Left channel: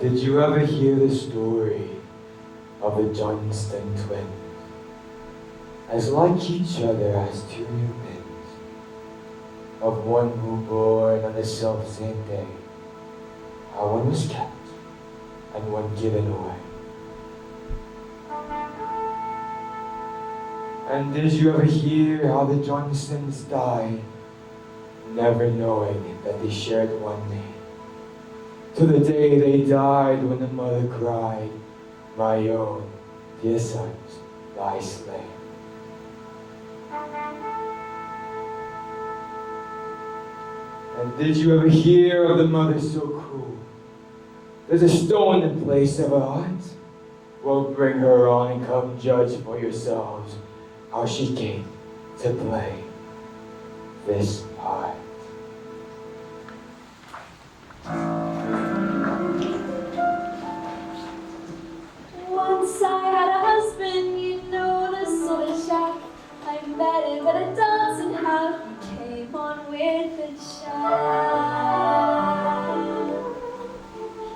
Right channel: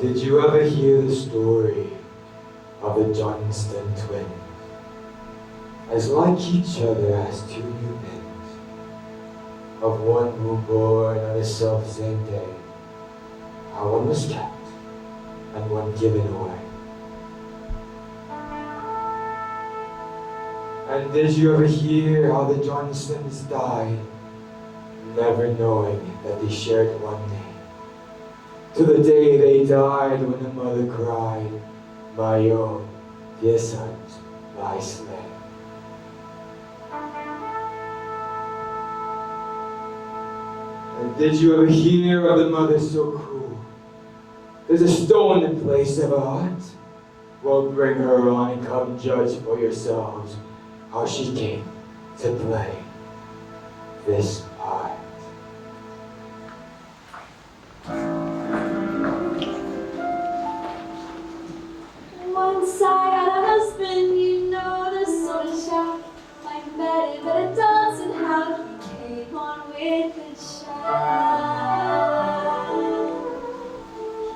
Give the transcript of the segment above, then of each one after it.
Did you ever hear the story of the Johnston twins? As like each other as two new pins, of one who born on the self-same day, how one was kept and one given away. And did you ever hear how the Johnstons died, never knowing that they shared one name? To the day they died, when the mother cried, "My own dear sons lie slain." And did you ever hear of the mother so cruel? There's a stone in place of her heart. Well, bring her on and come judge for yourselves how she came to play this part. Once I had a husband, you know, the sort of chap. I met him at a dance and how he came on with a shout.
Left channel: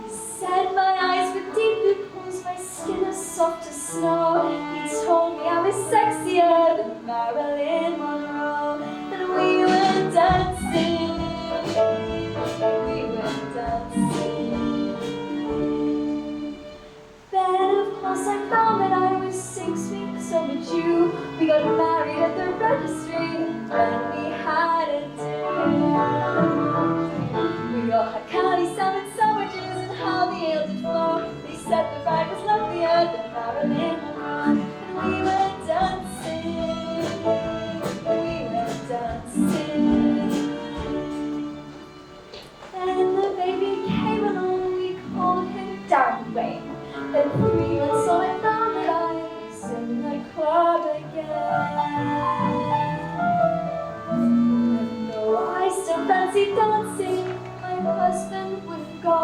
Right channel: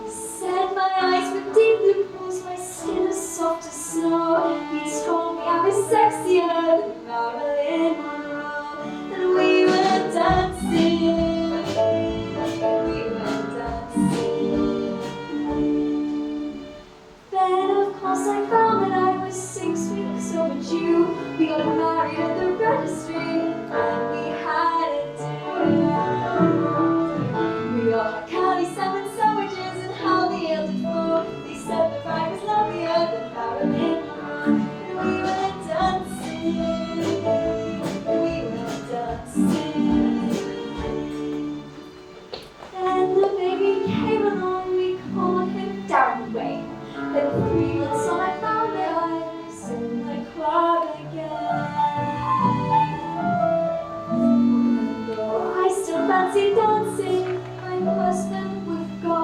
He said my eyes were deep blue pools, my skin was soft as snow. He told me I was sexier than Marilyn Monroe. And we were dancing, we were dancing. Then of course I found that I was 6 weeks overdue. We got married at the registry, and we had a day. We got curly salmon sandwiches and how the ale did flow. They said the vine was lovelier than Marilyn. We were dancing, we were dancing. And the baby came along, we called him Down Wayne. Then 3 months on I found that I was in my club again. Though I still fancy dancing, my husband would go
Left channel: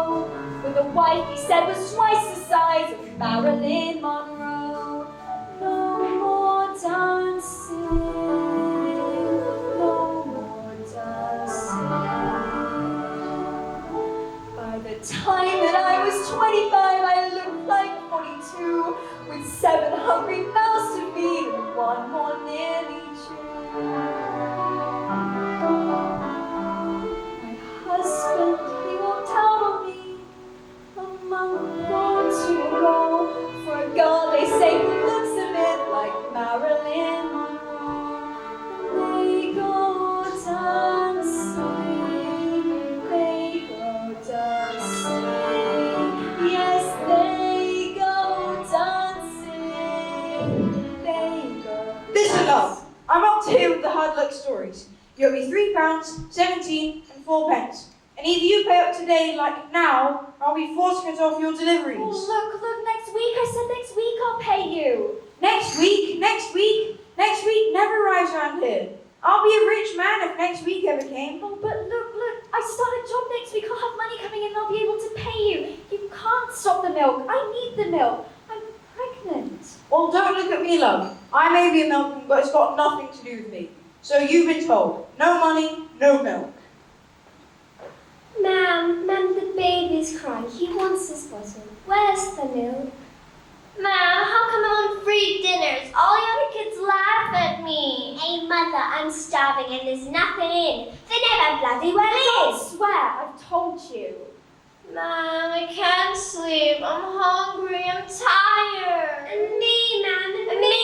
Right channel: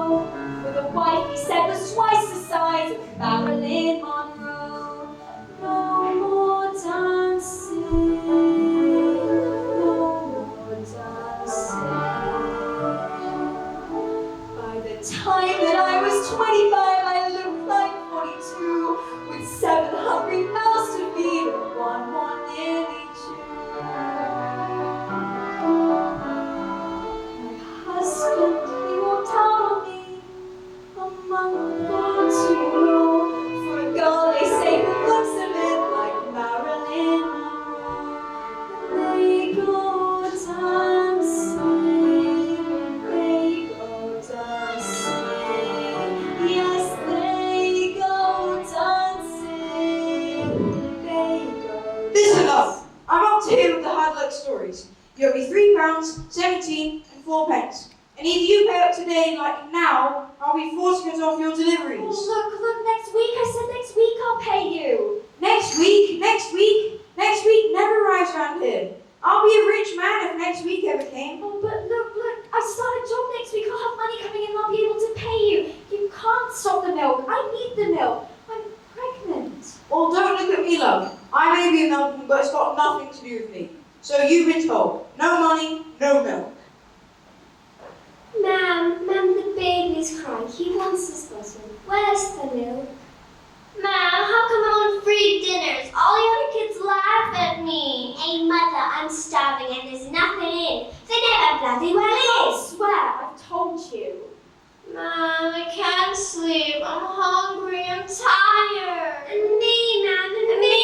with a wife he said was twice the size of Marilyn Monroe. No more dancing, no more dancing. By the time that I was 25, I looked like 42, with 7 hungry mouths to feed and 1 more nearly chewed. My husband, he walked out on me a month or 2 ago. For a girl, they say, who looks a bit like Marilyn Monroe. They go dancing, they go dancing. Yes, they go dancing, they go. Listen up! I'm up to here with the hard luck stories. You owe me £3, 17 and 4 pence. And if you pay up today, like now, I'll be forced to cut off your deliveries. Oh, look, next week. I said next week I'll pay you. Next week never arrives around here. I'll be a rich man if next week ever came. Oh, but look, I start a job next week. I'll have money coming in and I'll be able to pay you. You can't stop the milk. I need the milk. I'm pregnant. Well, don't look at me, love. I may be a milkman, but it's got nothing to do with me. So you've been told. No money, no milk. Ma'am, the baby's crying. He wants his bottle. Where's the milk? Mom, how come I'm on free dinners? All the other kids laugh at me. Hey, Mother, I'm starving and there's nothing in. They never bloody well Don't is. swear, I've told you. Mom, I can't sleep. I'm hungry. I'm tired. And me, Mom, and me.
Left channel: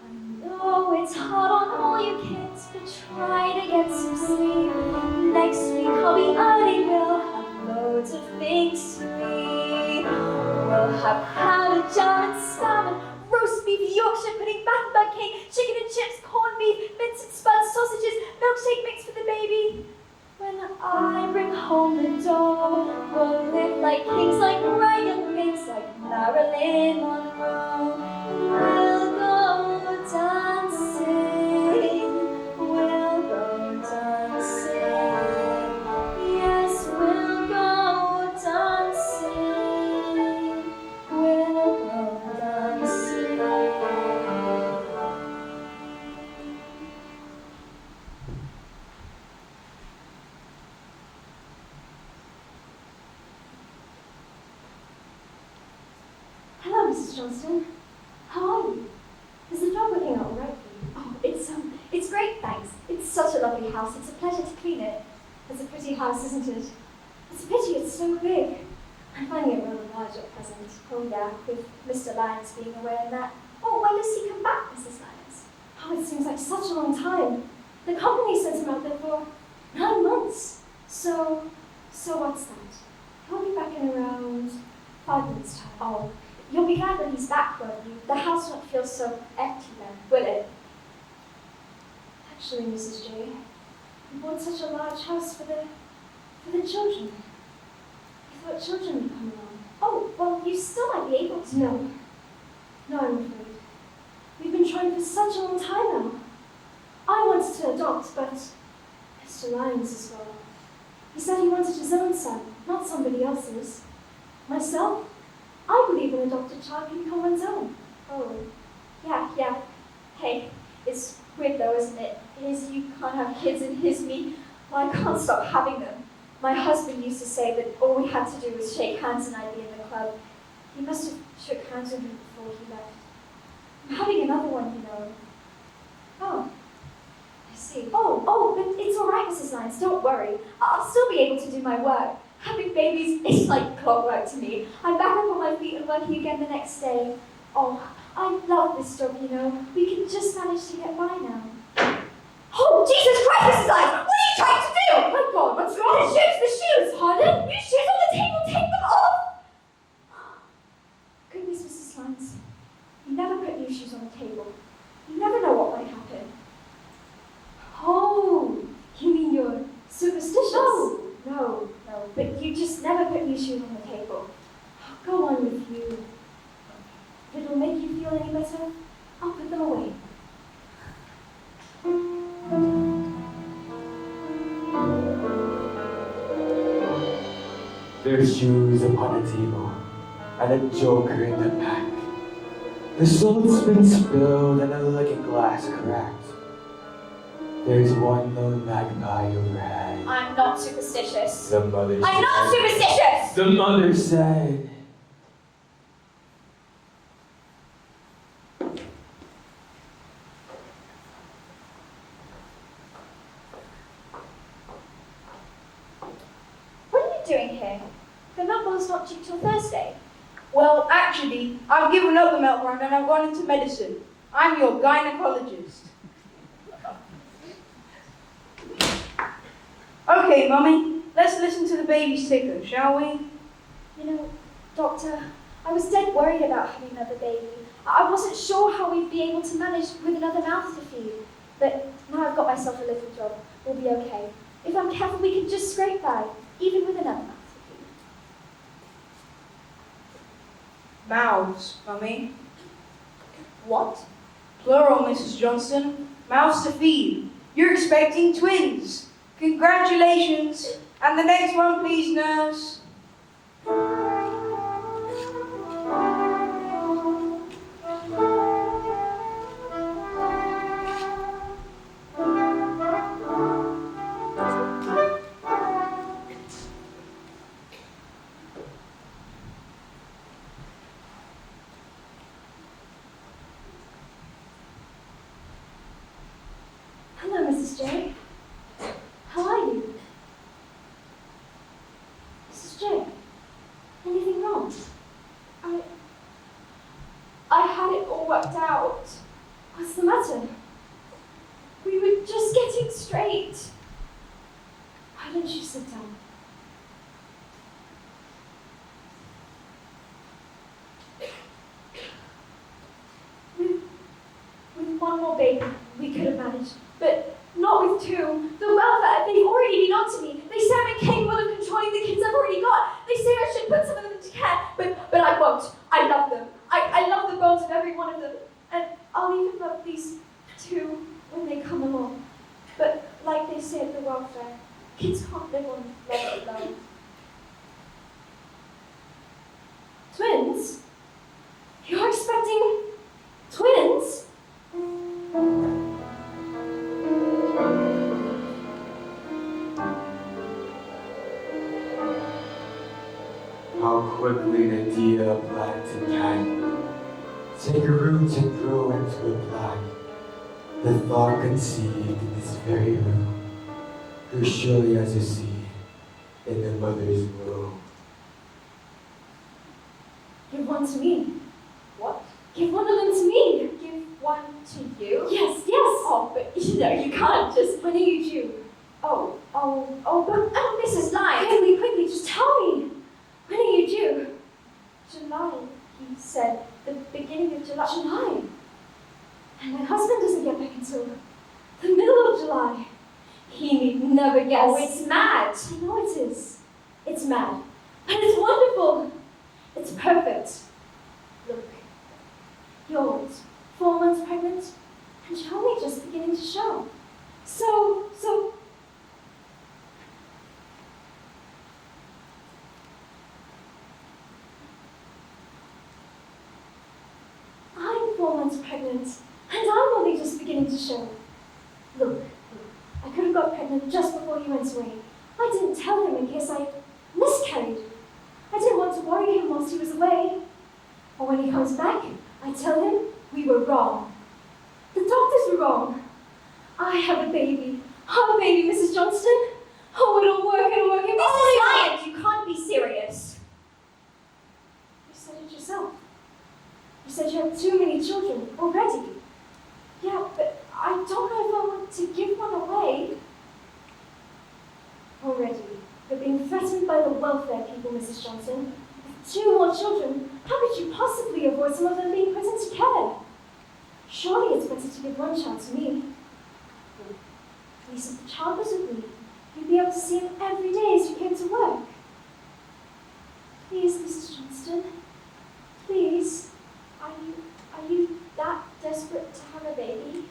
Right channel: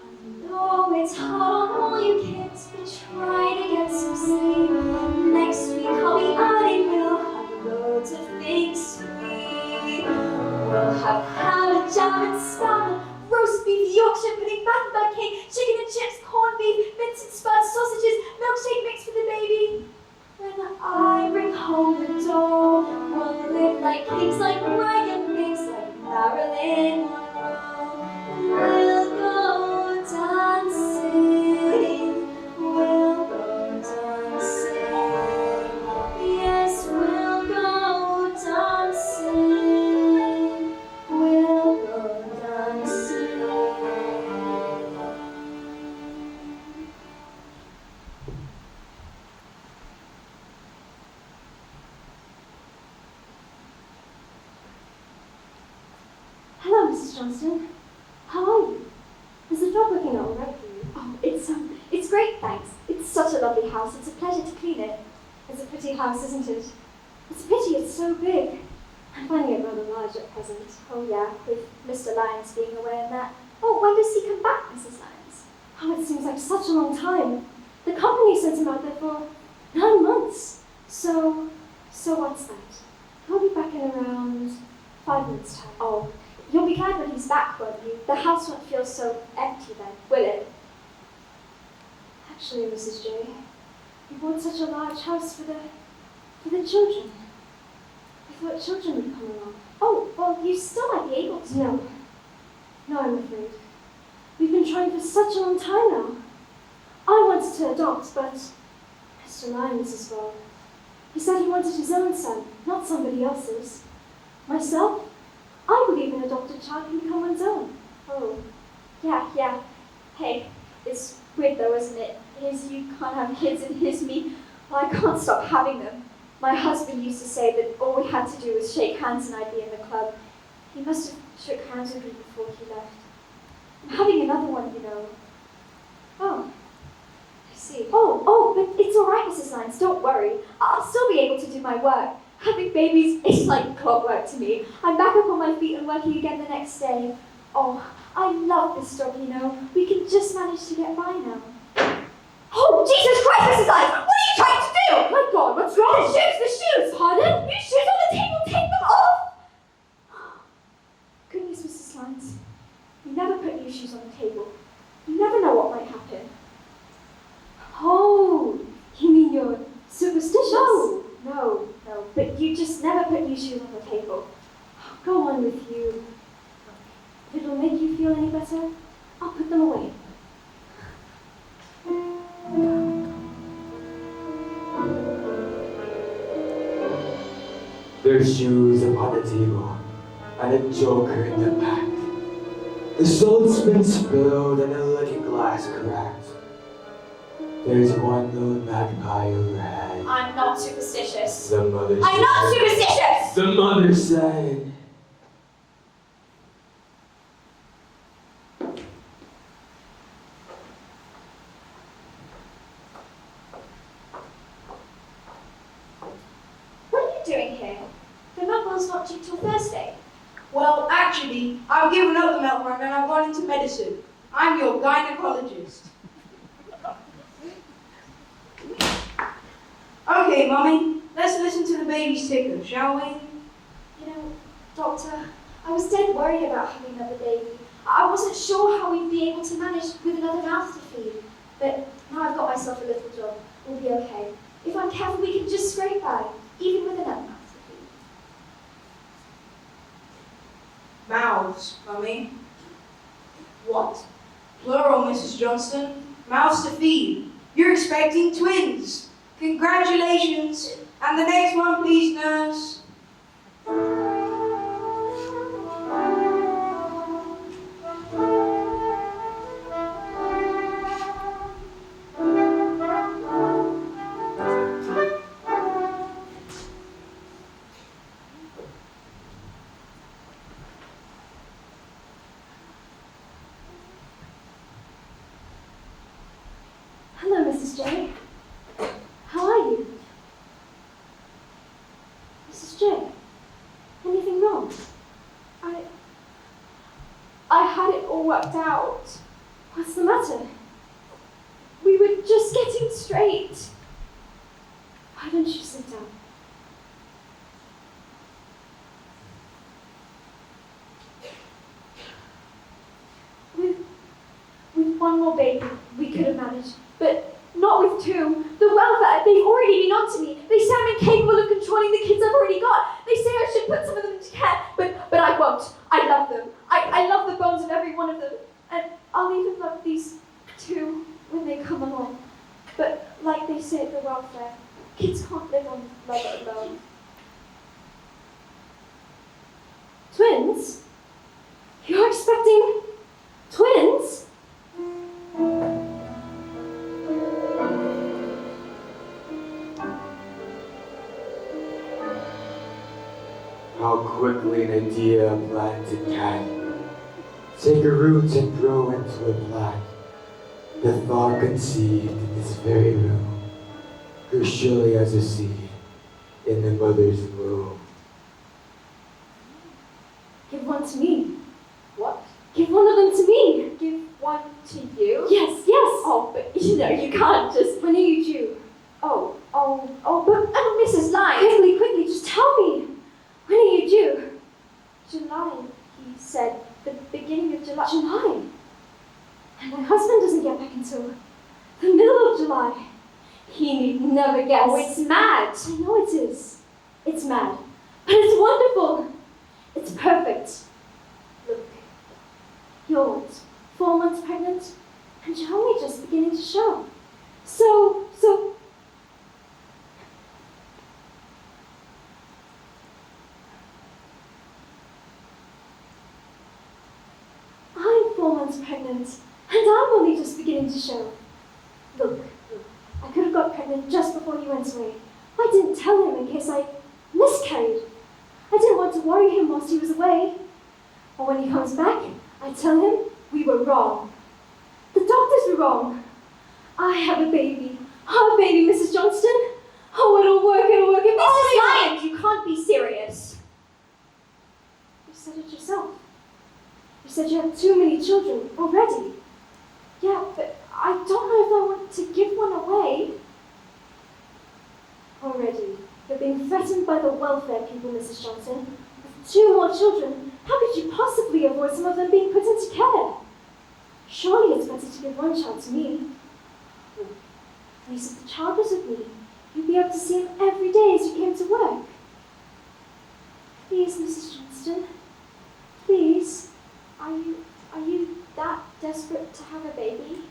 I know it's hard on all you kids, but try to get some sleep. Next week I'll be early, we'll have loads of things to eat. We'll have ham and jam and spam, roast beef, Yorkshire pudding, butterbur cake, chicken and chips, corned beef, mince and spuds, sausages, milkshake mix for the baby. When I bring home the dough, we'll live like kings, like Mariah Briggs, like Marilyn Monroe. We'll go dancing, we'll go dancing. Yes, we'll go dancing, we'll go dancing. Hello, Mrs. Johnston. How are you? Is the job looking all right for you? Oh, it's great, thanks. It's such a lovely house. It's a pleasure to clean it. It's a pretty house, isn't it? It's a pity it's so big. I'm finding it rather large at present. Oh yeah, with Mr. Lyons being away and that. Oh, when does he come back, Mrs. Lyons? Oh, it seems like such a long time. The company sent him out there for 9 months. So what's that? He'll be back in around 5 minutes' time. Oh, you'll be glad when he's back, won't you? The house won't feel so empty then, will it? Actually, Mrs. J, you bought such a large house for the children. I thought children would come along. Oh, well, you still might be able to. No, I'm afraid. We've been trying for such a long time now. I wanted to adopt, but Mr. Lyons as well. He said he wanted his own son, not somebody else's. Myself? I believe an adopted child can become one's own. Oh, yeah. Hey, it's weird though, isn't it? His you can't have kids and his me, well, I can't stop having them. My husband used to say that all we had to do was shake hands and I'd be in the club. He must have shook hands with me before he left. I'm having another one, you know. Oh, I see. Oh, but it's all right, Mrs. Lyons, don't worry. I'll still be able to do my work. Having babies is like clockwork to me. I'm back up on my feet and working again the next day. Oh, I love this job, you know. We can just manage to get by now. Oh, Jesus Christ, Mrs. Lyons! What are you trying to do? Oh my God, what's wrong? The shoes! Pardon? Your shoes on the table, take them off! Goodness, Mrs. Lyons. You never put new shoes on the table. You never know what might happen. Oh, you mean you're superstitious? No, but you just never put new shoes on the table. Go on with you. If it'll make you feel any better, I'll put them away. There's shoes upon the table, and a joker in the pack. The swordsman spilled, and the looking glass cracked. There's one lone magpie overhead. I'm not superstitious. The mother I'm said. not superstitious! The mother said. What are you doing here? The milk bowl's not due till Thursday. Well, actually, I've given up the milk run and I've gone into medicine. I'm your gynecologist. Okay, Mummy, let's listen to the baby's ticker, shall we? You know, Doctor, I was dead worried about having another baby. I wasn't sure how we'd be able to manage with another mouth to feed. But now I've got myself a little job. We'll be okay. If I'm careful, we can just scrape by, even with another mouth to feed. Mouths, Mummy. What? Plural, Mrs. Johnston. Mouths to feed. You're expecting twins. Congratulations. And the next one, please, nurse. Mrs. J. How are you? Mrs. J. Anything wrong? I had it all worked out. What's the matter? We were just getting straight. Why don't you sit down? With one more baby, we could have managed. But not with two. The welfare, they've already been on to me. They say I'm incapable of controlling the kids I've already got. They say I should put some of them into care. But I won't. I love them. I love the bones of every one of them. And I'll even love these two when they come along. But like they say at the welfare, kids can't live on love alone. Twins? You're expecting twins? How quickly an idea planted can take a root and grow into a plant. The thought conceived in this very room grew surely as a seed in the mother's womb. Give one to me. What? Give one of them to me. Give one to you? Yes. Oh, but you can't just. When are you due? But Mrs. Lyne. Quickly, just tell me. When are you due? July, he said. The beginning of July. July. And my husband doesn't get back until the middle of July. He need never guess. Oh, it's mad. I know it is. It's mad. But it's wonderful. It's perfect. Look, you're 4 months pregnant, and you're only just beginning to show. So, I'm 4 months pregnant, and I'm only just beginning to show. Look, I could have got pregnant just before he went away. I didn't tell him in case I miscarried. I didn't want to worry him whilst he was away. But when he comes back, I tell him we were wrong. The doctors were wrong. I have a baby. Our baby, Mrs. Johnston. Oh, it'll work. Mrs. Lyne, you can't be serious. You said it yourself. You said you had too many children already. Yeah, but I don't know if I want to give one away. Already, you're being threatened by the welfare people, Mrs. Johnson. With 2 more children, how could you possibly avoid some of them being put into care? Surely it's better to give one child to me. At least if the child was with me, you'd be able to see him every day as you came to work. Please, Mrs. Johnston. Please. Are you that desperate to have a baby?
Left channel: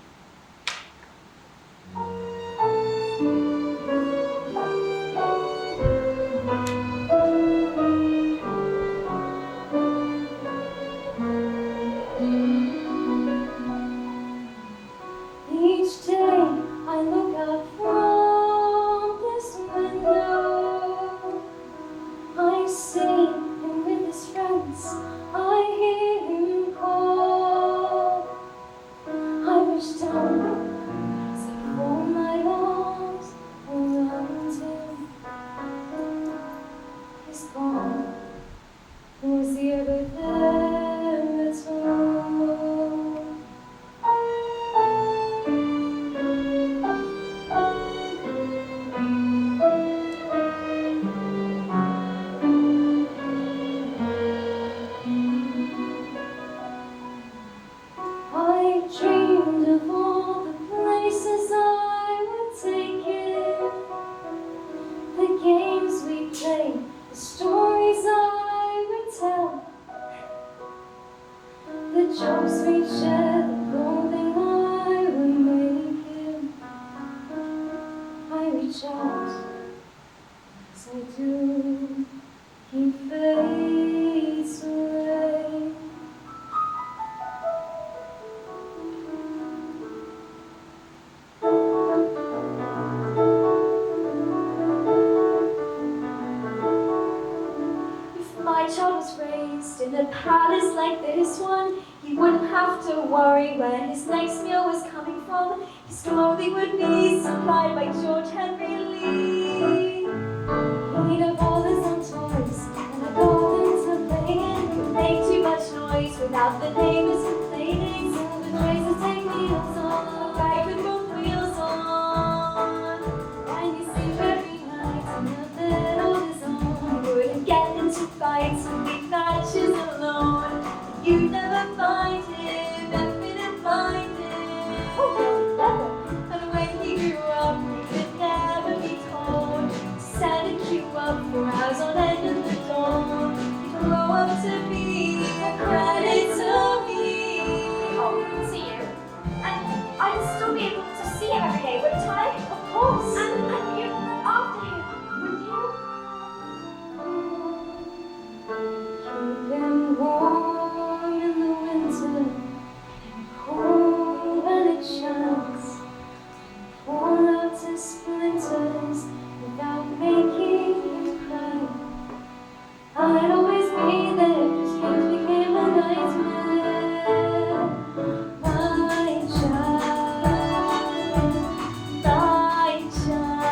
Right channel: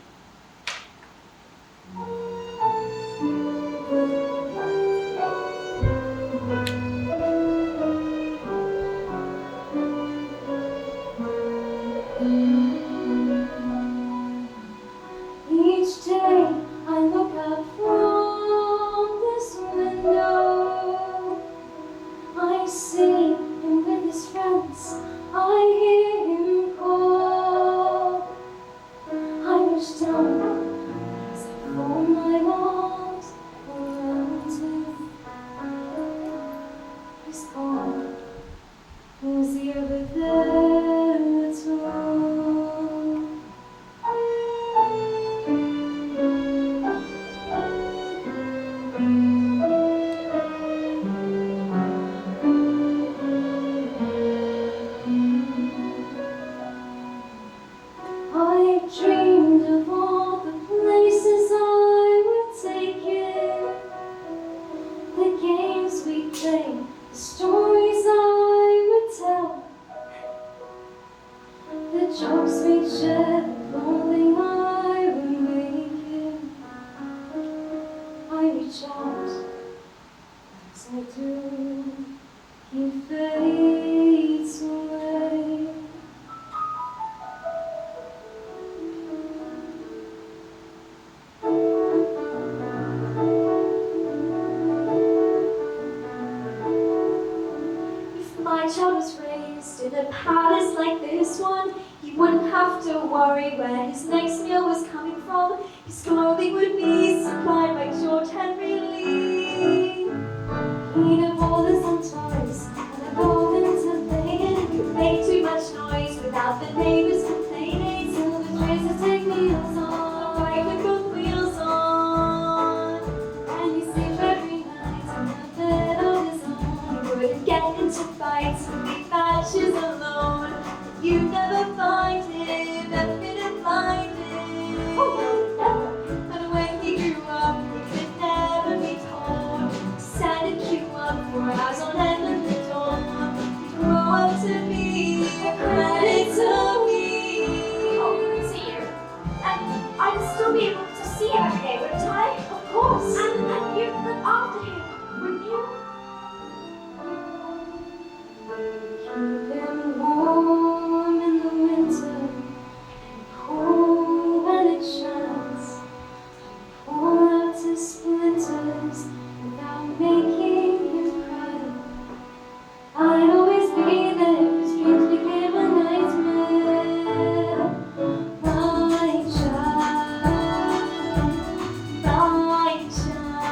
Each day I look out from this window. I see him with his friends. I hear him call. I reach down as I fold my arms around him. He's gone. Was he ever there at all? I dreamed of all the places I would take it, the games we played, the stories I would tell, the jokes we'd share, the clothing I would make him. I reach out, as I do, he fades away. If my child was raised in a palace like this one, he wouldn't have to worry where his next meal was coming from. His clothing would be supplied by George Henry Lee. He'd have all the sun toys and the gardens were playing. He made too much noise without the neighbors complaining. Silver trays would take wheels on, ride the both wheels on. And he saved every night in the bed of his own. He wouldn't get into fights and make matches alone. You'd never find him, never couldn't find him. And when he grew up, he could never be told. He sat and queue up for hours on end at the door. He grew up to be a credit to me. Oh, good to see you. And I'd still be able to see him every day, wouldn't I? Of course. And you'd look after him, wouldn't you? Keep him warm in the winter, cool when it shines. Pull out his splinters without making him cry. I'd always be there, his dreams became a nightmare. My child, my child,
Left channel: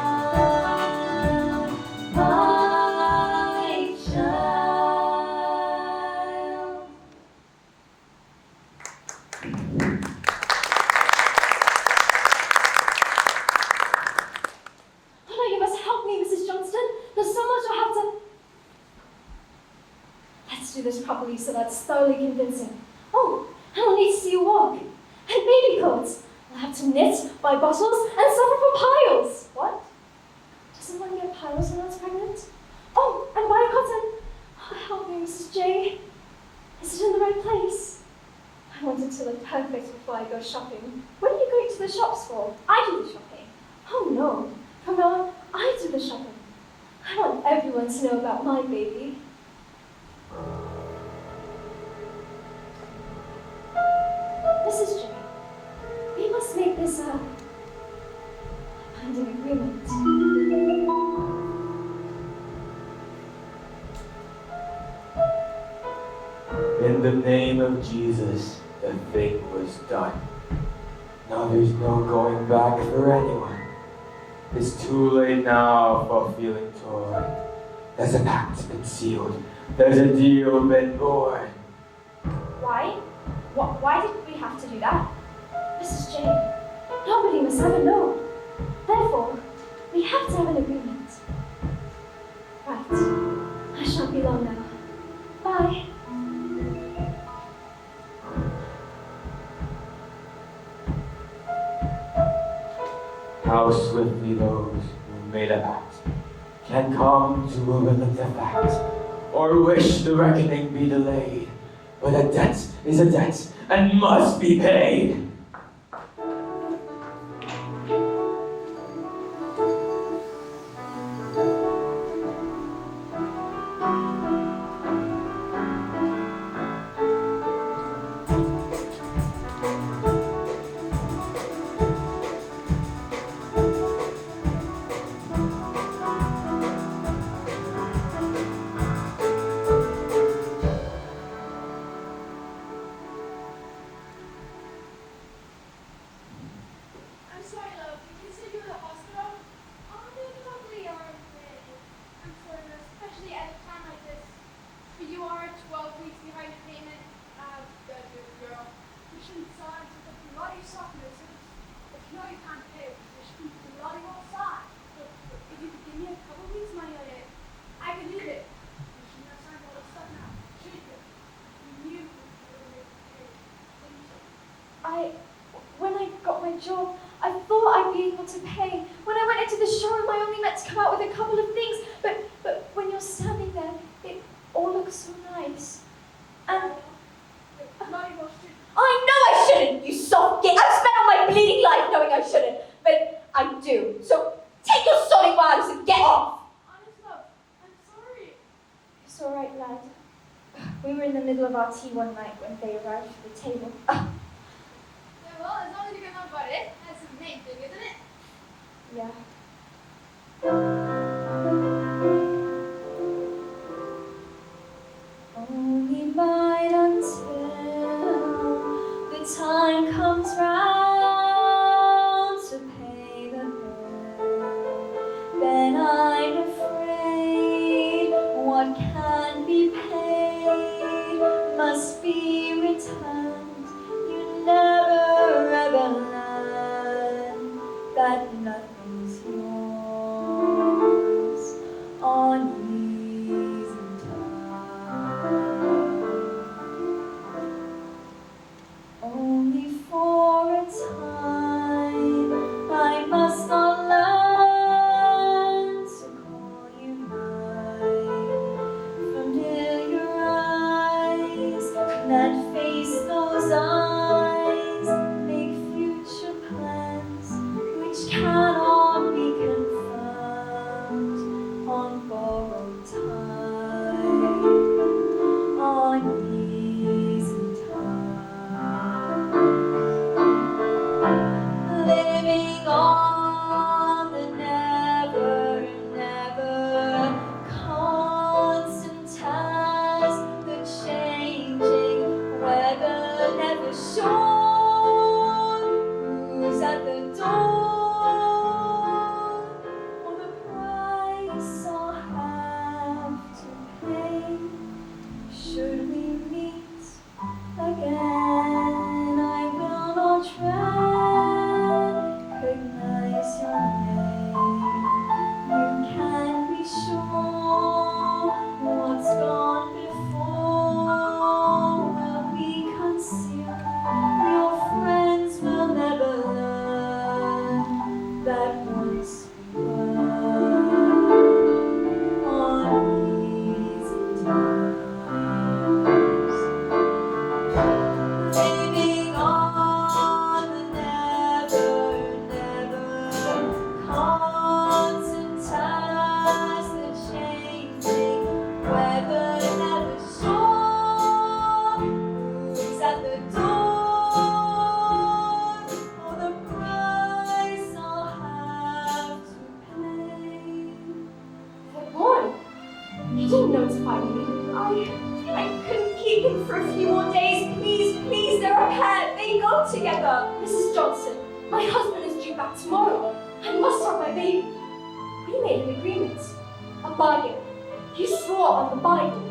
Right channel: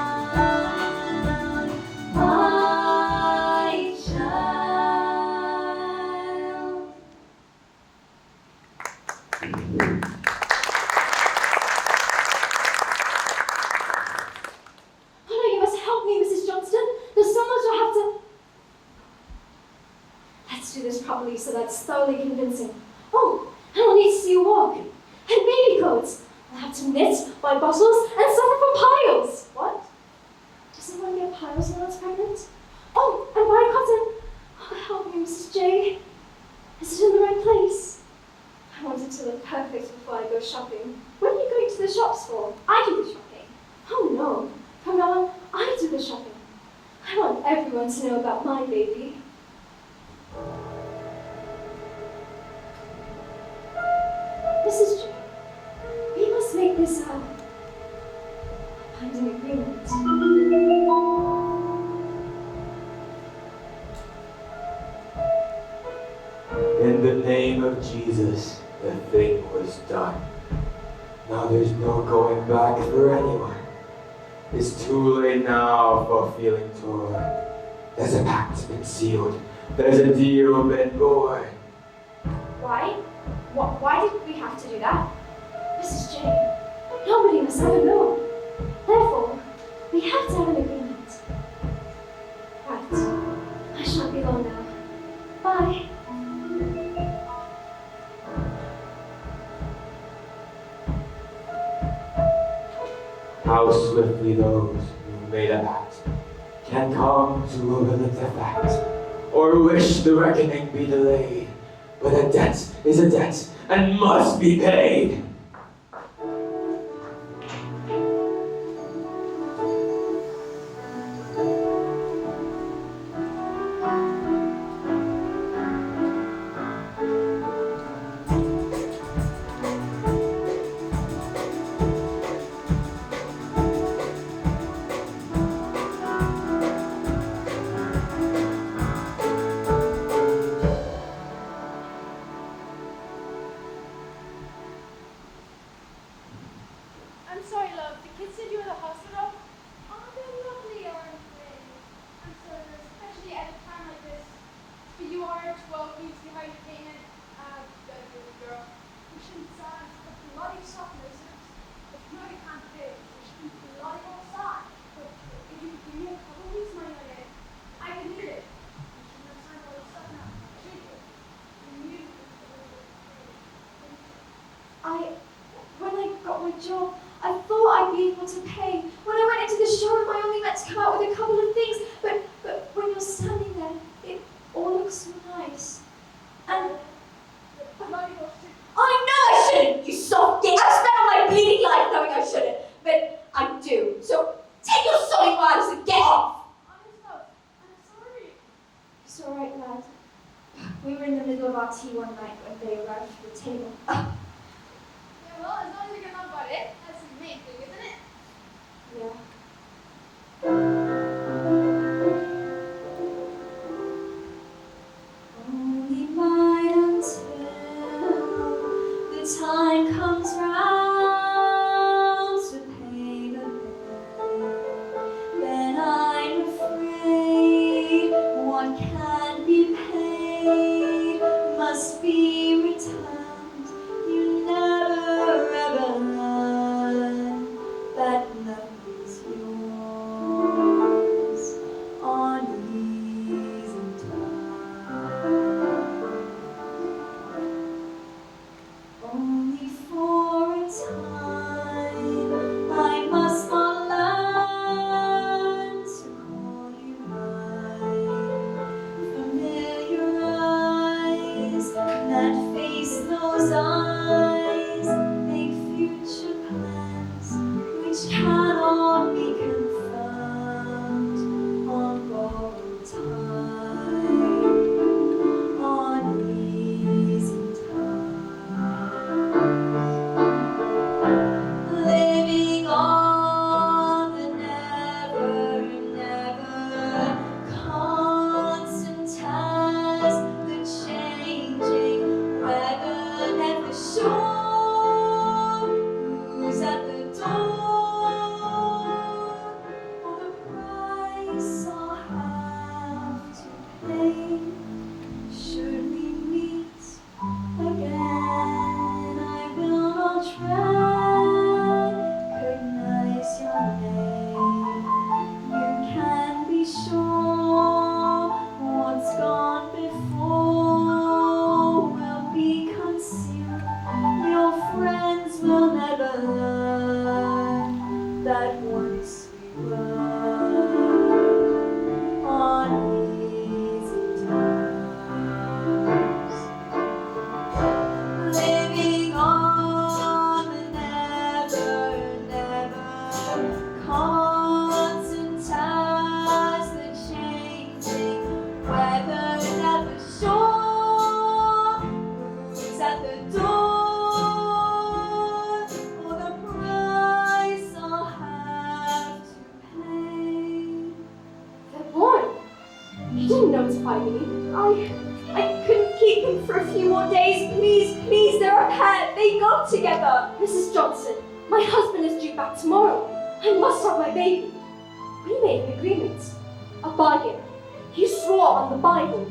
my child. Oh no, you must help me, Mrs. Johnston. There's so much I have to... Let's do this properly so that's thoroughly convincing. Oh, and I'll need to see you walk. And baby clothes. I'll have to knit, buy bottles, and suffer from piles. What? Doesn't one get piles when that's pregnant? Oh, and buy cotton. Oh, help me, Mrs. J. Is it in the right place? I want it to look perfect before I go shopping. What are you going to the shops for? I do the shopping. Oh no, from now on, I do the shopping. I want everyone to know about my baby. Mrs. J, we must make this happen. Find an agreement. In the name of Jesus, the thing was done. Now there's no going back for anyone. It's too late now for feeling torn. There's a pact been sealed. There's a deal been born. Why? Why did we have to do that? Mrs. J, nobody must ever know. Therefore, we have to have an agreement. Right. I shan't be long now. Bye. How swiftly those who made a pact can come to overlook the fact, or wish the reckoning be delayed. But a debt is a debt and must be paid. I'm sorry, love. The kids said you were at the hospital. Oh, they're lovely, aren't they? I'm sorry, love, especially at a time like this. But you are 12 weeks behind your payment. Good girl. You shouldn't sign the bloody softness. If you know you can't pay, you shouldn't bloody well sign. But if you could give me a couple weeks money on it, I could leave it. You shouldn't have signed all this stuff now, should you? You knew you were going to pay, didn't you? When I got my job, I thought I'd be able to pay. When I went into the showroom, I only meant to come out with a couple of things. But when you're standing there, it all looks so nice. And The bloody well should. I know I shouldn't, you soft git. I've spent all my bleeding life knowing I shouldn't, but I do. So take your sorry wives and get off. Honest, love, I'm sorry. It's all right, lad. We were in the middle of our tea one night when they arrived for the table. Yeah, well, as long as you can know about it, that's the main thing, isn't it? Yeah. Only bide until the time comes round. close eyes, make future plans which cannot be confirmed on borrowed time, on easy time. Living on the never, never constant as the changing weather, never sure who's at the door, or the price I'll have to pay should we meet again. I will not recognize your name. You can be sure what's gone before will be concealed. Your friends will never learn that once we were on easy times. Living on the never, never constant as the changing weather, never sure who's at the door, or the price I'll have to pay. They're born. You didn't notify me. I couldn't keep him for a few more days. Please, please, they're a pair. They go together. Mrs. Johnson, my husband is due back tomorrow. I must have my baby. We made an agreement. A bargain. You swore on the Bible.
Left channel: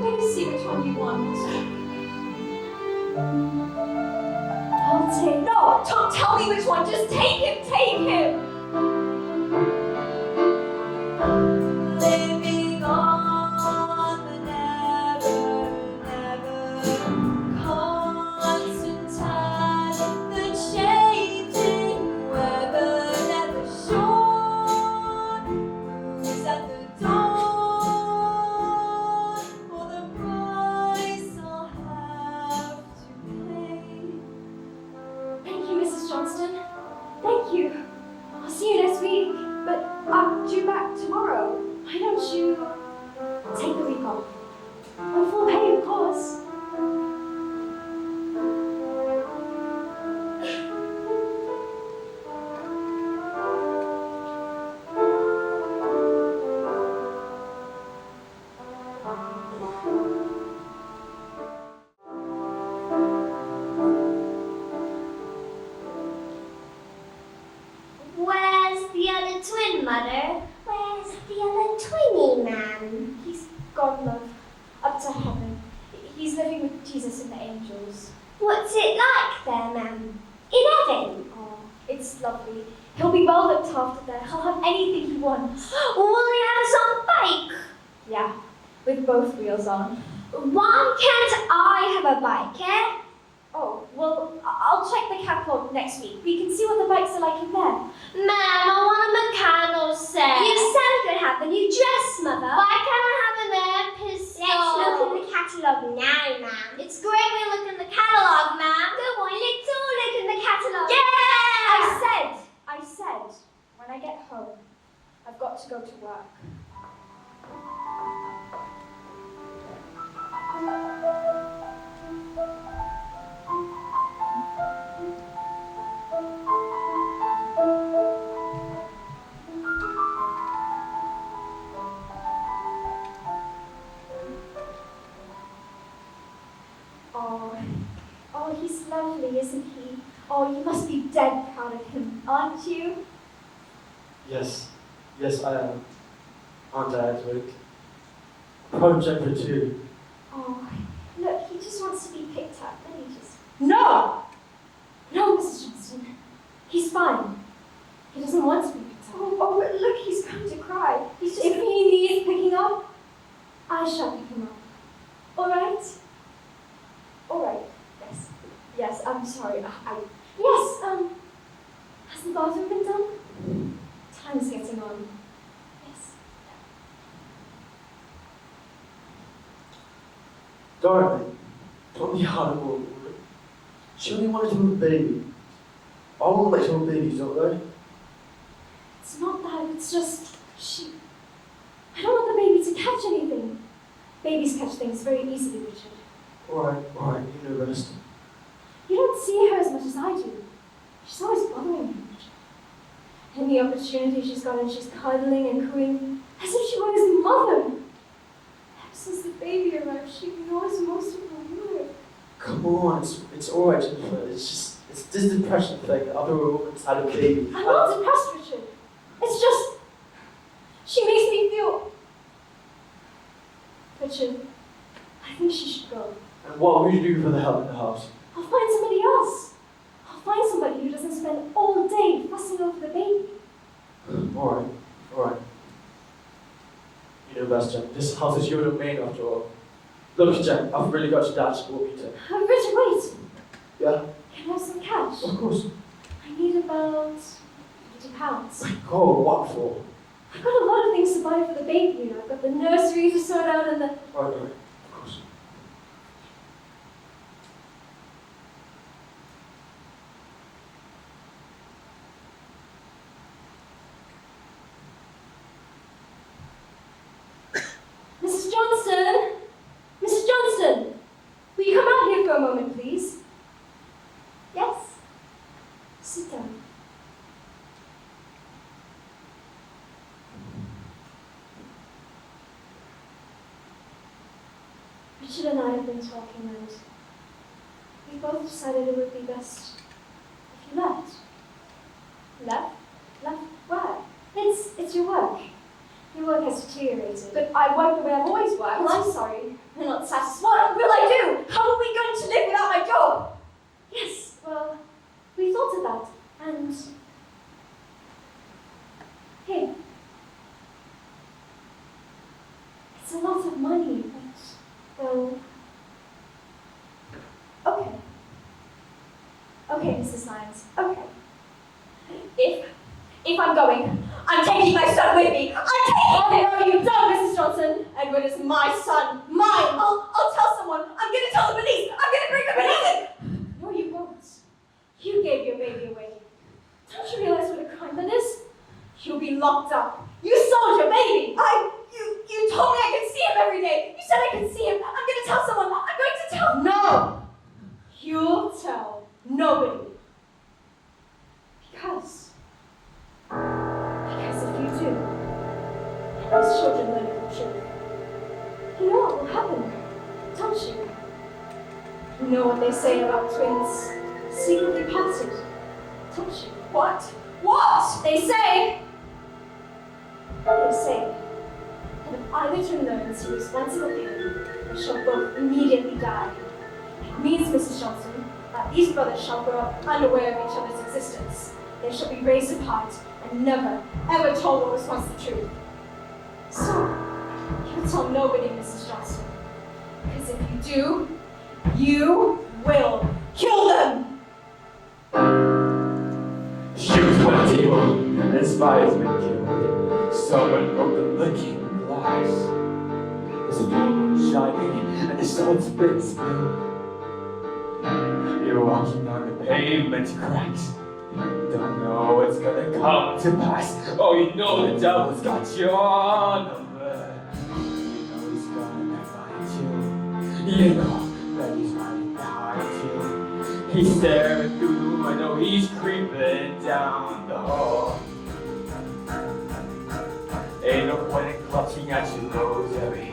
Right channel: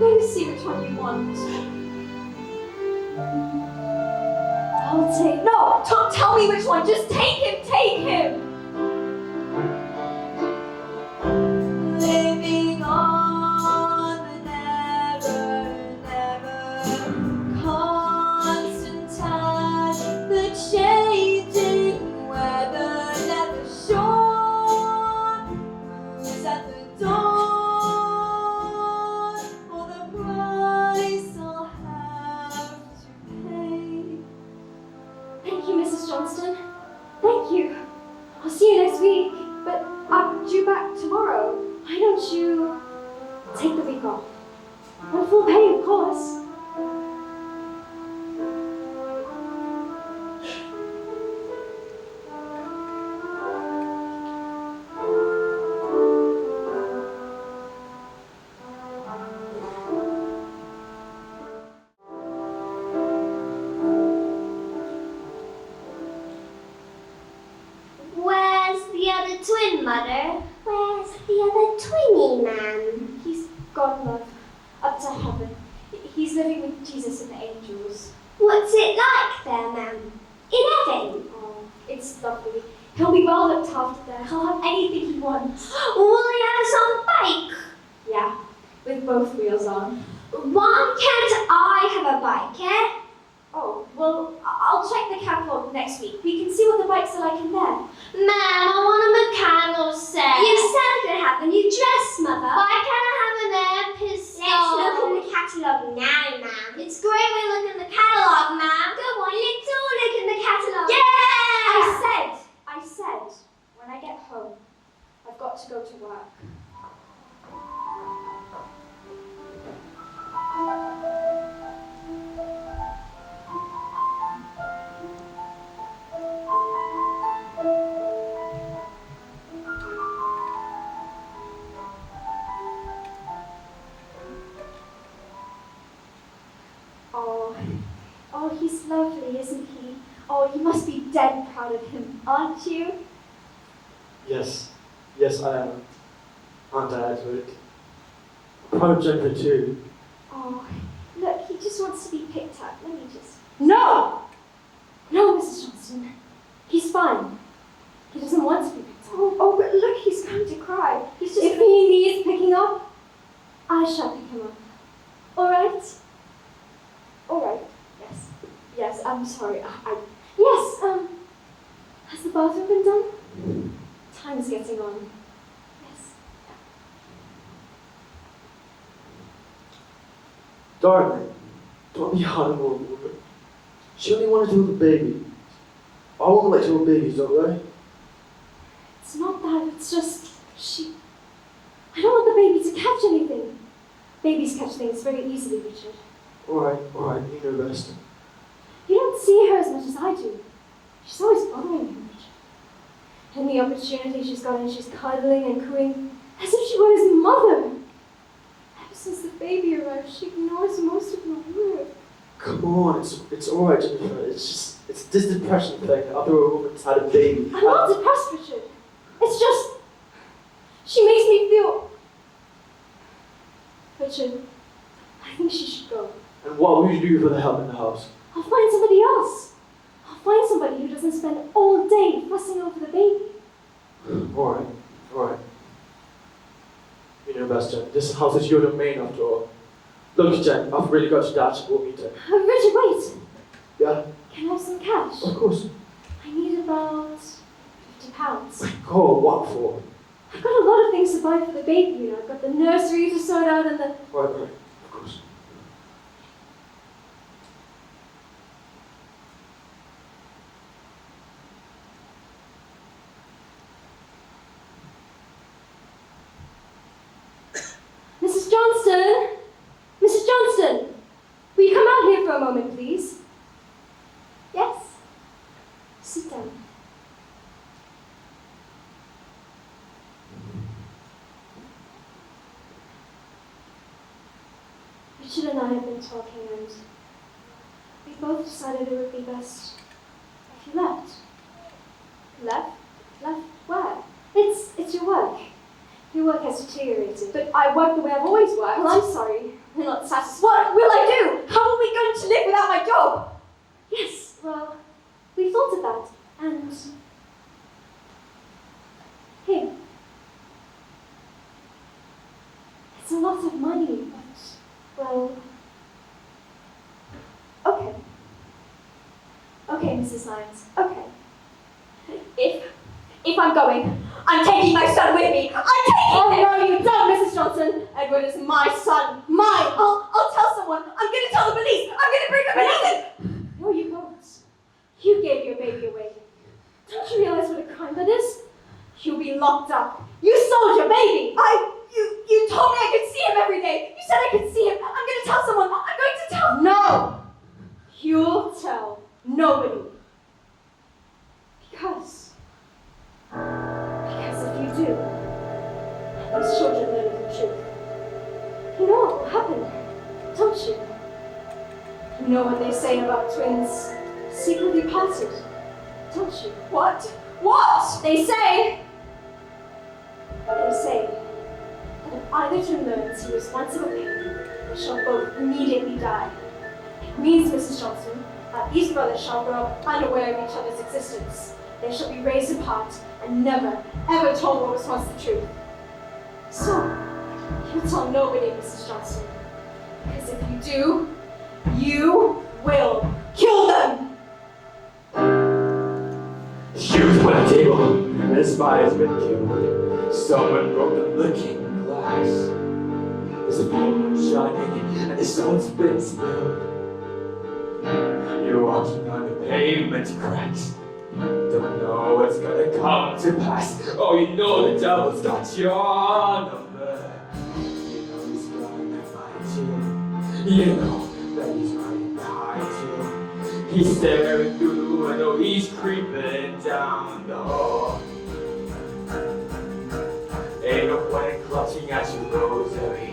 Let me see which one you want. I'll take. No, don't tell me which one. Just take him. Take him. Living on the never, never constant time, the changing weather, never sure who's at the door, or the price I'll have to pay. Thank you, Mrs. Johnston. Thank you. I'll see you next week, but I'm due back tomorrow. Why don't you take the week off? On full pay, of course. Where's the other twin, Mother? Where's the other twinny, Ma'am? He's gone, love, up to heaven. He's living with Jesus and the angels. What's it like there, Ma'am? In heaven? Oh, it's lovely. He'll be well looked after there. He'll have anything he wants. Will he have some bike? Yeah, with both wheels on. Why can't I have a bike, eh? Oh, well, I'll check the catalogue next week. We can see what the bikes are like in there. Ma'am, I want a mechanical set. You said I could have a new dress, Mother. Why can't I have an air pistol? Let's look in the catalogue now, Ma'am. It's great we look in the catalogue, Ma'am. Go on, let's all look in the catalogue. Yeah! I said, when I get home, I've got to go to work. Oh, he's lovely, isn't he? Oh, you must be dead proud of him, aren't you? Yes, yes I am. Aren't I, Edward? Project for two. Oh, look, he just wants to be picked up. Let me just. No! No, Mrs. Johnson. He's fine. He doesn't want to be picked up. Oh, but look, he's going to cry. He's just. If he needs picking up, I shall pick him up. All right? All right. Yes. Yes, I'm sorry. Yes, has the bathroom been done? Time is getting on. Yes. Dorothy, Not the animal, but she only wanted to have a baby. I won't let you have babies, alright? It's not that, it's just I don't want the baby to catch anything. Babies catch things very easily, Richard. Alright, you know best. You don't see her as much as I do. She's always bothering me. And the opportunity she's gotten, she's cuddling and cooing as if she were his mother. Ever since the baby arrived, she ignores most of my words. Come on, it's alright, Jennifer. It's this depression thing after a woman's had a baby. I'm not depressed, Richard. It's just, she makes me feel. Richard, I think she should go. And what will you do for the help in the house? I'll find somebody else. I'll find somebody who doesn't spend all day fussing over the baby. Alright. You know best, Jen. This house is your domain after all. Look, Jen, I've really got your dad's support meeting. Richard, wait. Yeah? Can I have some cash? Of course. I need about £50. Oh, what for? I've got a lot of things to buy for the baby. You know, I've got the nursery to sort out and the. Right, of course. Mrs. Johnson! Mrs. Johnson! Will you come out here for a moment, please? Yes? Sit down. Richard and I have been talking and we both decided it would be best if you left. Left? Left where? It's your work. Your work has deteriorated, but I work the way I've always worked. Well, I'm sorry. We're not satisfied. What will I do? How are we going to live without my job? Yes, well, we thought of that, and here. It's a lot of money, but, well, okay. Okay, Mrs. Lyons, okay. If I'm going, I'm taking my son with me. I'm taking him! Oh, no, you don't, Mrs. Johnson. Edward is my son. Mine. I'll tell someone. I'm going to tell the police. I'm going to bring the police in. No, you won't. You gave your baby away. Don't you realize what a crime that is? You'll be locked up. You sold your baby. You told me I could see him every day. You said I could see him. I'm going to tell someone. I'm going to tell. No. You'll tell nobody. Because if you do, those children learn the truth. You know what will happen, don't you? You know what they say about twins secretly parted, don't you? What? What? They say that if either twin learns to responsible pain, they shall both immediately die. It means, Mrs. Johnson, that these brothers shall grow up unaware of each other's existence. They shall be raised apart and never, ever told what was once the truth. So, you'll tell nobody, Mrs. Johnson. Because if you do, you will kill them! Shoes on the table, and the spider's been killed. Someone broke the looking glass. There's a full moon shining, and the sun's been spilled. You're walking on the pavement cracks. Don't know what's gonna come to pass. Oh, you know the devil's got your number. You know he's gonna find you. You know that he's running behind you. He's staring through the window, he's creeping down the hall. Ain't no point in clutching at your rosary.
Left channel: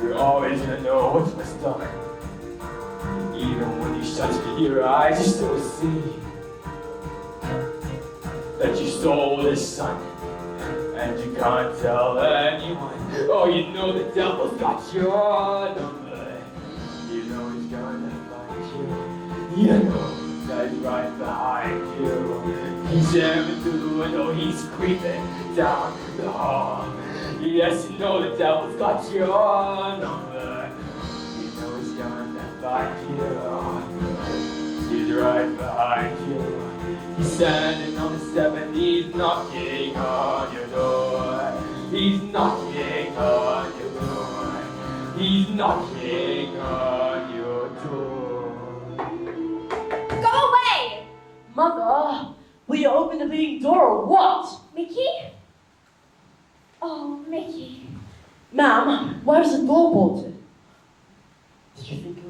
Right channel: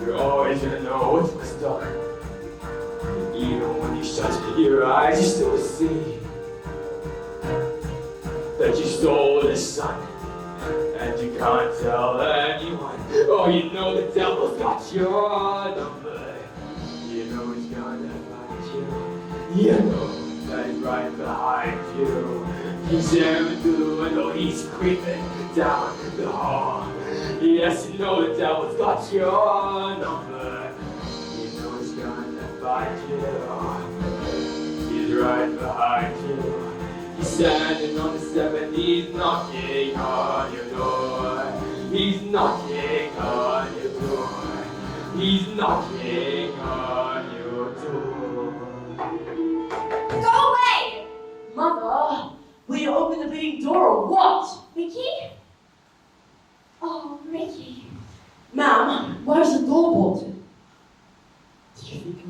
You're always gonna know what's messed up. Even when you shut your eyes, you still see that you stole the sun, and you can't tell anyone. Oh, you know the devil's got your number. You know he's gonna find you. You know that he's right behind you. He's staring through the window, he's creeping down the hall. Yes, you know the devil's got your number. You know he's gonna find you. He's right behind you. He's standing on the step and he's knocking on your door. He's knocking on your door. He's knocking on your door.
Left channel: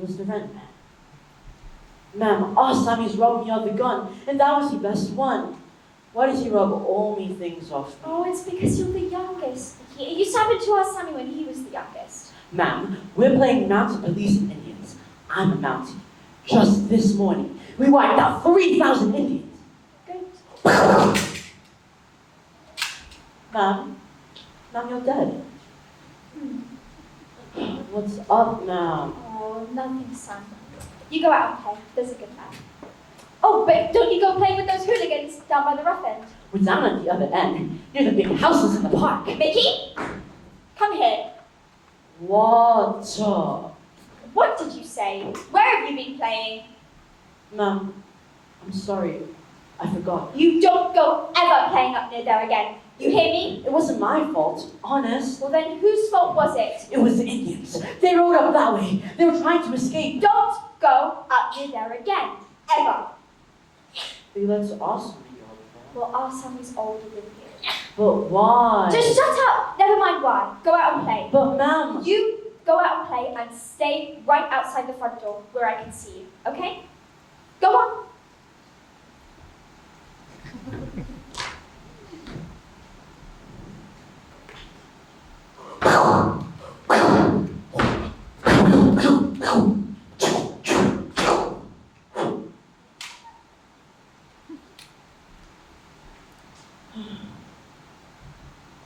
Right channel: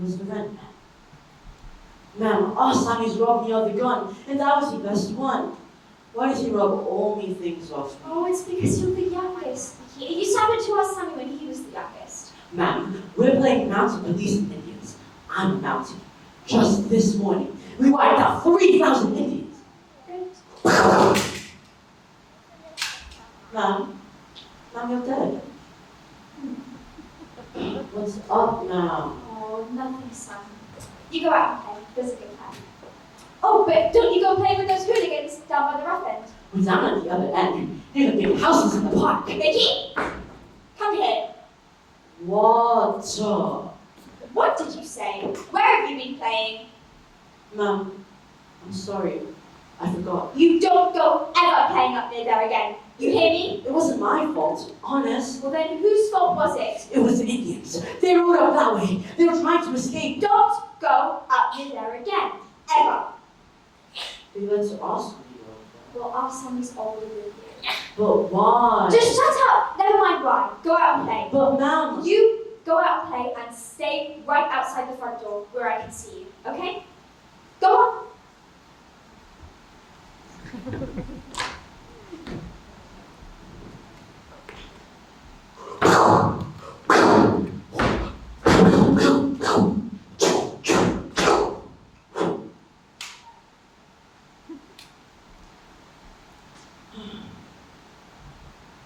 was the rent man. Ma'am, our Sammy's robbed me of the gun, and that was the best one. Why does he rub all me things off me? Oh, it's because you're the youngest. You sounded to our Sammy when he was the youngest. Ma'am, we're playing mounted police and Indians. I'm a Mountie. Just this morning, we wiped out 3,000 Indians. Good. Ma'am, you're dead. What's up, ma'am? Oh, nothing, son. You go out and play. There's a good time. Oh, but don't you go play with those hooligans down by the rough end? We're down at the other end, near the big houses in the park. Mickey, come here. What? What did you say? Where have you been playing? Ma'am, I'm sorry. I forgot. You don't go ever playing up near there again. You hear me? It wasn't my fault, honest. Well then, whose fault was it? It was the Indians. They rode up that way. They were trying to escape. Don't go up near there again. Ever. They let us be over. Well, our son is older than you. But why? Just shut up. Never mind why. Go out and play. But ma'am. You go out and play and stay right outside the front door where I can see you. Okay? Go on.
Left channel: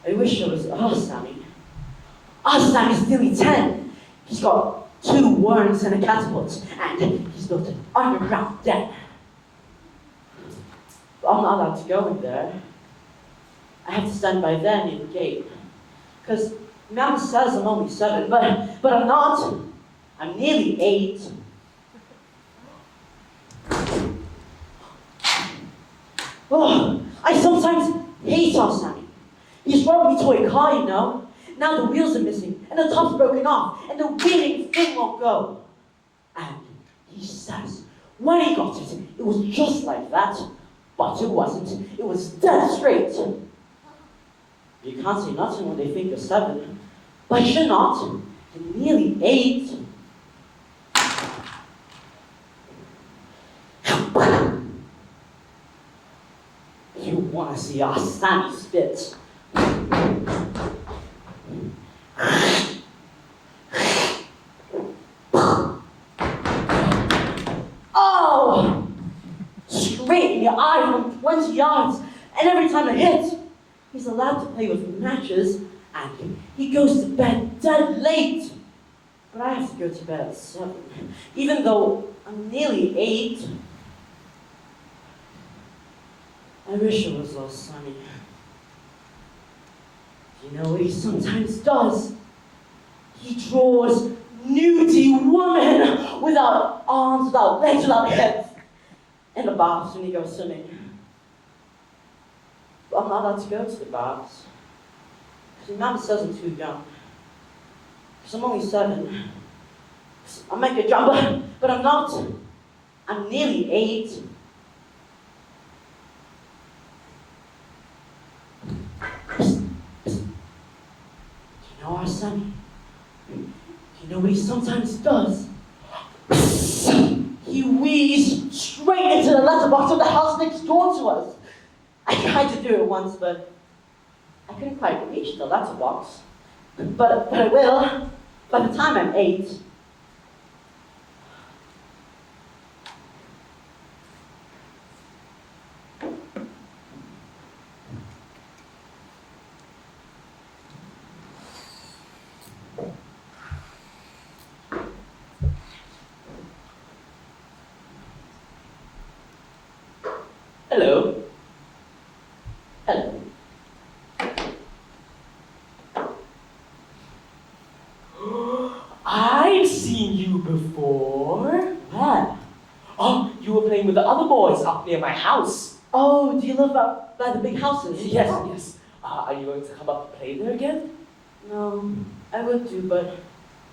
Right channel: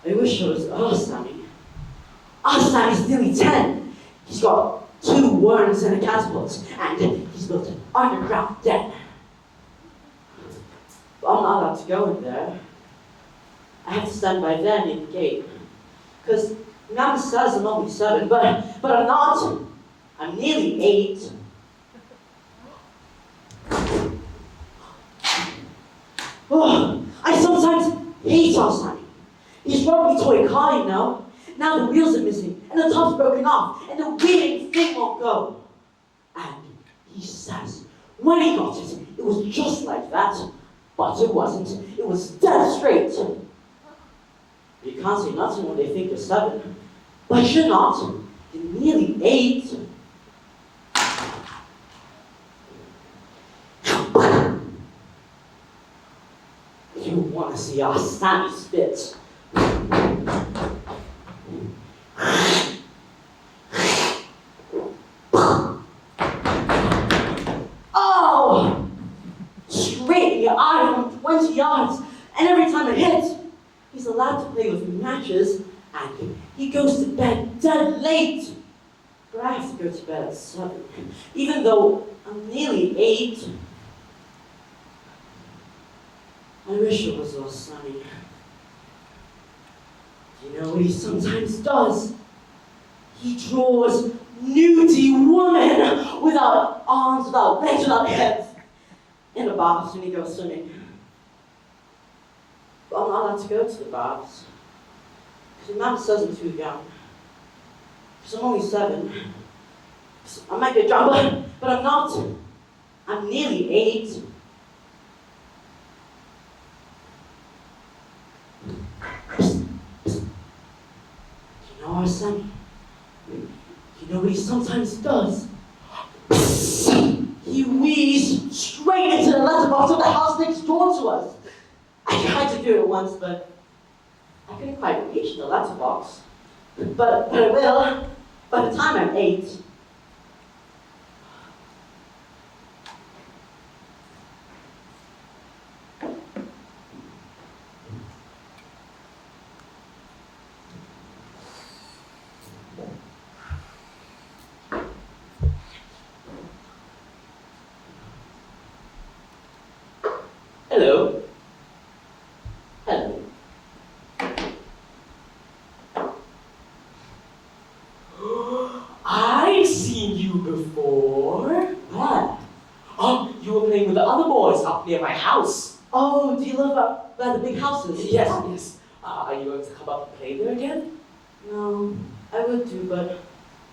I wish it was our Sammy. Our Sammy's nearly 10. He's got 2 worms and a catapult, and he's built an underground den. But I'm not allowed to go in there. I have to stand by there near the gate. Because Mom says I'm only 7, but I'm not. I'm nearly 8. Oh, I sometimes hate our Sammy. He's brought me to a car, you know. Now the wheels are missing, and the top's broken off, and the wheeling thing won't go. And he says, when he got it, it was just like that. But it wasn't. It was dead straight. You can't say nothing when they think you're 7. But you're not. You're nearly 8. You want to see our Sammy spit. Oh! Straight in the eye from 20 yards. And every time it hits, he's allowed to play with matches, and he goes to bed dead late. But I have to go to bed at 7, even though I'm nearly 8. I wish it was all sunny. You know what he sometimes does? He draws nudie women without arms, without legs, without heads. In the baths when he goes swimming. But I'm not allowed to go to the baths. Because Mom says I'm too young. Because I'm only 7. I might get drowned, but I'm not. I'm nearly 8. You know our son? You know what he sometimes does? He wheezes straight into the letterbox of the house next door to us. I tried to do it once, but I couldn't quite reach the letterbox. But I will by the time I'm 8. Hello. Hello. I've seen you before. Where? Oh, you were playing with the other boys up near my house. Oh, do you live up by the big houses? Yes. Are you going to come up and play there again? No, I would do, but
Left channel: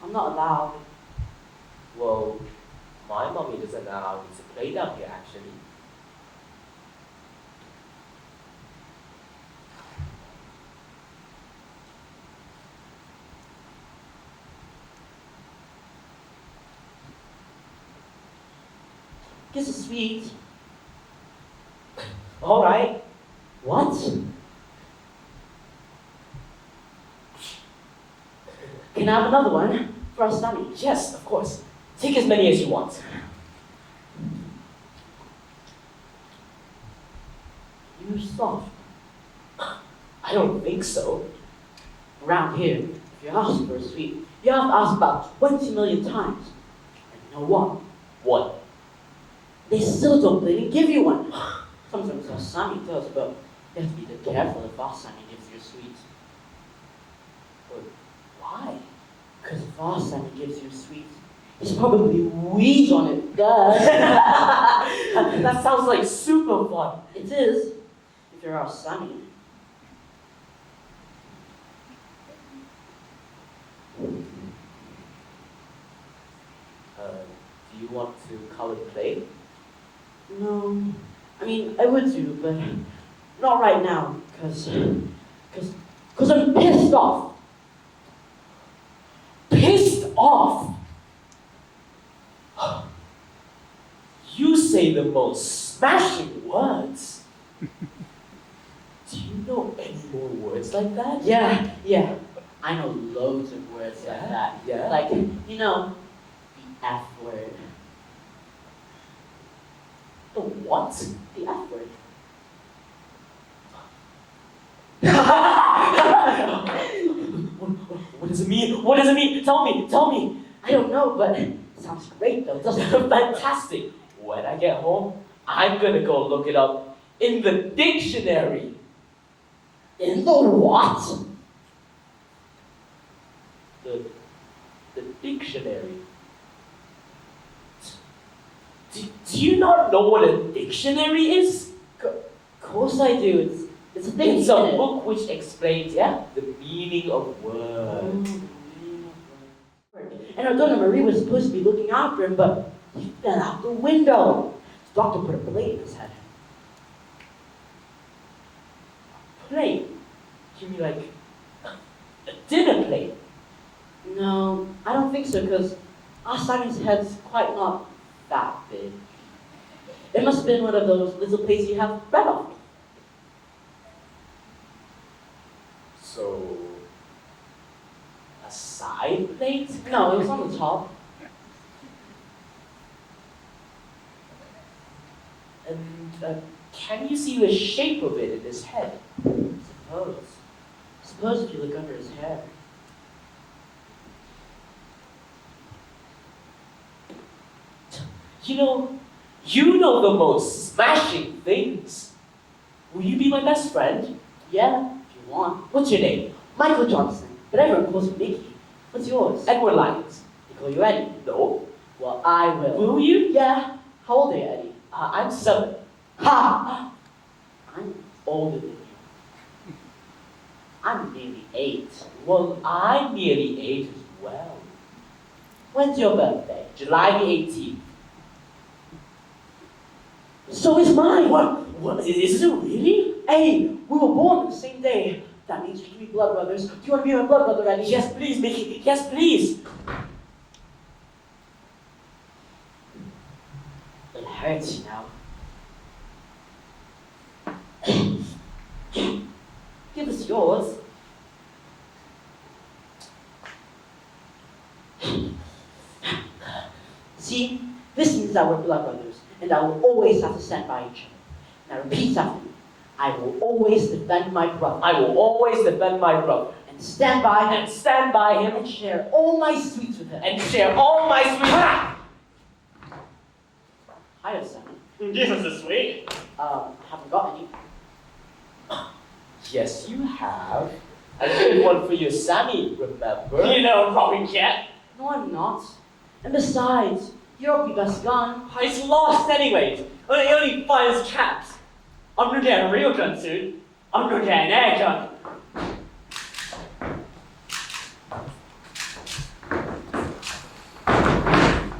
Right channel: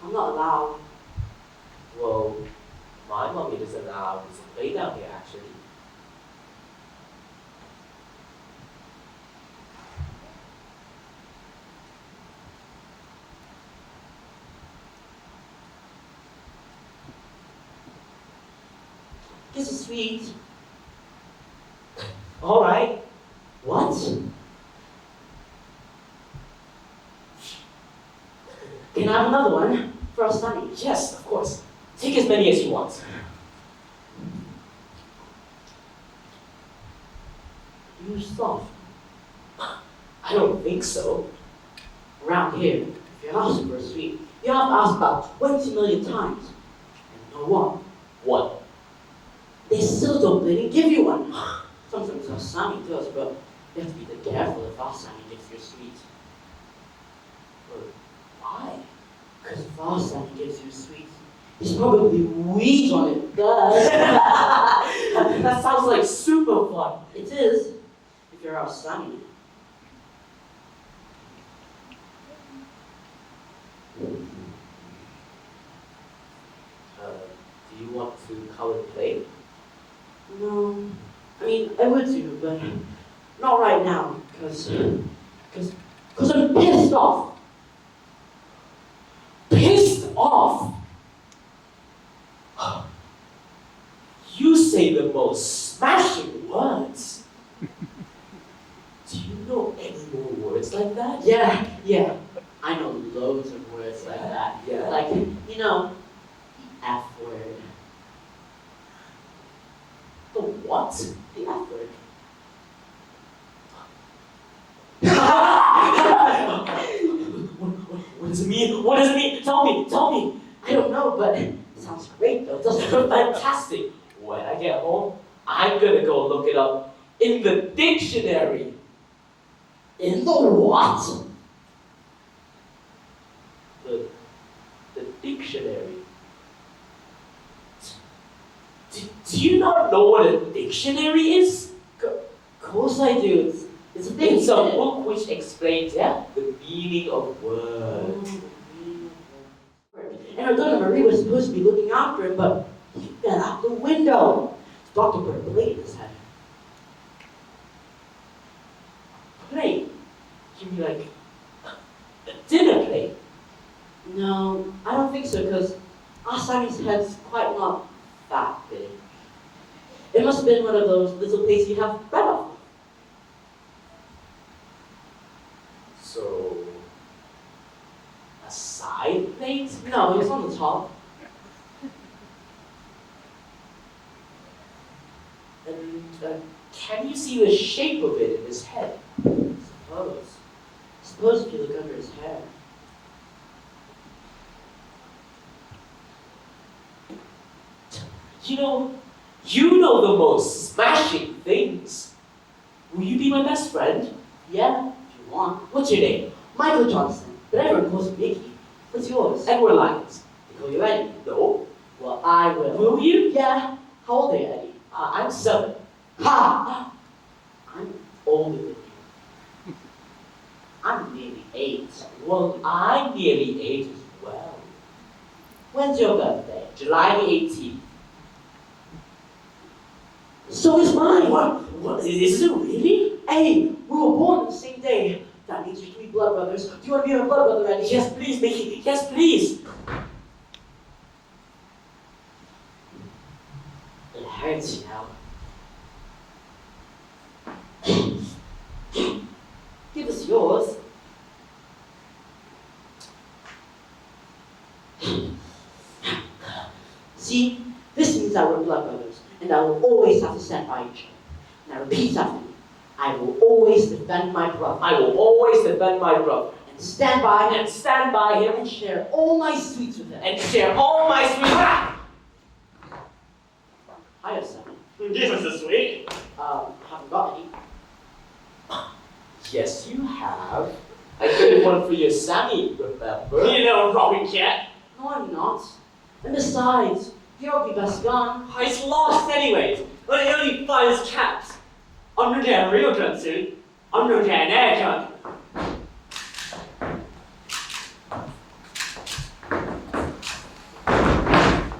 I'm not allowed. Well, my mommy doesn't allow me to play down here, actually. Kiss is sweet. All right. What? Can I have another one for our Sunny? Yes, of course. Take as many as you want. You're soft. I don't think so. Around here, if you ask for a sweet, you have to ask about 20 million times. And you know what? What? They still don't really give you one. Sometimes our Sammy does, but you have to be careful if our Sammy gives you a sweet. But why? Because if our Sammy gives you a sweet, he's probably weak on it. Duh. That sounds like super fun. It is, if you're our Sammy. Do you want to come and play? No, I mean, I would do, but not right now, because I'm pissed off. Pissed off? You say the most smashing words. Do you know any more words like that? Yeah, I know loads of words like that. Yeah. Like, you know, the F word. The what? The F word. What does it mean? What does it mean? Tell me. I don't know, but it sounds great though, doesn't it? Fantastic. When I get home, I'm gonna go look it up in the dictionary. In the what? The dictionary. Do you not know what a dictionary is? Of course I do. It's a thing. It's a isn't it? book which explains the meaning of words. And our daughter Marie was supposed to be looking after him, but he fell out the window. The doctor put a plate in his head. Plate? You mean like a dinner plate? No, I don't think so, because our Sammy's head's quite not that big. It must have been one of those little plates you have bread off. So, a side plate? No, it was on the top. And can you see the shape of it in his head? Suppose if you look under his hair. You know the most smashing things. Will you be my best friend? Yeah, if you want. What's your name? Michael Johnson, but everyone calls me Mickey. What's yours? Edward Lyons. They call you Eddie. No. Well, I will. Will you? Yeah. How old are you, Eddie? I'm 7. Ha! I'm older than you. I'm nearly 8. Well, I'm nearly 8 as well. When's your birthday? July 18th. So is mine. What? Is it really? Hey, we were born on the same day. That means we can be blood brothers. Do you want to be my blood brother, Eddie? Yes, please, Mickey. Yes, please. It hurts now. Give us yours. See, this means that we're blood brothers, and I will always have to stand by each other. Now repeat after me. I will always defend my brother. I will always defend my brother. And stand by him. And stand by him. And share all my sweets with him. And share all my sweet. I have some. Give us a sweet. Haven't got any. Yes, you have. I made one for your Sammy, remember? You know, Robin Cat. No, I'm not. And besides, you're my best gun. He's lost anyways. But he only finds caps. I'm not a real gun soon. I'm not an air gun.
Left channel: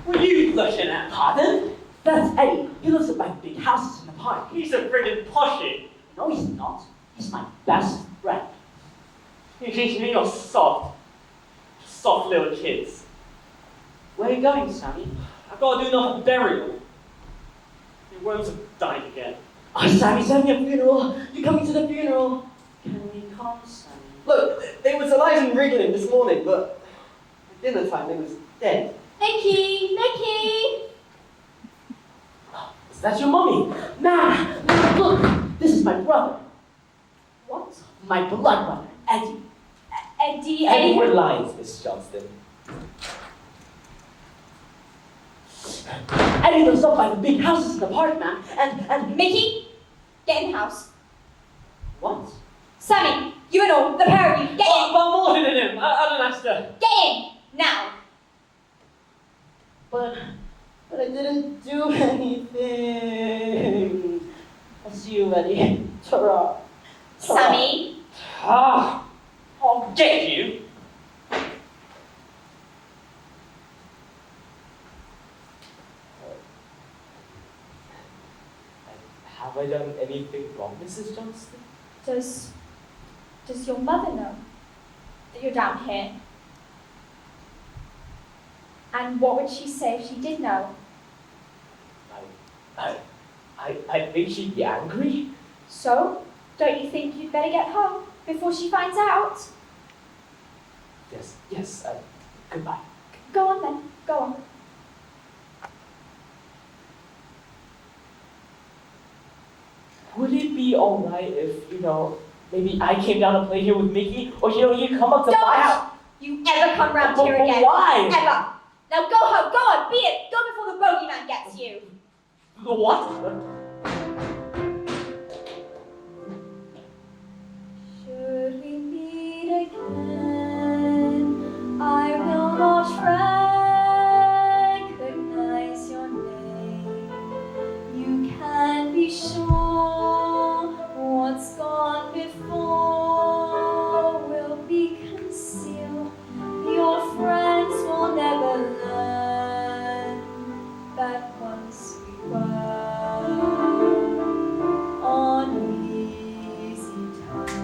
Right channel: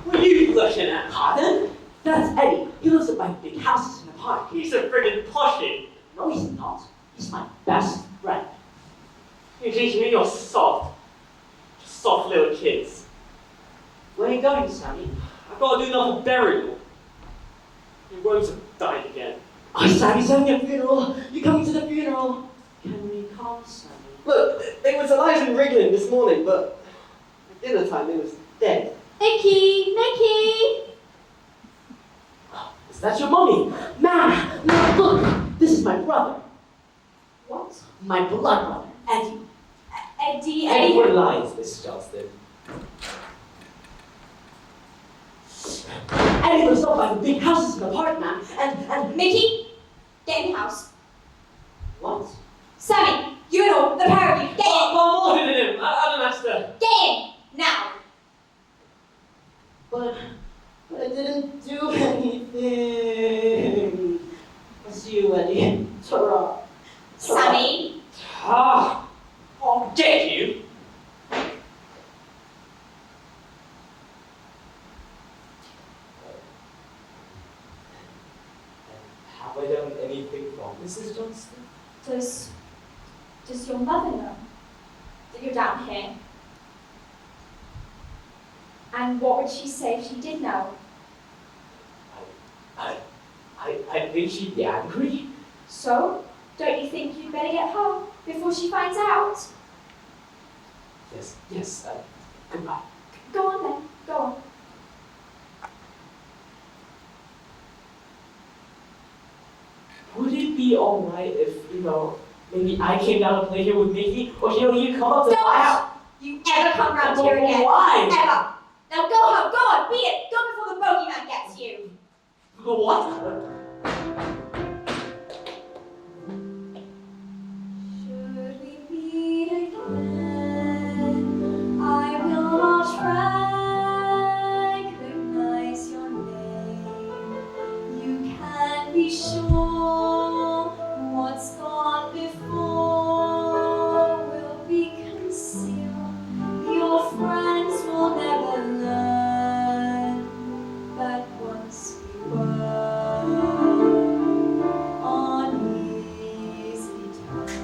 What are you looking at, pardon? That's Eddie. He lives at my big houses in the park. He's a friggin' poshie. No, he's not. He's my best friend. You teach me you're soft. Soft little kids. Where are you going, Sammy? I've got to do another burial. You won't have died again. Oh, Sammy's having a funeral. You're coming to the funeral. Can we come, Sammy? Look, it was alive and wriggling this morning, but at dinner time it was dead. Mickey! Mickey! Is that your mommy? Man, look, this is my brother. What? My blood brother, Eddie. Eddie, Everyone lies, Miss Johnston. Eddie lives up by the big houses in the park, man. And Mickey, get in the house. what? Sammy, you and all, the pair of you, get in! Oh, look at him! Master! Get in! Now! But I didn't do anything. I'll see you, Eddie. Ta-ra. Sammy! Ah! I'll get you! Have I done anything wrong, Mrs. Johnston? Does your mother know that you're down here? And what would she say if she did know? I think she'd be angry. So, don't you think you'd better get home before she finds out? Yes, goodbye. Go on then, go on. Would it be alright if, maybe I came down to play here with Mickey? Or, you come up to my house? You ever come round here again? Why? Ever! Now go home, go on, be it! Go before the bogeyman gets you! What? Should we meet again, I will not recognize your name. You can be sure what's gone before will be concealed. Your friends will never learn that once we were on easy terms.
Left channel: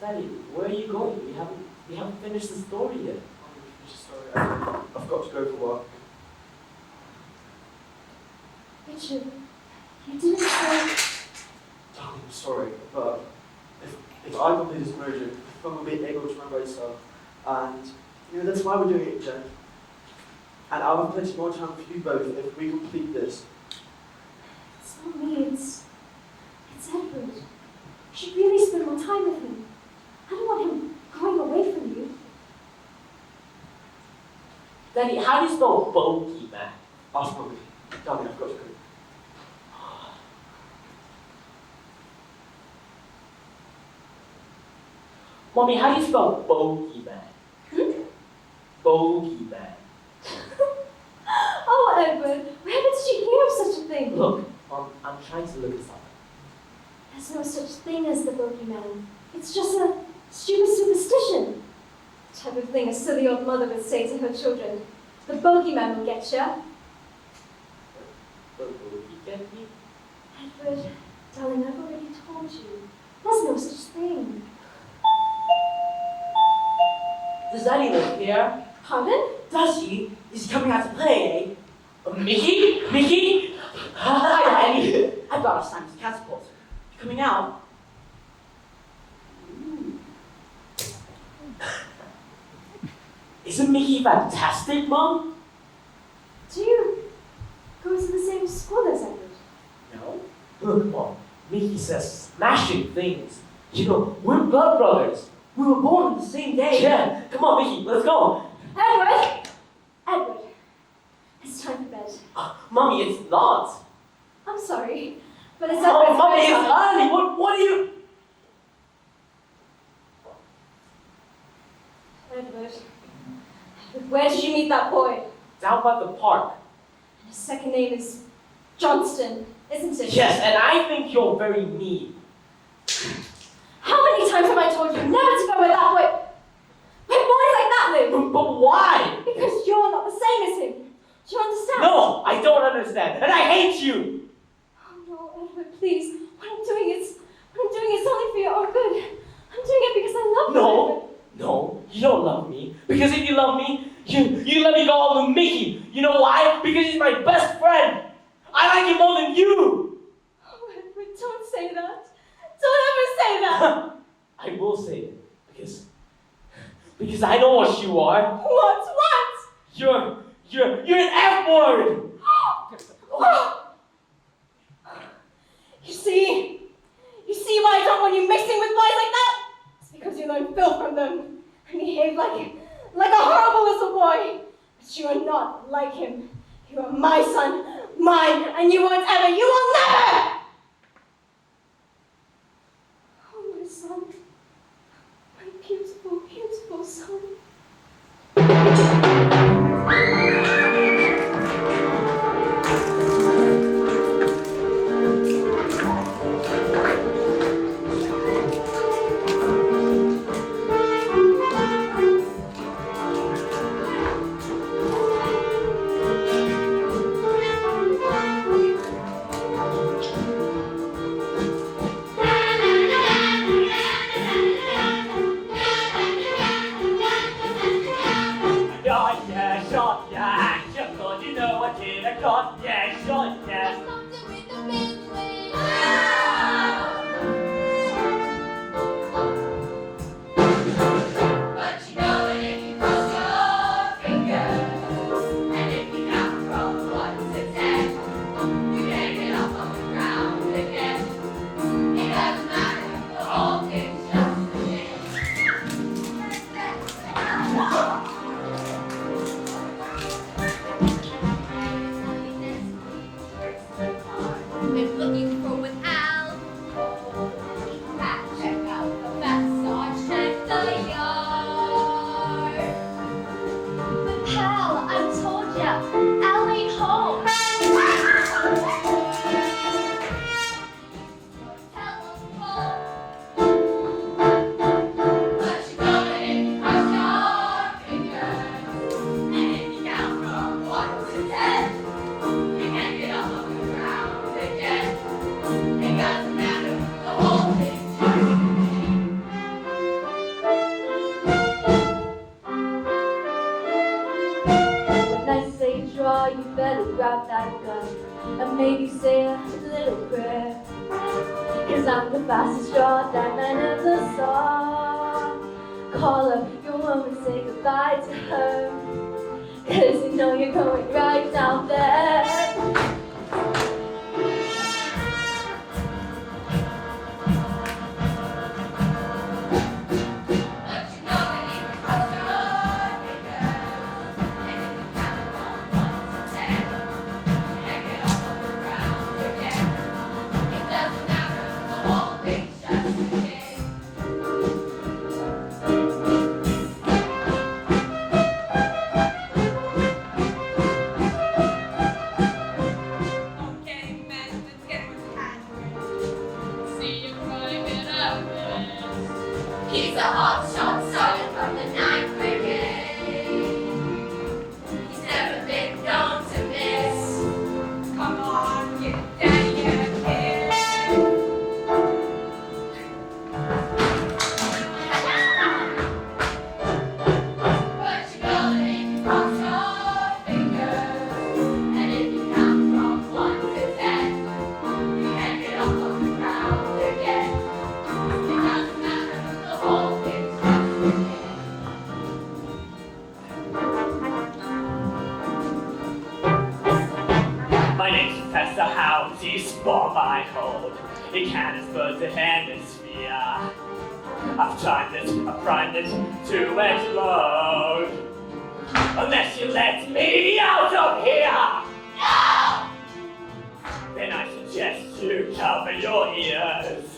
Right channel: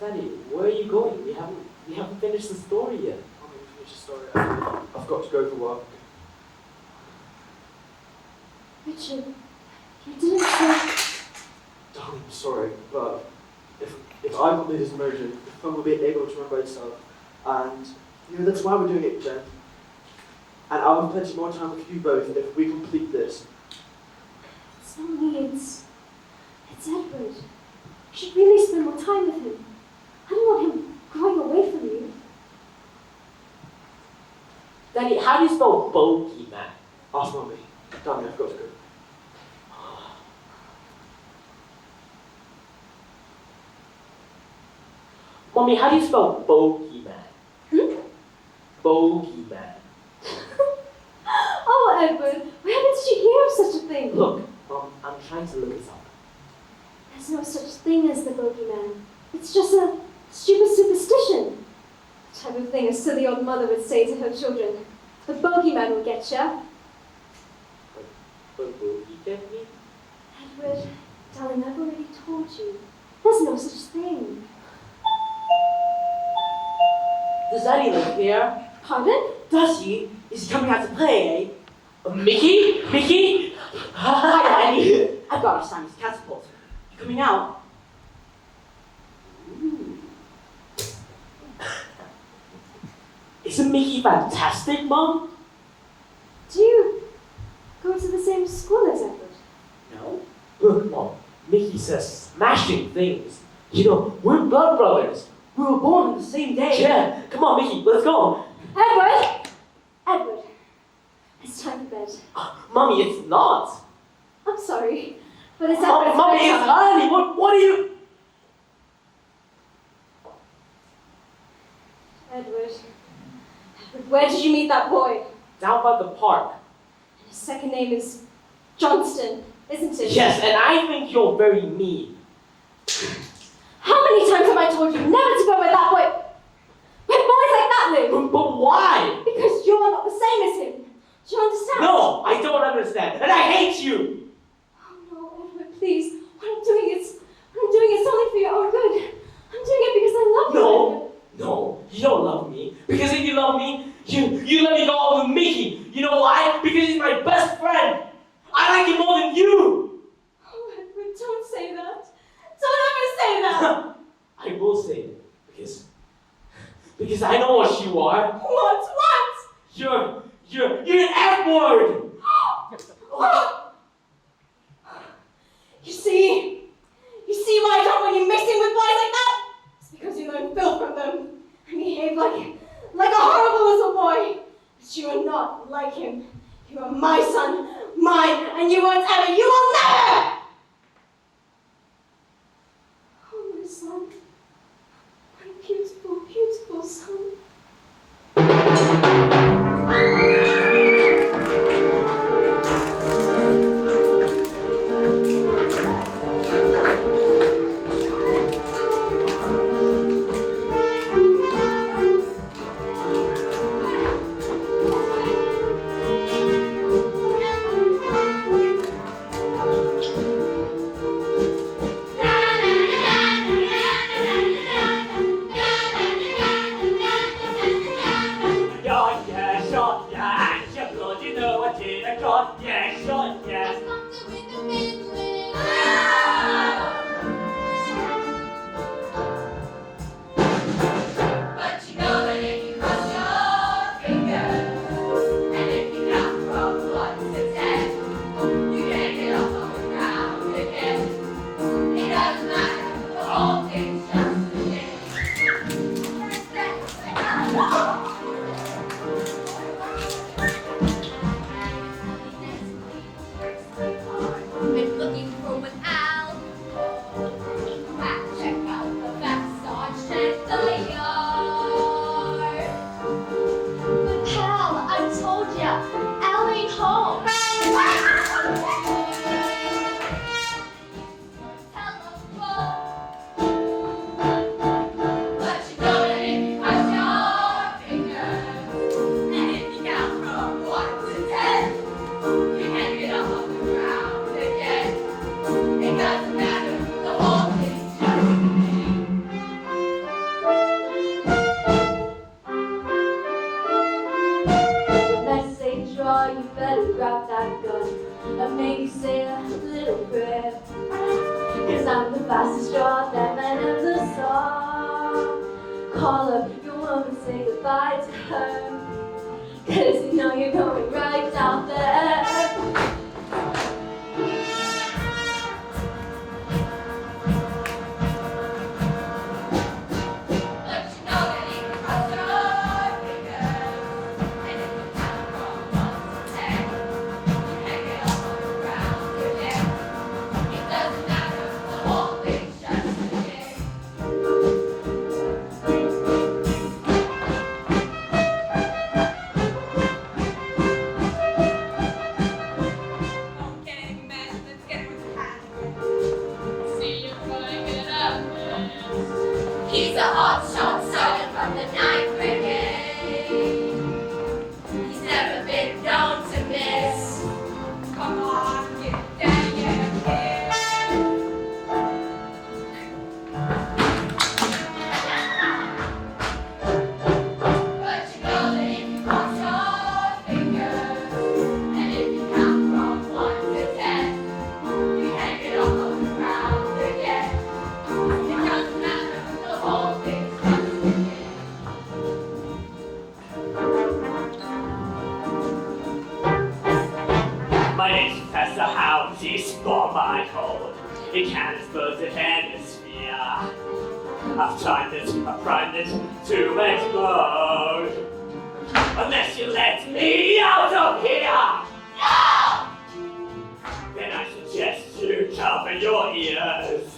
Daddy, where are you going? We haven't finished the story yet. I'm going to finish the story. I've got to go for work. Richard, you didn't say... I'm sorry, but if I complete this immersion, I will be able to embrace her. And that's why we're doing it, Jen. And I'll have plenty more time with you both if we complete this. It's not me, it's Edward. You should really spend more time with him. I don't want him growing away from you. Daddy, how do you spell bogeyman? Ask Mommy. Darling, I've got to go. Mommy, how do you spell bogeyman? Bogeyman. Oh, Edward, where did you hear of such a thing? Look, Mom, I'm trying to look this up. There's no such thing as the bogeyman. It's just a stupid superstition. The type of thing a silly old mother would say to her children. The bogeyman will get ya. The bogey technique? Edward, darling, I've already told you. There's no such thing. Does Daddy live here? Pardon? Does he? Is he coming out to play? Mickey? Mickey? Hi, Eddie. I brought us Simon's catapult. You coming out? Isn't Mickey fantastic, Mom? Do you go to the same school as Edward? No. Look, Mom, Mickey says smashing things. We're blood brothers. We were born on the same day. Yeah, come on, Mickey, let's go. Edward! Edward, it's time for bed. Mommy, it's not. I'm sorry, but it's Oh, Edward's Mommy, it's bedtime. early. What are you? Where did you meet that boy? Down by the park. And his second name is Johnston, isn't it? Yes, and I think you're very mean. How many times have I told you never to go where that boy... where boys like that live? But why? Because you're not the same as him. Do you understand? No, I don't understand, and I hate you. Oh no, Edward, please. What I'm doing is only for your own good. I'm doing it because I love you. No, no, you don't love me. Because if you love me, you let me go all with Mickey. You know why? Because he's my best friend. I like him more than you. Oh, Edward, don't say that. Don't ever say that. I will say it because I know what you are. What? You're an F-word. You see why I don't want you mixing with boys like that? It's because you learn filth from them and behave like a horrible little boy. But you are not like him. You are my son, mine, and you won't ever, you will never! Oh, my son. My beautiful, beautiful son. Unless you let me out of here! No! Then I suggest you cover your ears.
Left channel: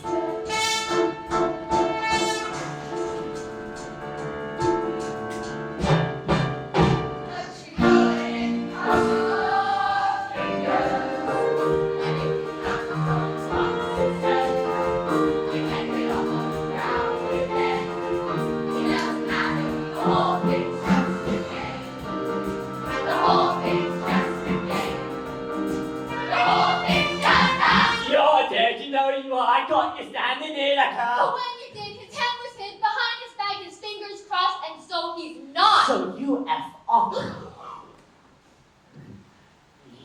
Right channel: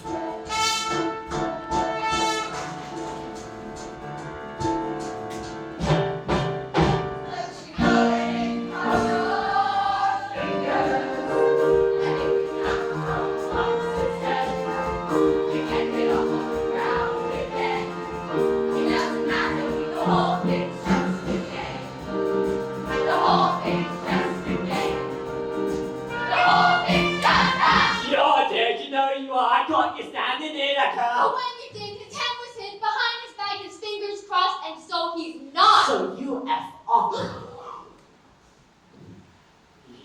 echo. But when you did, his head was hid behind his back, his fingers crossed, and so he's not. So you F off.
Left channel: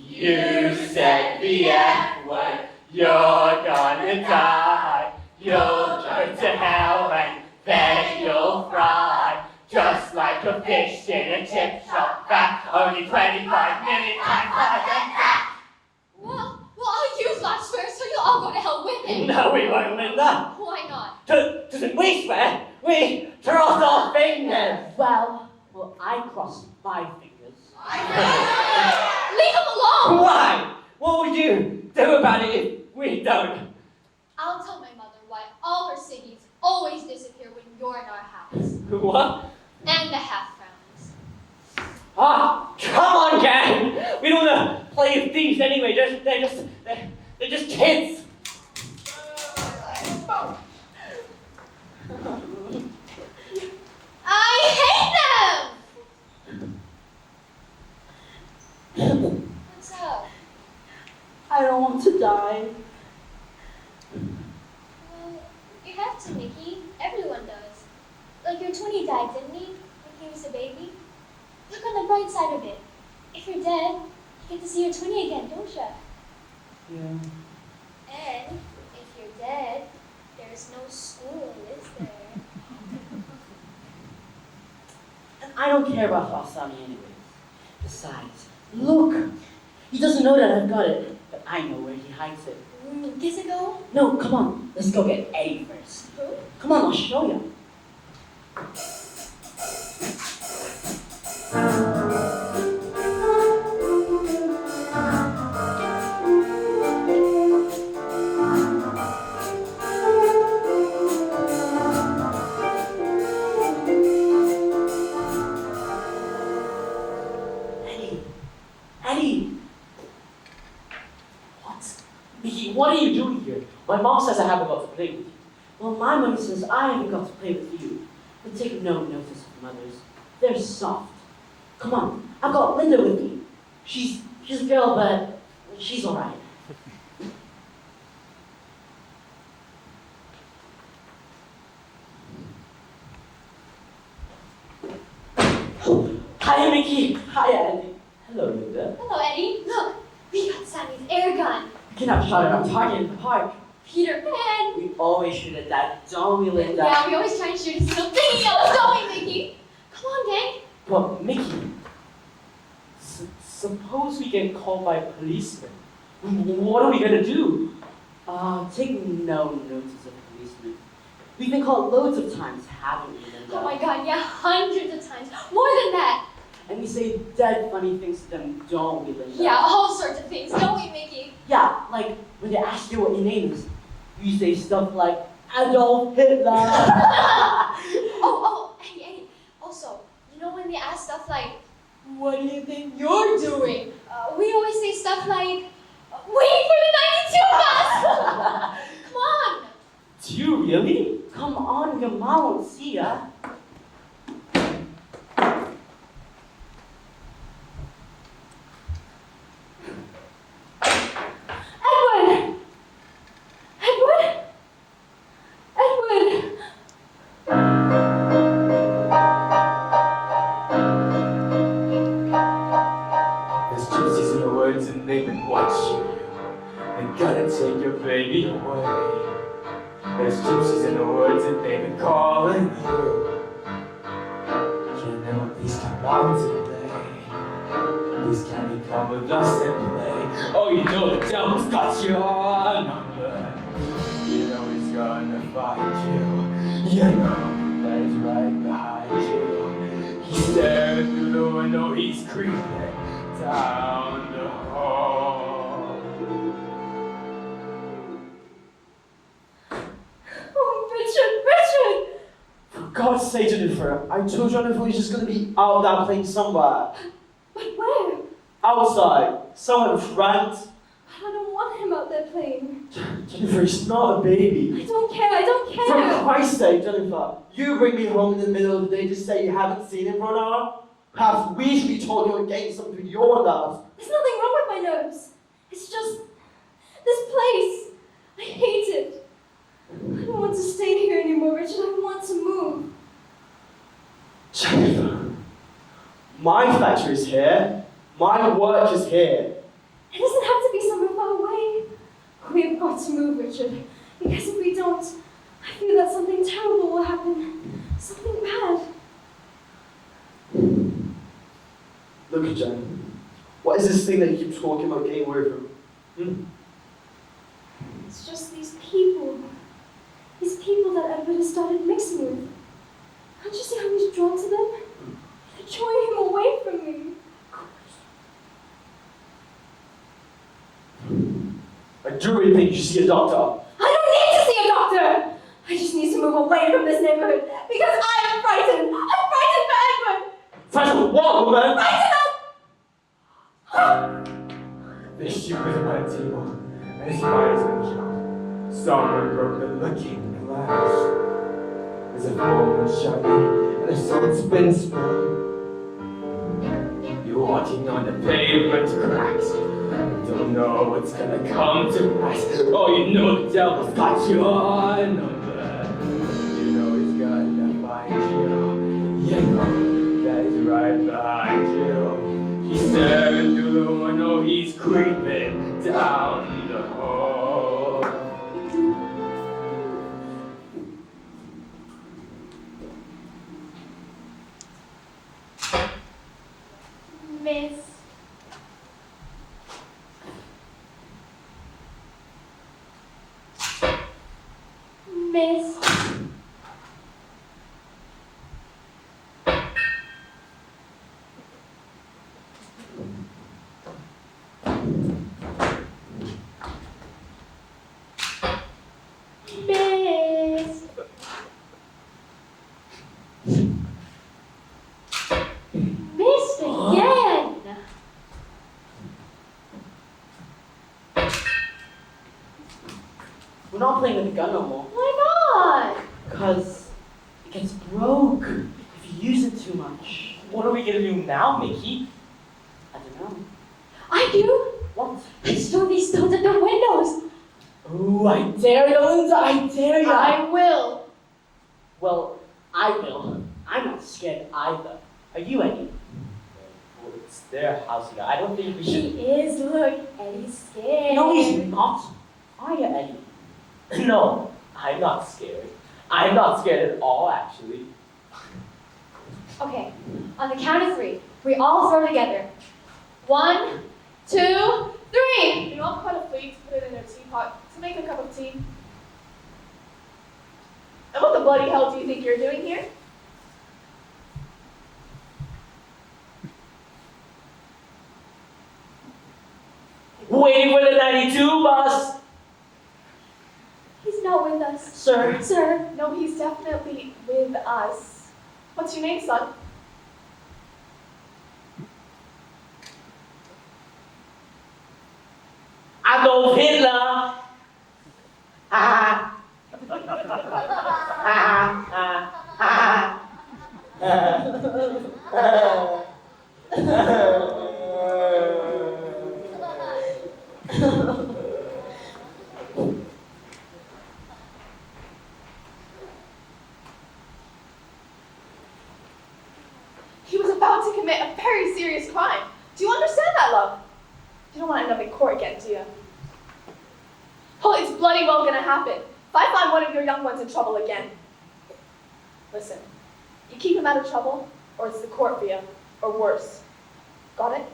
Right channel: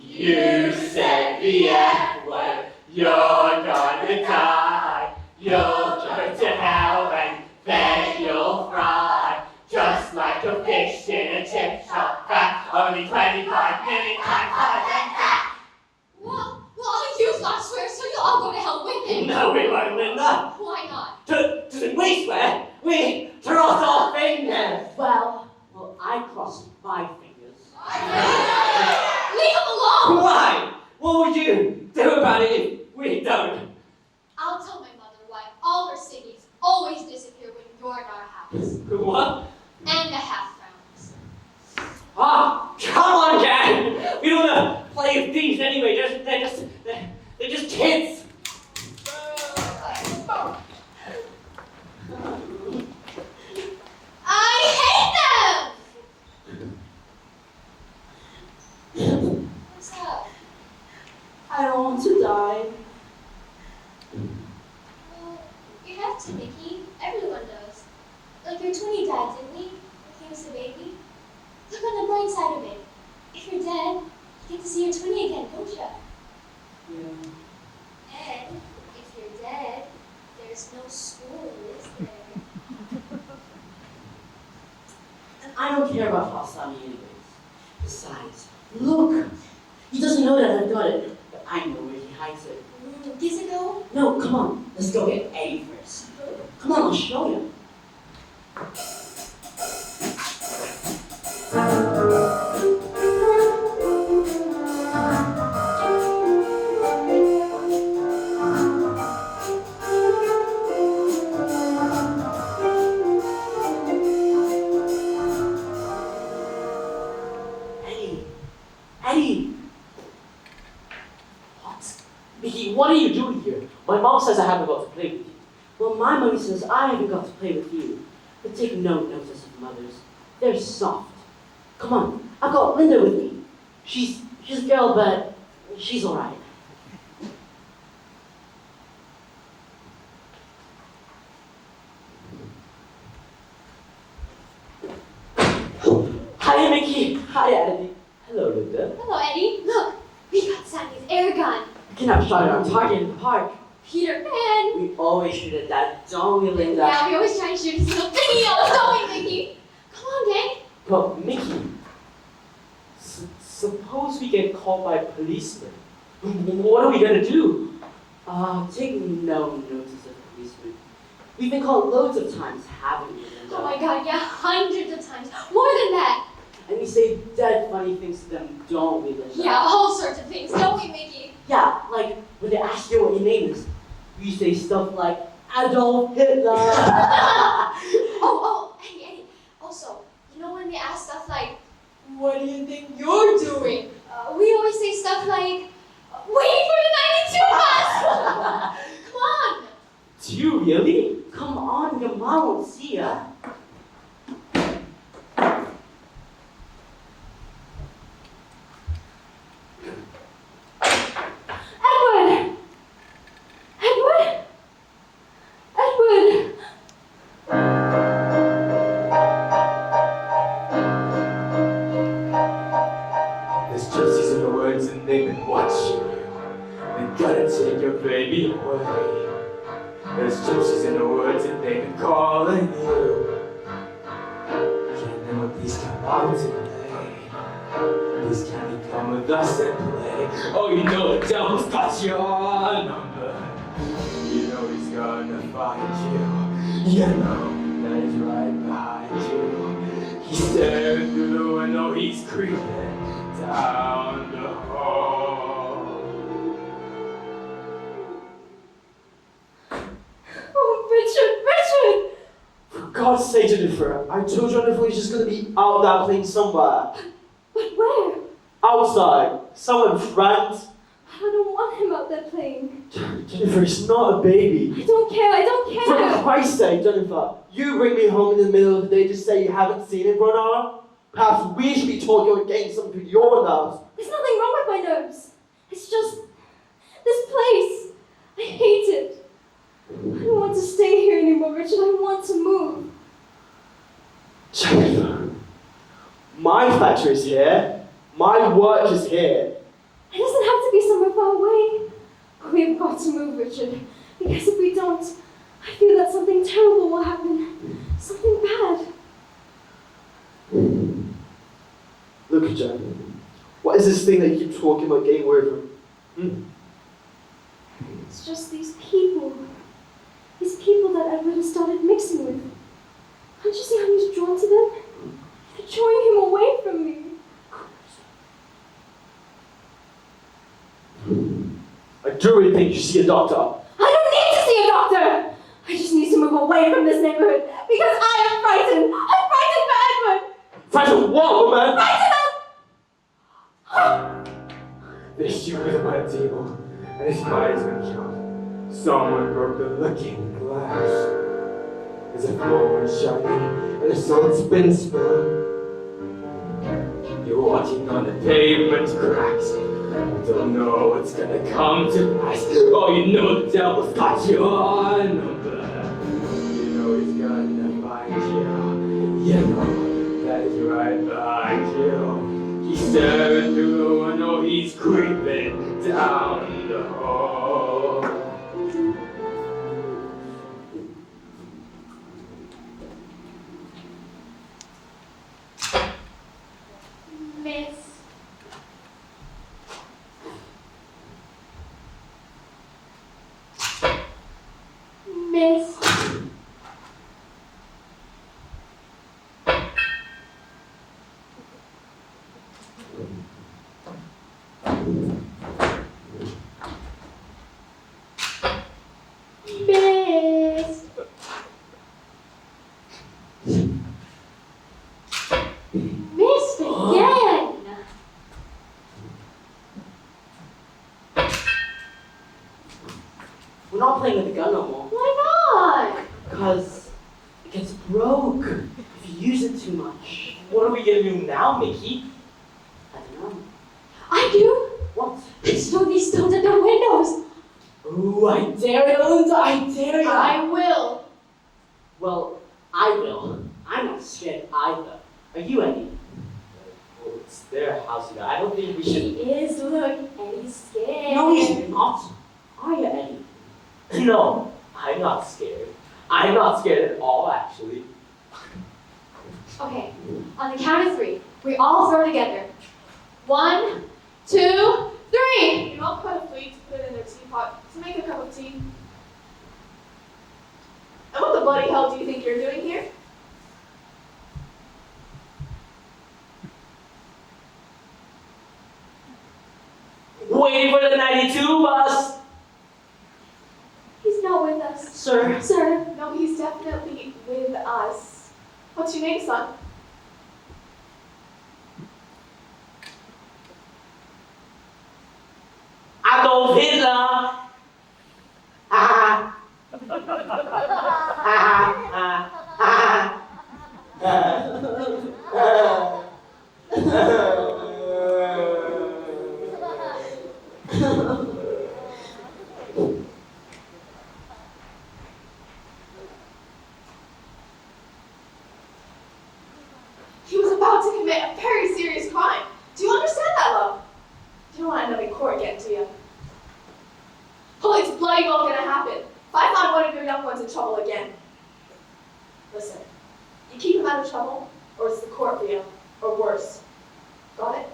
You said the F word, you're gonna die. You'll go to hell and then you'll fry. Just like a fish in a chip shop back. Only 25 minutes and back. Well, I'll use that swear so you'll all go to hell with him. No, we won't, Linda. Why not? Doesn't we swear? We cross our fingers. Well, I crossed my fingers. Leave him alone! Why? What would you do about it if we don't? I'll tell my mother why all her singings always disappear when you're in our house. What? And the half-rounds. Ah, come on, gang! We don't want to play with thieves anyway. They're just kids. I hate them! What's up? I don't want to die. Well, you have to, Mickey. Everyone does. Like your twinny died, didn't he? When he was a baby? Look on the bright side of it. If you're dead, you get to see your twinny again, don't you? Yeah. And if you're dead, there's no school, is there? And I don't care about Falsami anyways. Besides, look! He doesn't know that I've got it, but I know where he hides it. Does it go? No, come on. Let's go get Eddie first. Come on, I'll show you. Eddie! What? Mickey, what are you doing here? My mom says I haven't got to play with you. Well, my mommy says I haven't got to play with you. But take no notice of mothers. They're soft. Come on, I've got Linda with me. She's a girl, but she's alright. Hi, Mickey. Hi, Eddie. Hello, Linda. Hello, Eddie. Look, we got Sammy's air gun. We cannot shout at our target in the park. Peter Pan. We always shoot at that, don't we, Linda? Yeah, we always try and shoot something else, don't we, Mickey? Come on, gang. But Mickey, suppose we get called by policemen. What are we gonna do? Take no notice of policemen. We've been called loads of times, haven't we, Linda? Oh my god, yeah, hundreds of times. More than that. And we say dead funny things to them, don't we, Linda? Yeah, all sorts of things, don't we, Mickey? Yeah, like when they ask you what your name is, you say stuff like Adolf Hitler. Oh, Eddie. Also, you know when they ask stuff like, what do you think you're doing? We always say stuff like, waiting for the 92 bus! Come on! Do you really? Come on, your mom won't see ya. Edward! Edward! Edward! There's gypsies in the woods and they've been watching you. They're gonna take your baby away. There's gypsies in the woods and they've been calling you. Can't never please come out today. Please can you come with us and play? Oh, you know the devil's got your number. You know he's gonna find you. You know that he's right behind you. He's staring through the window, he's creeping down the hall. Oh, Richard! For God's sake, Jennifer, I told Jennifer he's just gonna be out there playing somewhere. But where? Outside, somewhere with friends. I don't want him out there playing. Jennifer, he's not a baby. I don't care. For Christ's sake, Jennifer, you bring me home in the middle of the day to say you haven't seen him for an hour? Perhaps we should be talking and getting something for your nerves. There's nothing wrong with my nerves. It's just this place. I hate it. I don't want to stay here anymore, Richard. I want to move. Jennifer, my factory's here. My work is here. It doesn't have to be somewhere far away. We've got to move, Richard. Because if we don't, I feel that something terrible will happen. Something bad. Look, Jen, what is this thing that you keep talking about getting away from? It's just these people. These people that Edward has started mixing with. Can't you see how he's drawn to them? They're drawing him away from me. I do really think you should see a doctor. I don't need to see a doctor! I just need to move away from this neighborhood because I am frightened! I'm frightened for Edward! Frightened what, woman? Frightened This shoe is my table, and his eyes been shut. Someone broke the looking glass. There's a phone shiny, and a salt spin spoon. You're walking on the pavement cracks. Don't know what's gonna come to pass. Oh, you know the devil's got you on. You know he's gonna find you. You know that he's right behind you. He's staring through the window, he's creeping down the hall. Miss. Miss. Miss. Missed again. We're not playing with the gun no more. Why not? Because it gets broke if you use it too much. What are we gonna do now, Mickey? I don't know. I do. What? Store these stones at the windows. Ooh, I dare you, Linda, I dare you. I will. Well, I will. I'm not scared either. Are you, Eddie? Well, it's their house, you know. I don't think we He should. is, look, and he's scared. No, he's not. Are you, Eddie? No, I'm not scared. I'm not scared at all, actually. Okay, on the count of three, we all throw together. 1, 2, 3. We all cut a plate to put it in a teapot to make a cup of tea. And what the bloody hell do you think you're doing here? Waiting for the 92 bus! He's not with us. Sir? Sir, No, he's definitely with us. What's your name, son? Adolf Hitler! Ah. He was about to commit a very serious crime. Do you understand that, love? You don't want to end up in court getting to you. Oh, it's bloody well gonna happen. If I find one of your young ones in trouble again. Listen, you keep him out of trouble, or it's the court for you, or worse. Got it?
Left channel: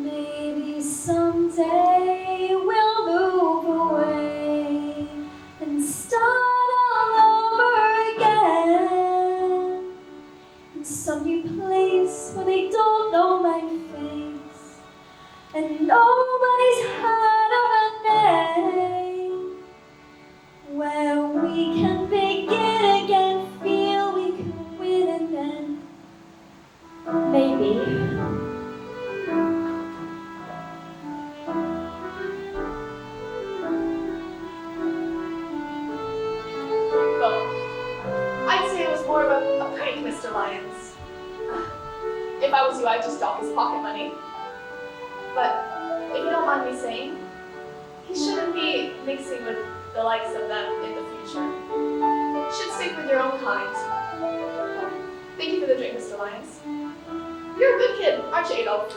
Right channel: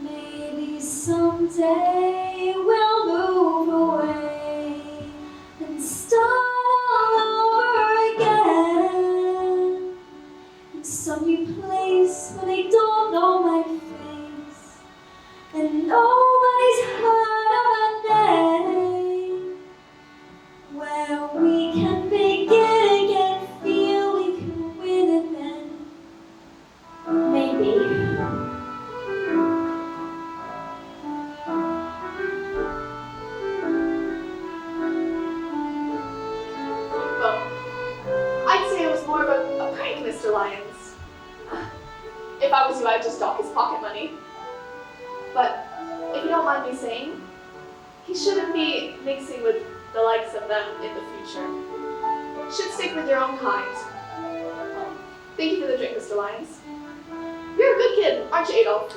Maybe someday Lions. If I was you, I'd just dock his pocket money. But if you don't mind me saying, he shouldn't be mixing with the likes of them in the future. Should stick with your own kind. Thank you for the drink, Mr. Lyons. You're a good kid, aren't you, Adolf?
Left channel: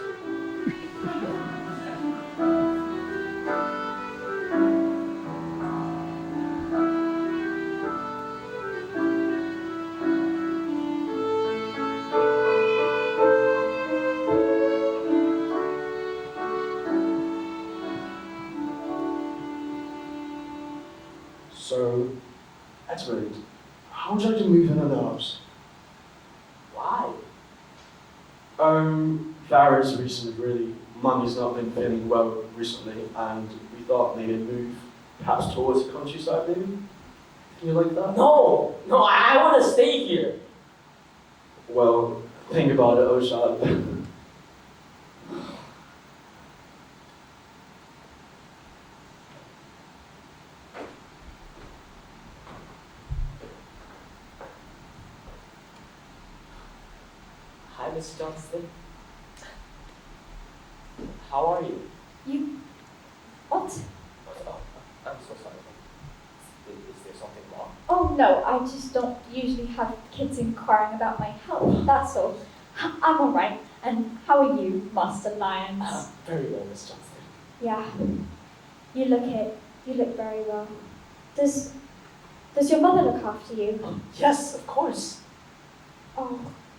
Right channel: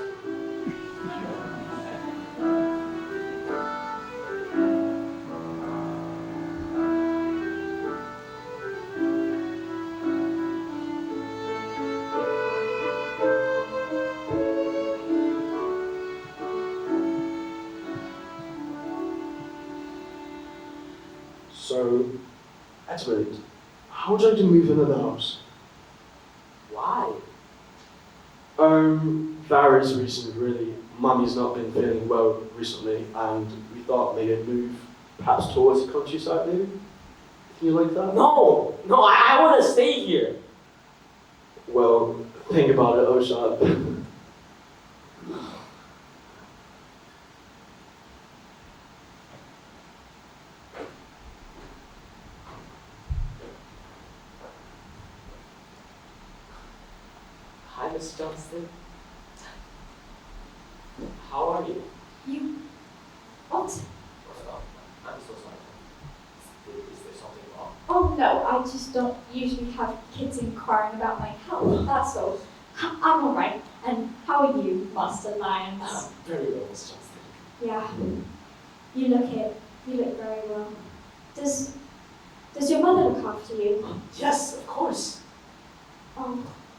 So, Edmund, how would you like to move in the house? Why? Various reasons really. Mummy's not been feeling well recently, and we thought maybe a move perhaps towards the countryside maybe? Can you like that? No, I want to stay here. Well, think about it, Oshad. Hi, Miss Johnston. How are you? You... What? Oh, I'm so sorry. Is there something wrong? Oh no, I just don't usually have kids inquiring about my health, that's all. I'm alright. And how are you, Master Lyons? Very well, Miss Johnston. Yeah. You look it. You look very well. Does your mother look after you? Yes, of course.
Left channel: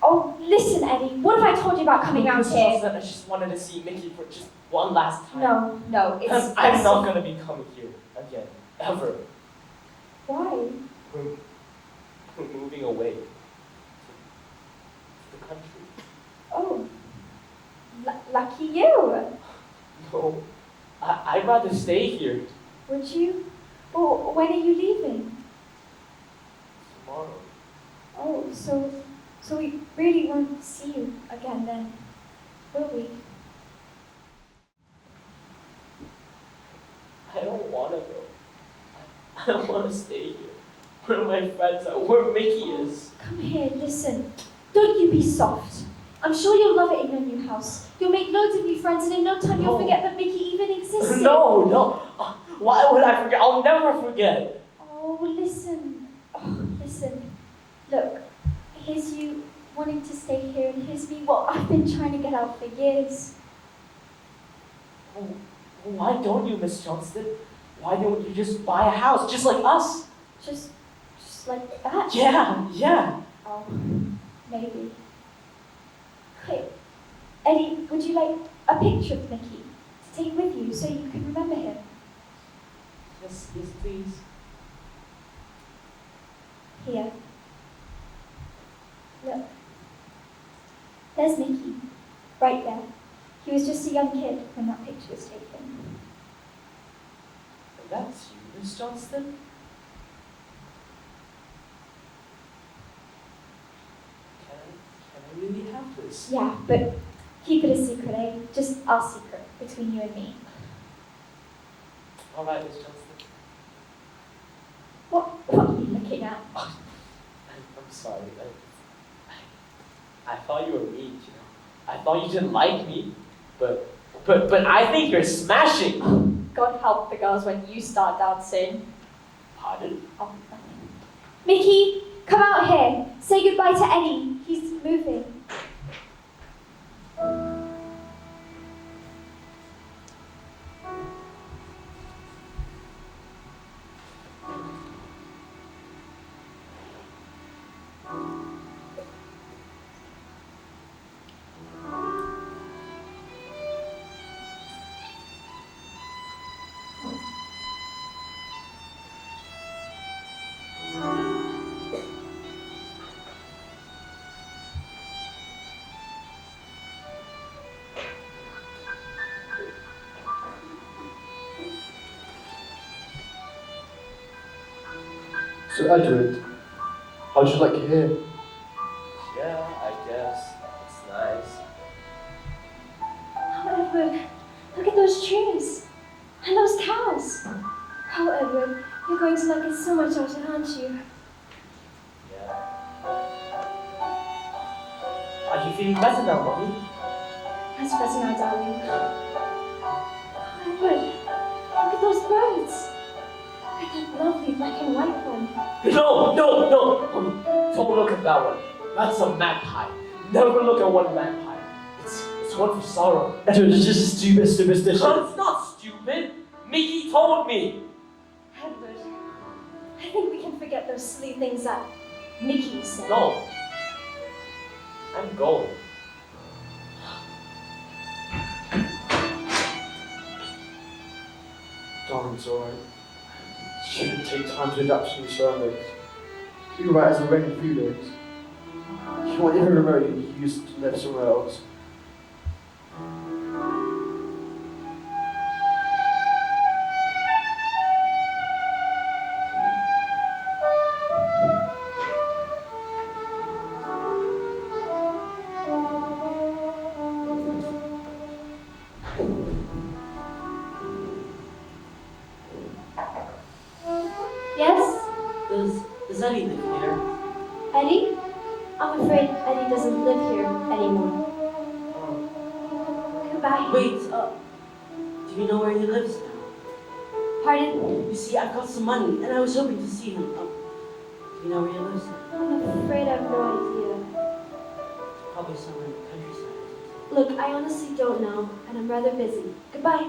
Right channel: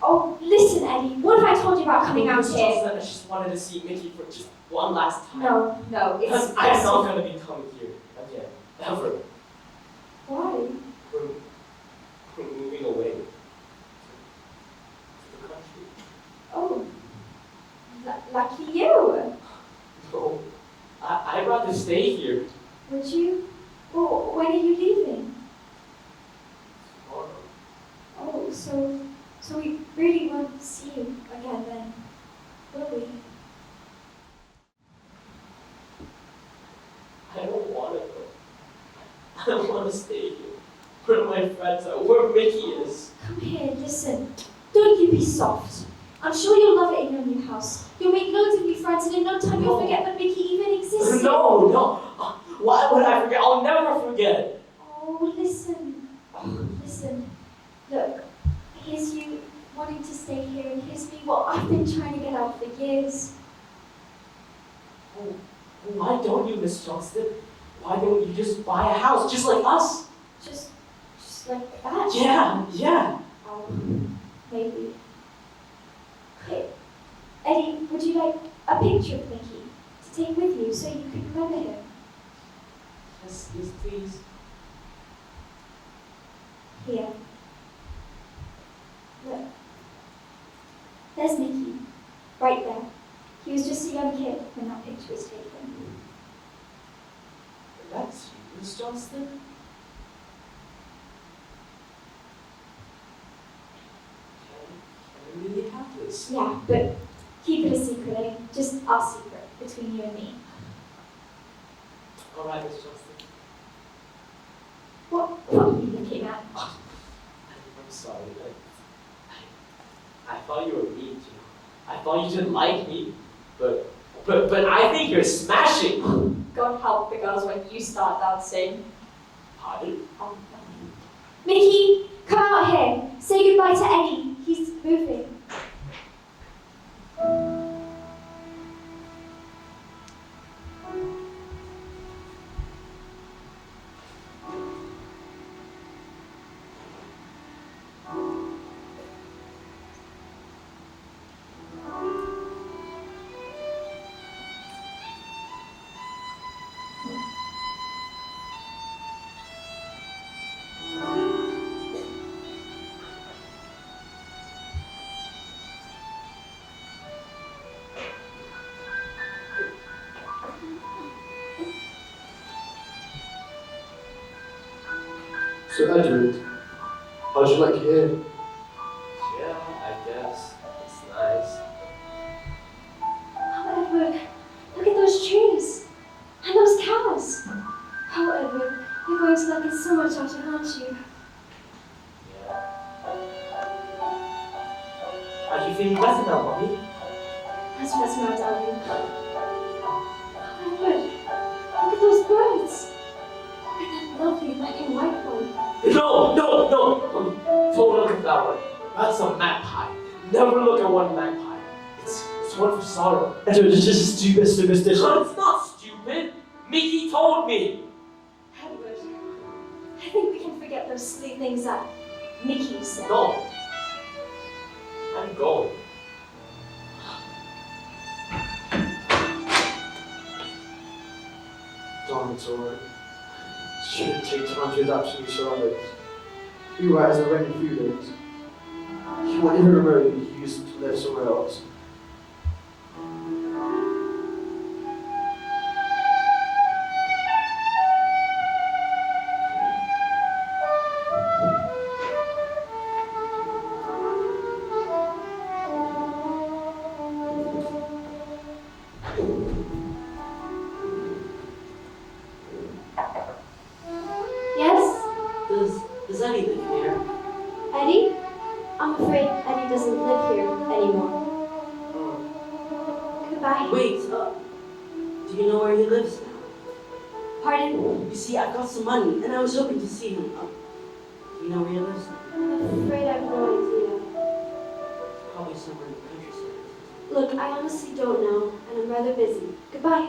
Oh, listen, Eddie. What if I told you about coming out Miss here? Johnston, I just wanted to see Mickey for just one last time. No, it's Because I'm not going to be coming here again, ever. Why? We're moving away to the country. Oh, lucky you. No, I'd rather stay here Would you? Well, when are you leaving? tomorrow. Oh, so we really won't see you again then, will we? I don't want to go. I don't want to stay here. Where are my friends at? Where Mickey is? Come here, listen. Don't you be soft. I'm sure you'll love it in your new house. You'll make loads of new friends, and in no time you'll forget that Mickey even existed. No. Why would I forget? I'll never forget. Oh, listen. Look, here's you wanting to stay here, and here's me. Well, I've been trying to get out for years. Why don't you, Miss Johnston? Why don't you just buy a house just like us? Just like that? Yeah. Oh, maybe. Hey, Eddie, would you like a picture of Mickey to take with you so you can remember him? Yes, please. Here. Look. There's Mickey, right there. He was just a young kid when that picture was taken. That's you, Miss Johnston? Can we really have this? Yeah, but keep it a secret, eh? Just our secret, between you and me. All right, Miss Johnston. What are you looking at? I'm sorry. I thought you were weak. You know. I thought you didn't like me. But I think you're smashing. God help the girls when you start dancing. Pardon? Mickey, come out here. Say goodbye to Eddie. He's moving. So Edward, how'd you like it here? Yeah, I guess. It's nice. Oh, Edward, look at those trees. And those cows. Oh, Edward, you're going to like it so much after, aren't you? Yeah. Feeling better now, Mommy? That's better now, darling. Oh, look. Look at those birds. And that lovely black and white one. No! Don't look at that one. That's a magpie. Never look at one magpie. It's one for sorrow. That's just a stupid superstition. But it's not stupid. Mickey told me. Edward, I think we can forget those silly things that Mickey said. No. I'm going. Darn, alright. Shouldn't take time to adapt to new surroundings. You were as a rainy feelings. You won't even remember you used to live somewhere else. Yes? Does Eddie live here? Eddie? I'm afraid Eddie doesn't live here anymore. Goodbye. Wait, do you know where he lives now? Pardon? You see, I've got some money, and I was hoping to see him. Do you know where he lives now? I'm afraid I have no idea. Probably somewhere in the countryside. Look, I honestly don't know, and I'm rather busy. Goodbye.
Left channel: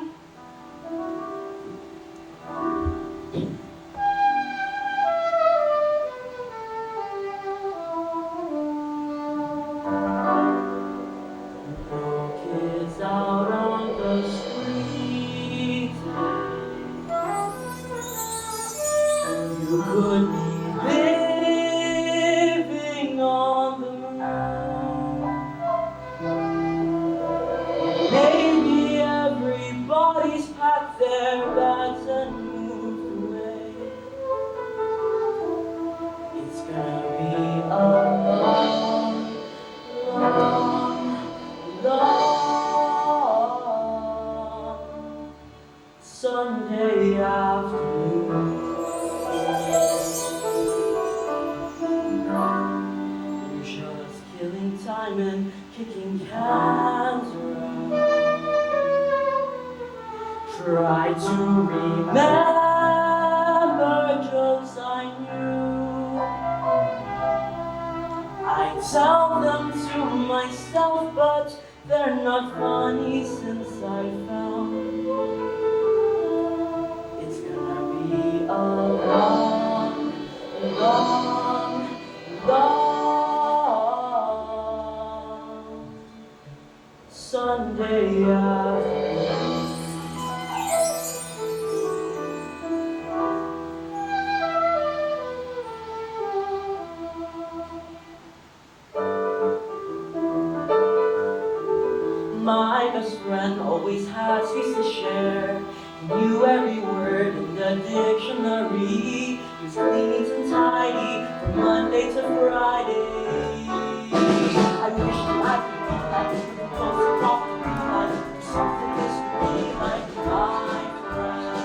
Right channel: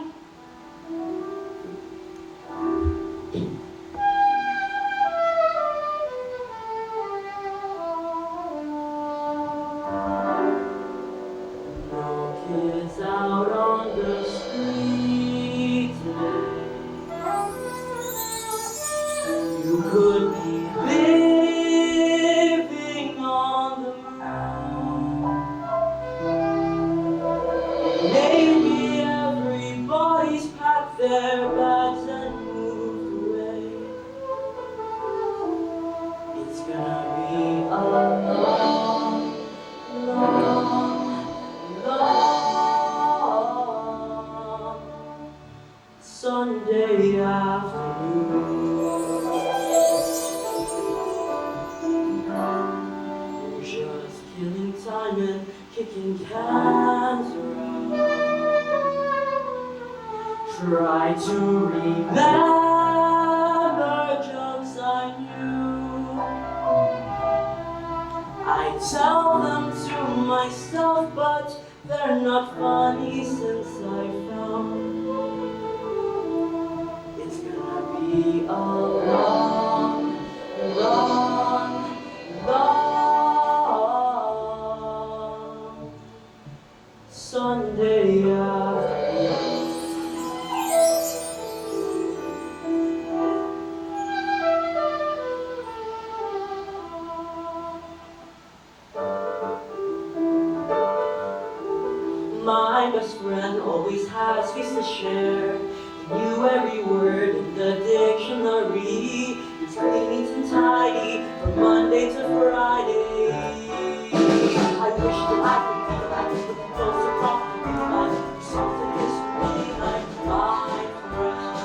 Kids out on the street you could be living on the roof. Maybe everybody's packed their bags and moved away. It's gonna be a long, Sunday afternoon. Just killing time and kicking cans around. Try to remember jokes I knew. I tell them to myself, but they're not funny since I found it's gonna be a long Sunday afternoon. My best friend always had space to share. He knew every word in the dictionary. He was clean and tidy from Monday to Friday. I wish that I could be like the closer off to like something this way like my friend.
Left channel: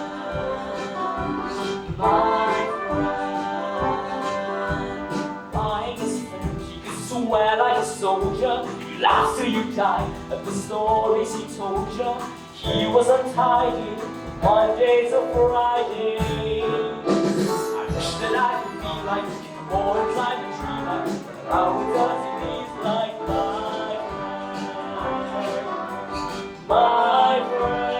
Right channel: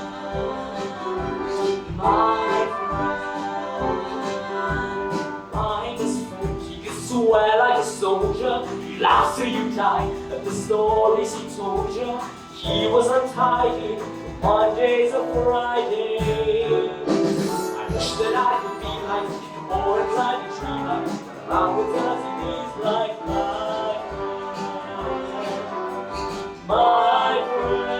I'm his friend. He could swear like a soldier. You laugh till you die. At the stories he told you, he was untidy from Monday to Friday. I wish that I could be like him, or try to dream like him. How it does these like my friend.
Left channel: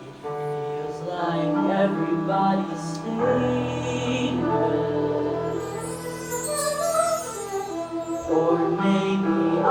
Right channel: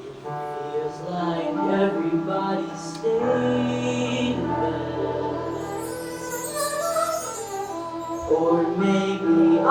It feels like everybody's staying in bed. Or maybe I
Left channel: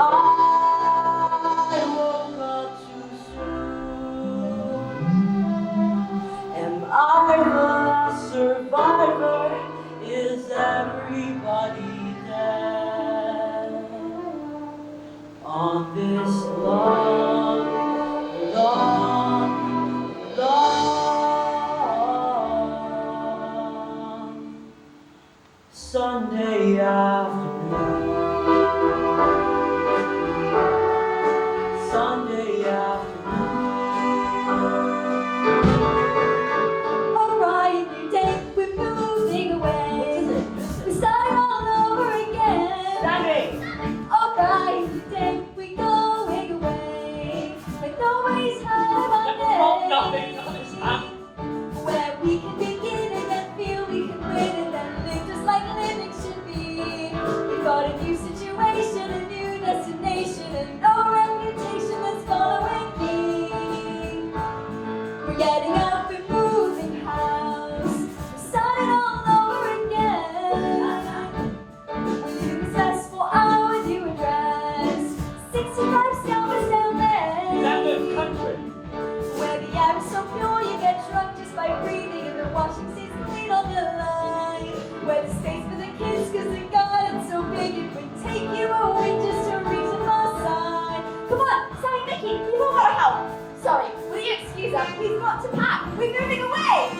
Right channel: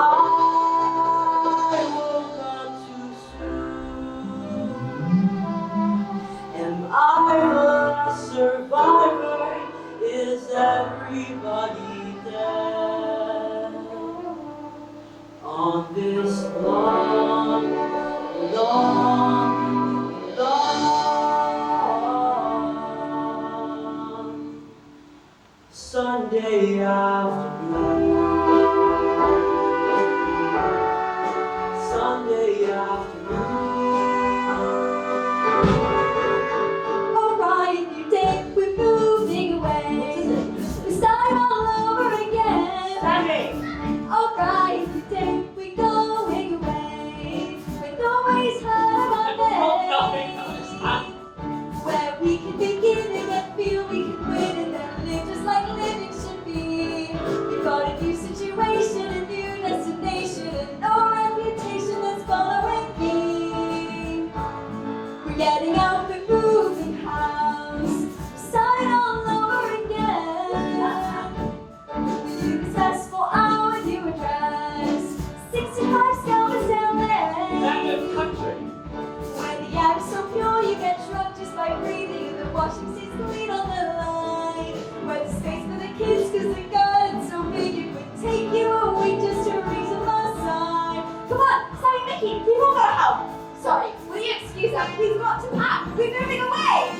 Come on, Sally, Mickey, we've all got to help. Sorry, will you excuse us? We've got to pack. We're moving away.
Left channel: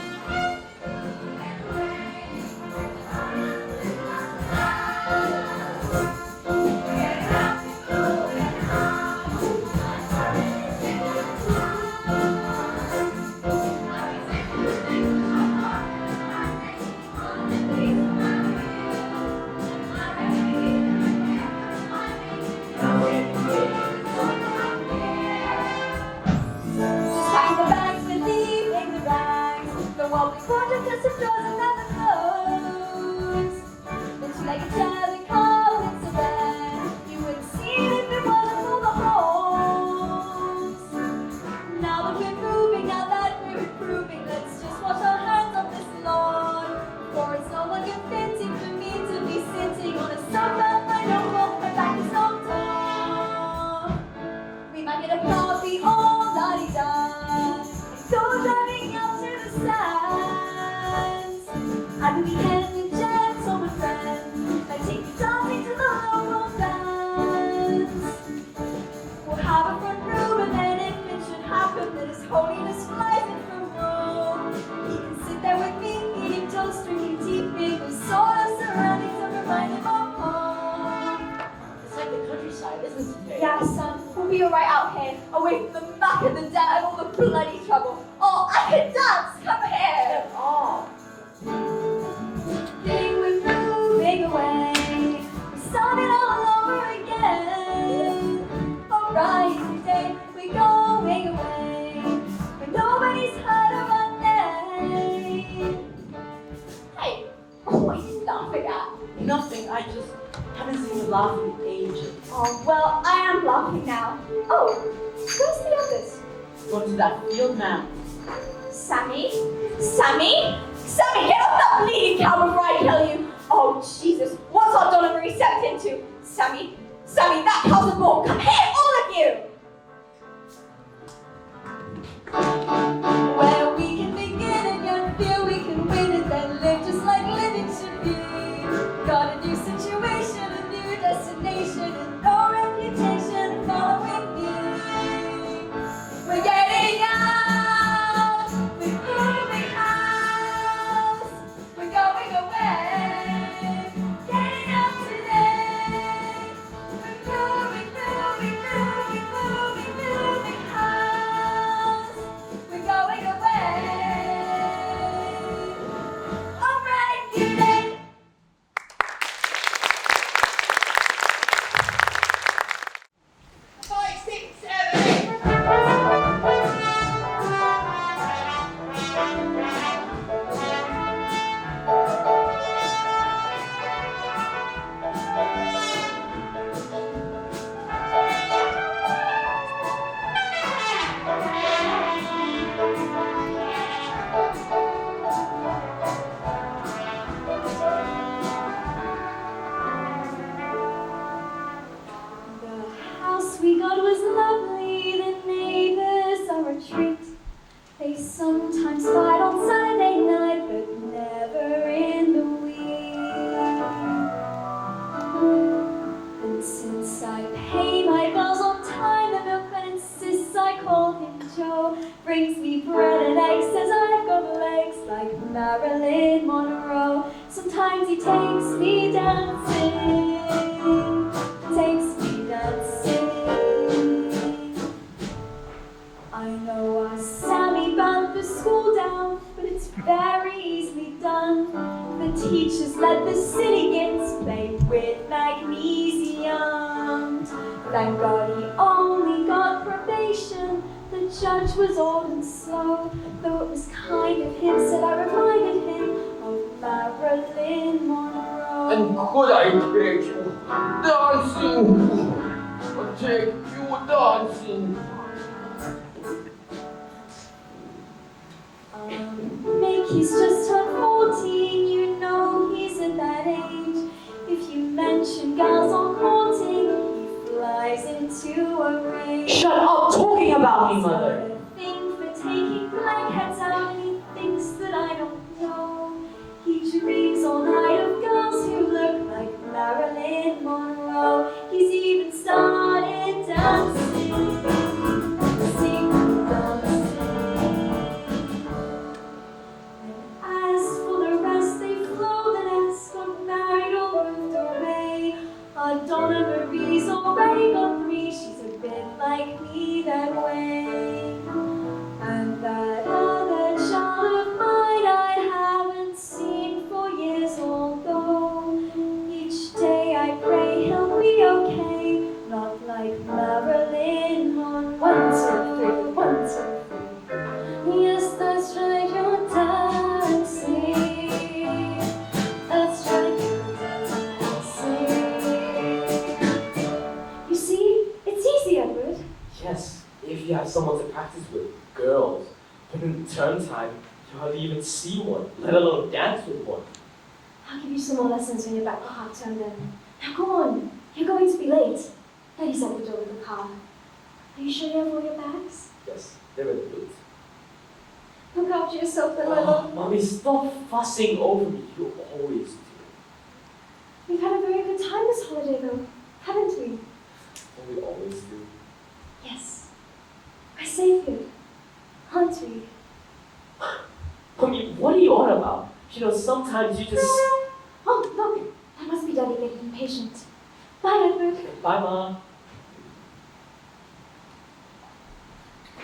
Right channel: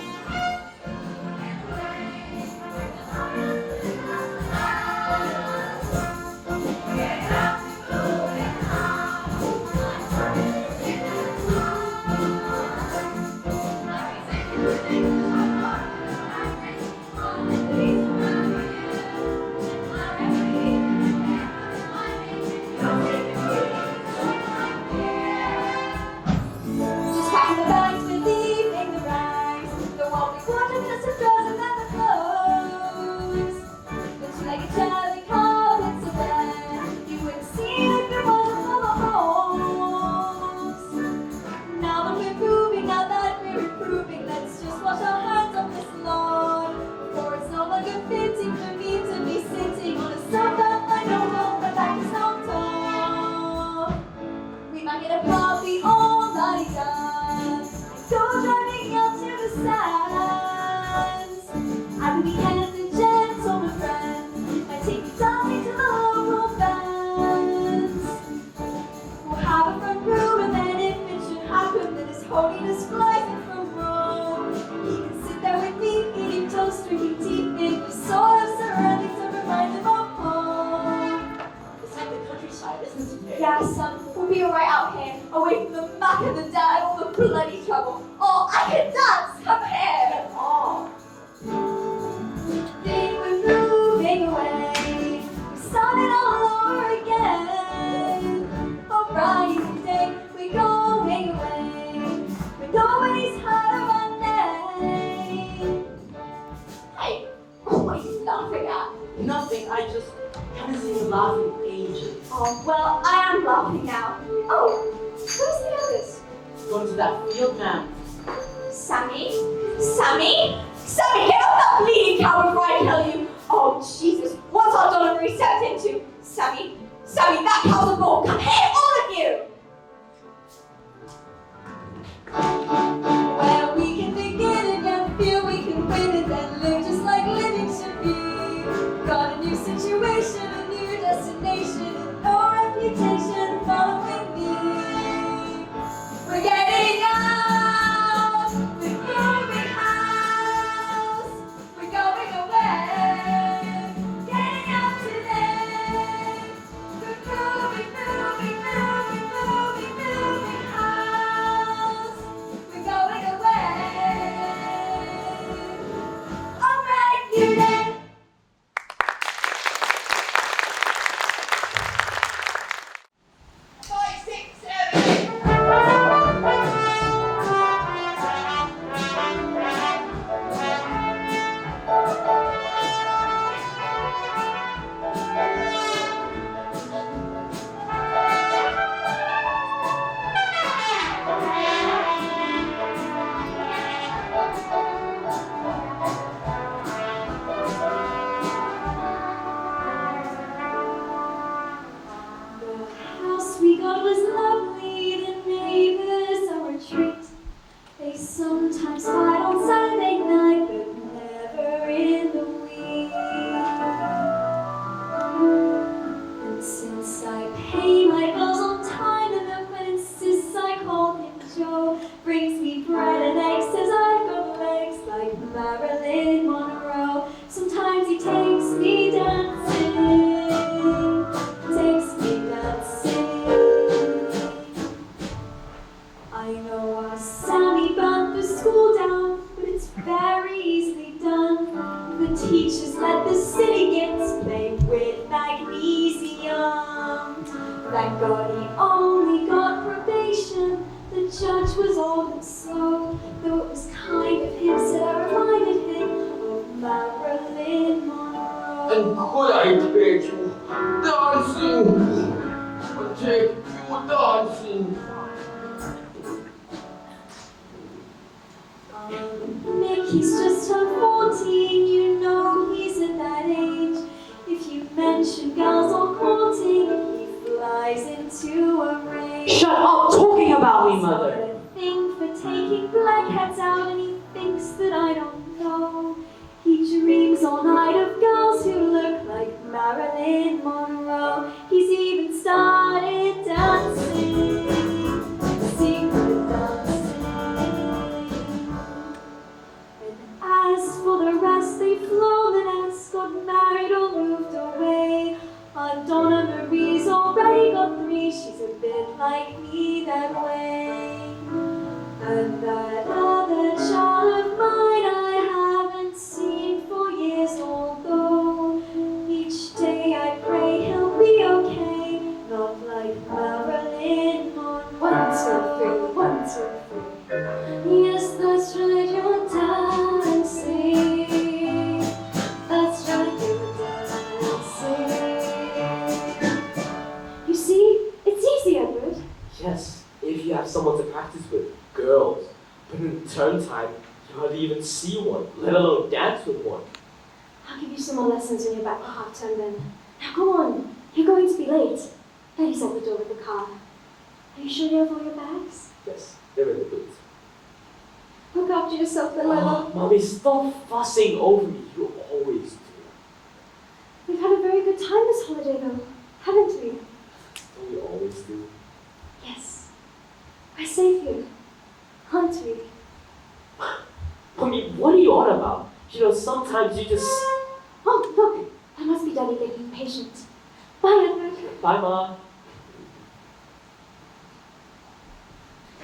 Yeah, son, we'll be alright out here, away from the muck and the dirt and all the bloody trouble. Oh, I can dance! Come here! Oh. They were moving away, starting all over again. Alright, today we're going away, but nobody's heard of our name. Hey, what are you laughing at? Nothing, I just haven't seen you laugh in ages. Oh, well, I am laughing now. Oh, where's the others? Go to that field now. Sammy? Sammy? Sammy, get off that bleeding cow before I kill you! Oh, Jesus, what's our delivery stepped into? Sammy? Sammy, that cow's a bull! Come here, all of you! Well, we can begin again, feel we can win it, and live just like living should be. Got a new situation, a new destination, and no reputation following me. We're getting out! We're moving house! We're going away! Getting out today! We're moving house! We're going away! Alright, you then! 5, 6, 7, 8. The house we got was lovely, the neighbors are a treat. They sometimes fight on Sunday night, but never in the week. And since I pay my bills on time, the milkman insists I call him Joe. Brings me bread and eggs, says I've got legs like Marilyn Monroe. Sometimes he takes me dancing. Takes me dancing. I know our Sammy burnt the school down, but it's very easily done. The teachers let the silly kids play with magnesium. Thank God he only got probation. The judge was old and slow, though it was kind of him, said I reminded him of Marilyn Monroe. And could I take you dancing? I'll take you dancing. Mickey's just turned 14, you know he's at that age. If you mention girls on courting, he flies into a rage. Shut up talking about me, He's got mother. a thing for taking blackheads out, and he thinks that I don't know. He dreams all night of girls who look like Marilyn Monroe. He's even started dancing. you have someone to practice with, girls. But in term time, you hardly even see one, let alone dance with one. I'll give you some more lessons when you're back for half term then. Now go on, you're going to be late. Daddy's at the door of the car. Are you sure you have all your bags? Yes, they're in the boot. Look after yourself, little. Oh, Mommy, stop fussing over me. You always do. We've had a very good time this holiday though, haven't we? We always do. Yes. We're safe here, aren't we? Mommy, what are you on about? You know, sometimes you just... Oh, look, that must be Daddy getting impatient. Bye, Edward. Bye, Mom.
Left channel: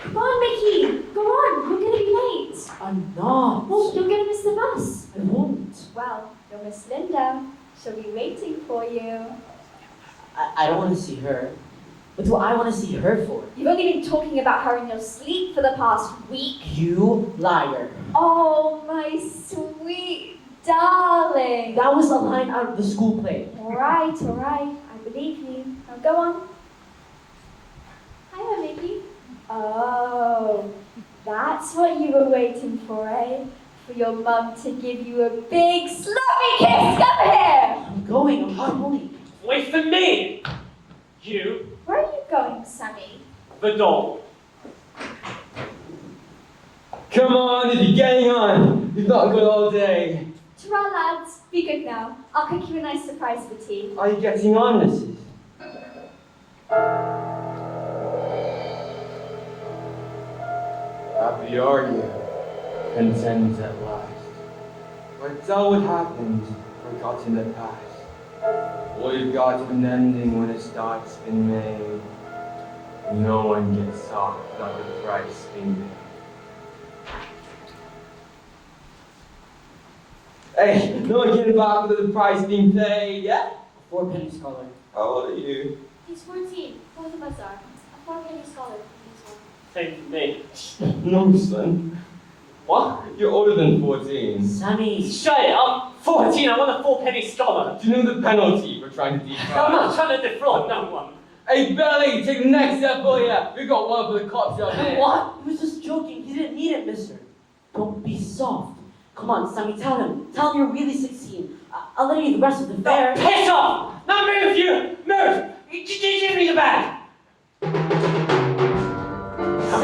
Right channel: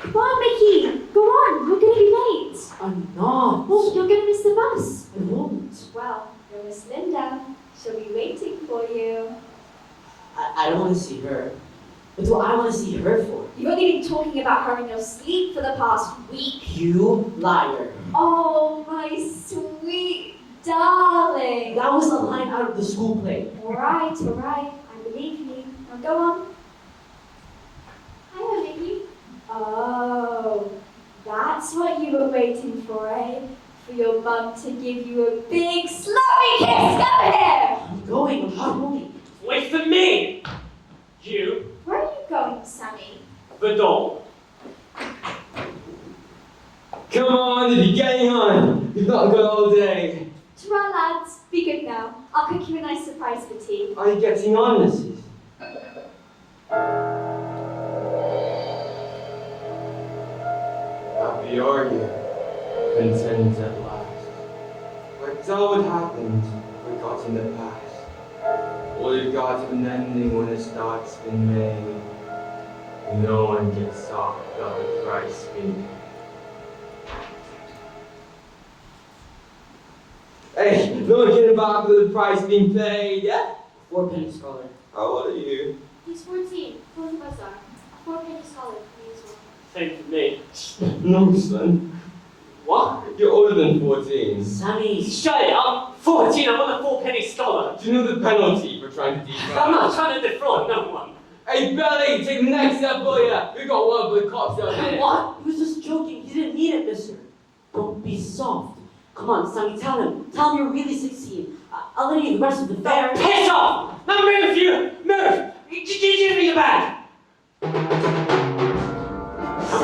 Come on, Mickey. Go on, we're going to be late. I'm not. Well, you're going to miss the bus. I won't. Well, there was Linda. She'll be waiting for you. I don't want to see her. What do I want to see her for? You've only been talking about her in your sleep for the past week. You liar. Oh, my sweet darling. That was a line out of the school play. All right, I believe you. Now go on. Hiya, Mickey. Oh, that's what you were waiting for, eh? For your mum to give you a big sloppy kiss. Come here. I'm going. I'm not moving. Wait for me! You, Where are you going, Sammy? the doll. Come on, you're getting on. You've not got all day. Ta-ra, lads. Be good now. I'll cook you a nice surprise for tea. Are you getting on, Mrs.? Happy are you, content at last. But all what happened, forgot in the past. What had got an ending when a start's been made. No one gets off without a price being paid. Hey, no one getting back with the price being paid, yeah? 4 pennies, scholar. How old are you? He's 14. Both of us are. A 4-penny scholar. Same for me. No, son. What? You're older than 14. Sonny. Shut it! I'm 14, I'm on a 4-penny scholar. Do you know the penalty for trying to defraud? I'm not trying to defraud no one. Hey, Billy, take the next step, will ya? We got one for the cops out here. What? He was just joking. He didn't need it, mister. Don't be soft. Come on, Sammy, tell him. Tell him you're really 16. I'll let you the rest of the fare. Piss off! Now move, you! Move! You give me the bag! Come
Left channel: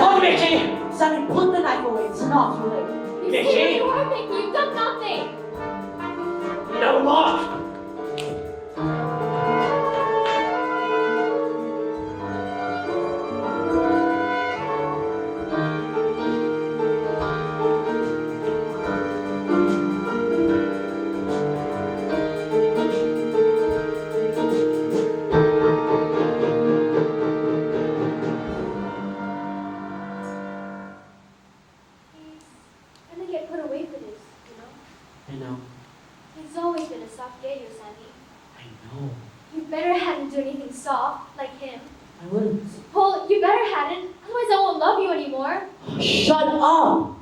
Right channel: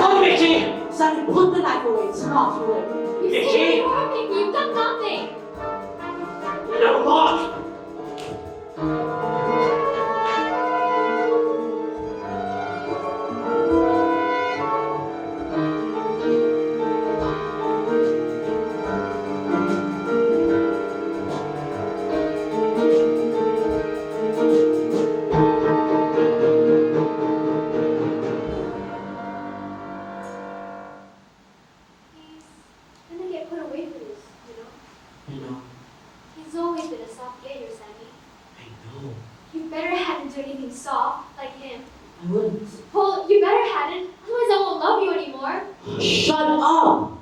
on, Mickey! Sammy, put the knife away. It's not your lip. You Mickey. see, you are Mickey. You've done nothing. No, Mark! And they get put away for this, you know? I know. It's always been a soft gator, Sammy. I know. You better hadn't do anything soft, like him. I wouldn't. Paul, you better hadn't, otherwise I won't love you anymore. Shut up!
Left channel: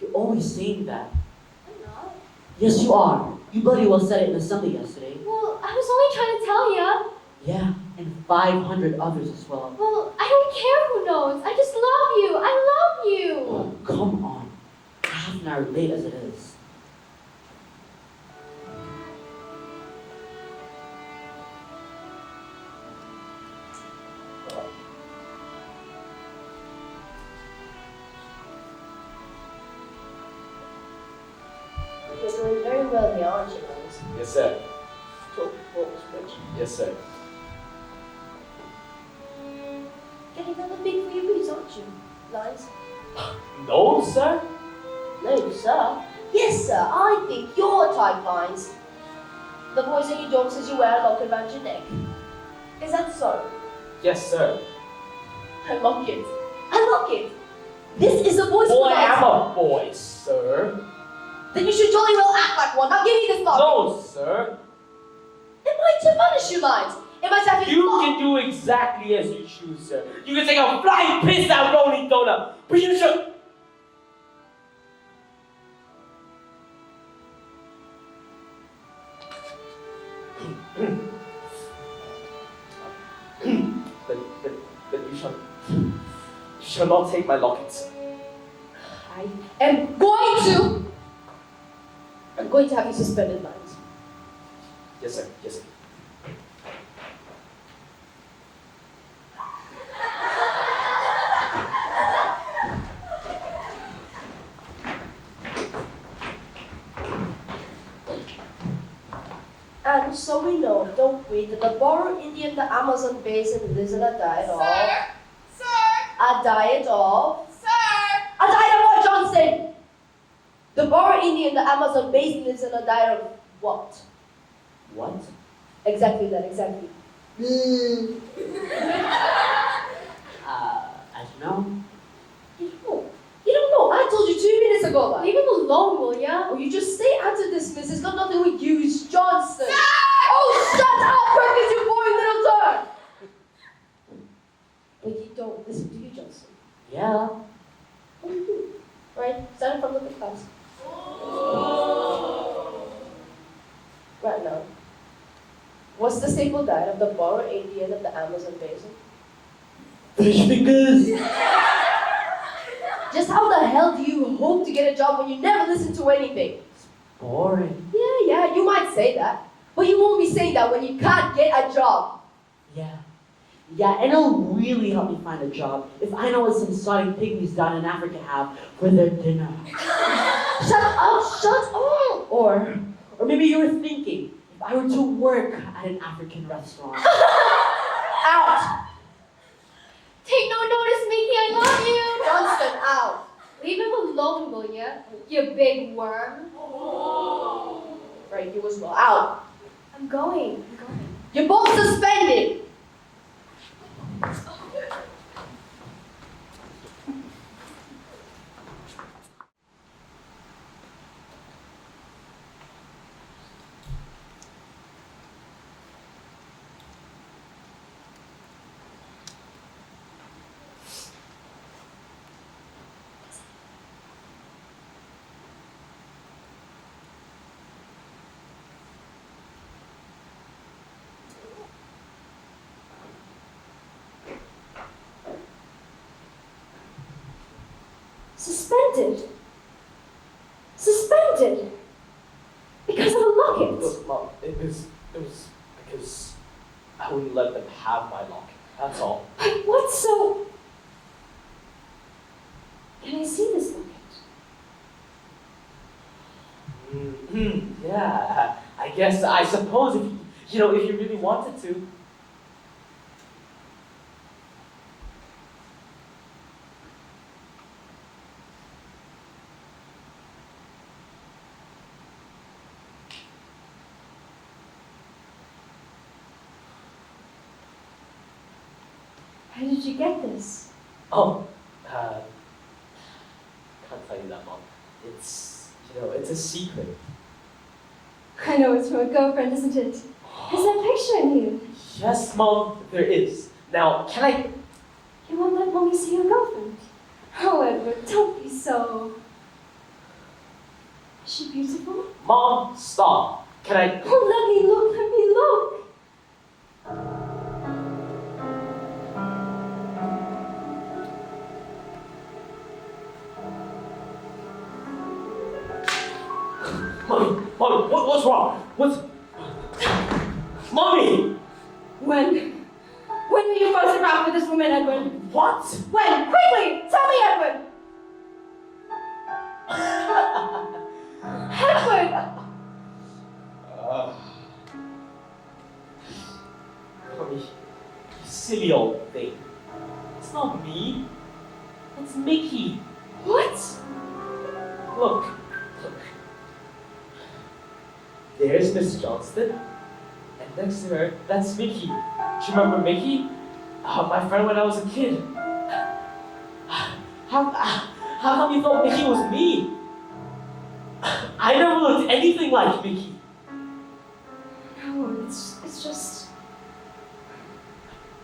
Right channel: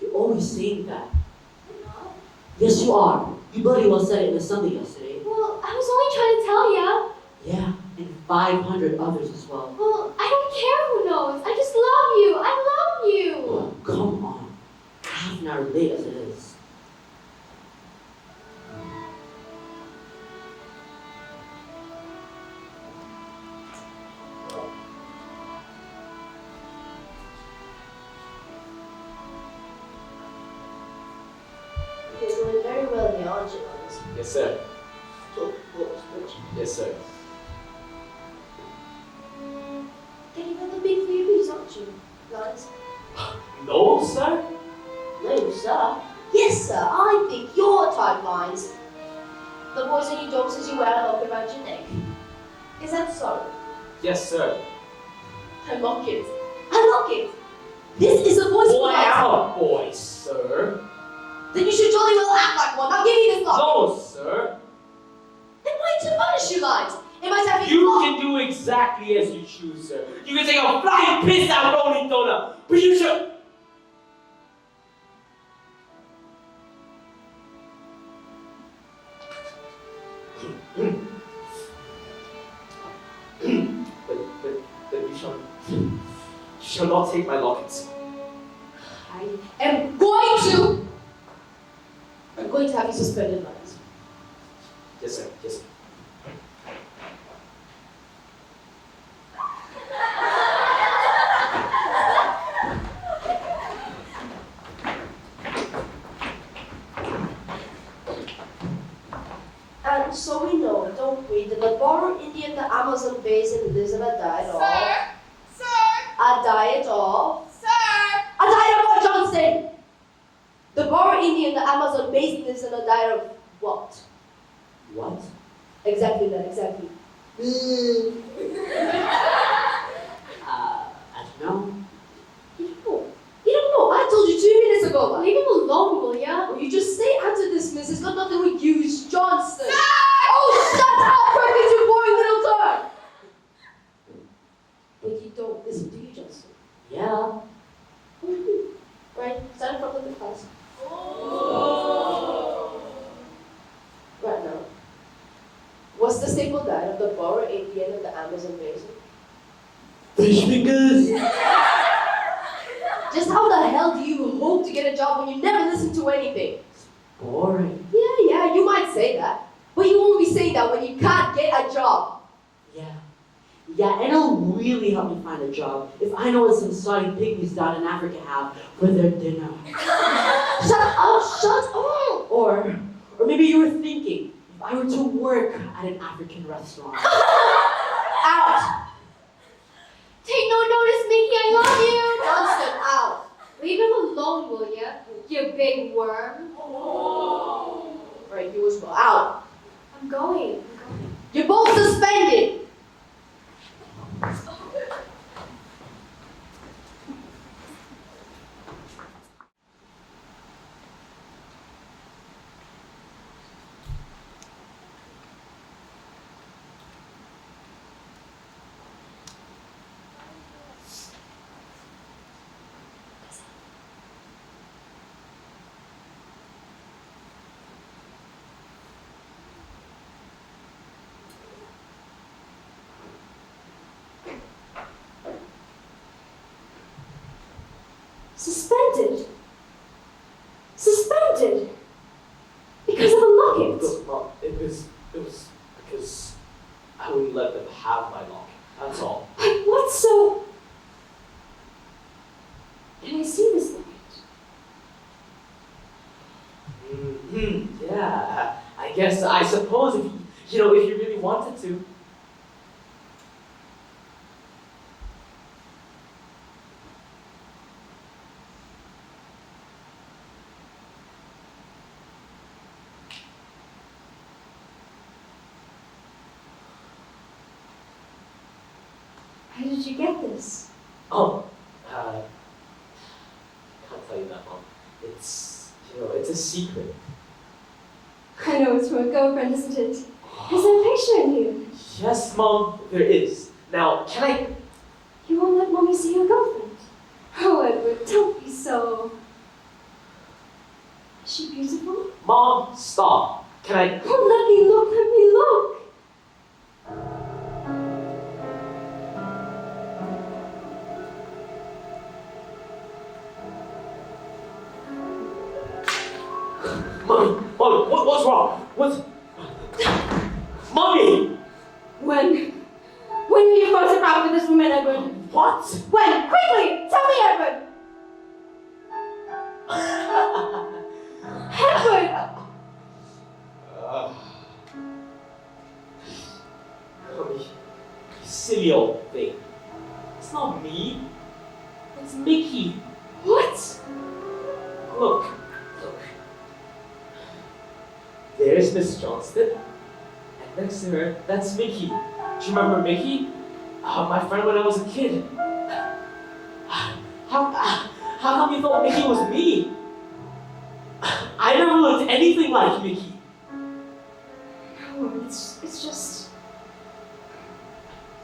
You're always saying that. I'm not. Yes, you are. You bloody well said it in the Sunday yesterday. Well, I was only trying to tell you. Yeah, and 500 others as well. Well, I don't care who knows. I just love you. I love you. Oh, come on. Half an hour late as it is. You're doing very well here, aren't you, Bubbles? Yes, sir. Yes, sir. Getting on the big newbies, aren't you? Lines? No, sir? No, sir. Yes, sir. I think you're type lines. The boys that you don't as you wear a locket around your neck. Is that so? Yes, sir. A locket. A locket. This is a voice Boy, of I'm a a boy, sir. Then you should jolly well act like one. Now give me this locket. No, sir. Then why to punish you, Lines? It might have You can do exactly as you choose, sir. You can take a flying piss out Rolling Donut, but you should... but you shall not take my locket. I am going to. I'm going to have you suspended, Miles. Yes, sir. Yes, sir. And so we know, don't we, that the Boro Indian, the Amazon basin lives in a diet of. Sir! A diet of. Sir! A diet of what, Johnston? The Boro Indian, the Amazon basin lives in a diet of what? What? Exactly that, exactly. I don't know. You don't know. I told you 2 minutes ago. Leave him alone, will ya? Oh, you just stay out of this, miss. It's got nothing with you, it's Johnston. Sir! Oh, shut up, Perkins, you boring little turd! But you don't listen to you, Johnston. Yeah. What do you do? Right, stand in front of the class. Right now. What's the staple diet of the Boro Indian of the Amazon basin? Fish fingers. Just how the hell do you hope to get a job when you never listen to anything? Boring. Yeah, you might say that. But you won't be saying that when you can't get a job. Yeah, and it'll really help me find a job if I know what some sorry pygmies down in Africa have for their dinner. Shut up! Or maybe you were thinking, if I were to work at an African restaurant. Out! Take no notice, Mickey, I love you! Johnston, out! Leave him alone, will ya? You big worm. Right, you as well. Out! I'm going. You're both suspended! Suspended? Because of a locket? Look, Mom, it was because I wouldn't let them have my locket. That's all. But what's so... Can I see this locket? Yeah, I suppose if you really wanted to. How did you get this? Oh, can't tell you that, Mom. It's a secret. I know it's from a girlfriend, isn't it? Is there a picture in here? Yes, Mom, there is. Now, can I? You won't let Mommy see your girlfriend? Oh, Edward, don't be so... Is she beautiful? Mom, stop. Can I? Oh, let me look. Mommy, what's wrong? Mommy! When were you photographed with this woman, Edward? What? When? Quickly! Tell me, Edward! Edward! Mommy, you silly old thing. It's not me. It's Mickey. What? Look. There's Miss Johnston. And next to her, that's Mickey. Do you remember Mickey? My friend when I was a kid. How come you thought Mickey was me? I never looked anything like Mickey. No, it's just...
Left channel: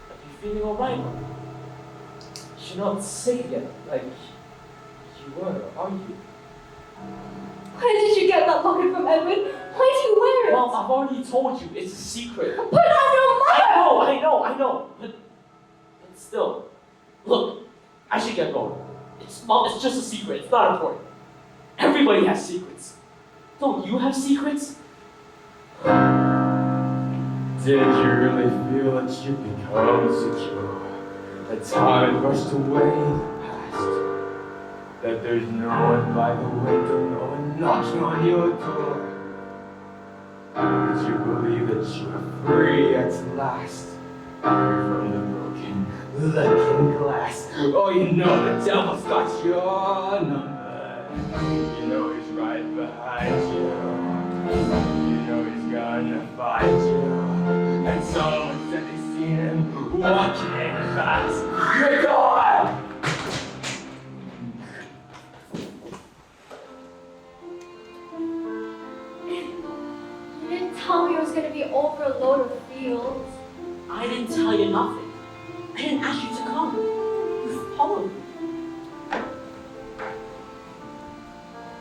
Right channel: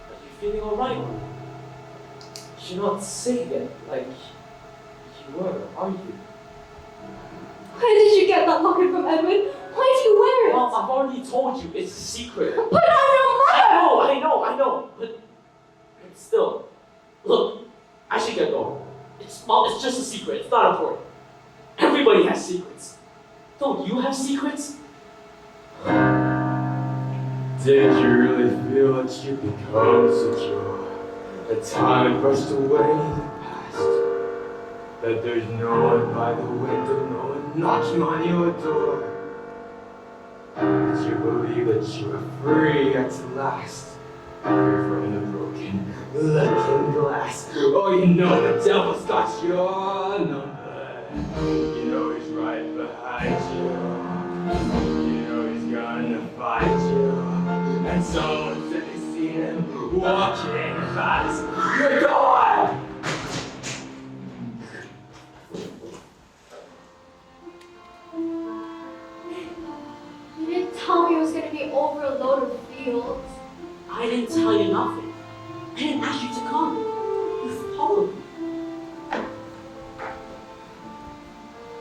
Are you feeling alright? You're not sick yet, like you were, are you? Where did you get that locket from, Edward? Why do you wear it? Well, I've already told you, it's a secret. But I'm your mother! I know, but still. Look, I I should get going. It's just a secret. It's not important. Everybody has secrets. Don't you have secrets? Did you really feel that you become secure? That time brushed away the past? That there's no one by the window, no one knocking on your door? Did you believe that you were free at last? From the broken looking glass. Oh, you know the devil's got your number. You know he's right behind you. You know he's gonna find you. And someone said they seen him walking past the door. You didn't tell me it was going to be over a load of fields. I didn't tell you nothing. I didn't ask you to come. You followed me.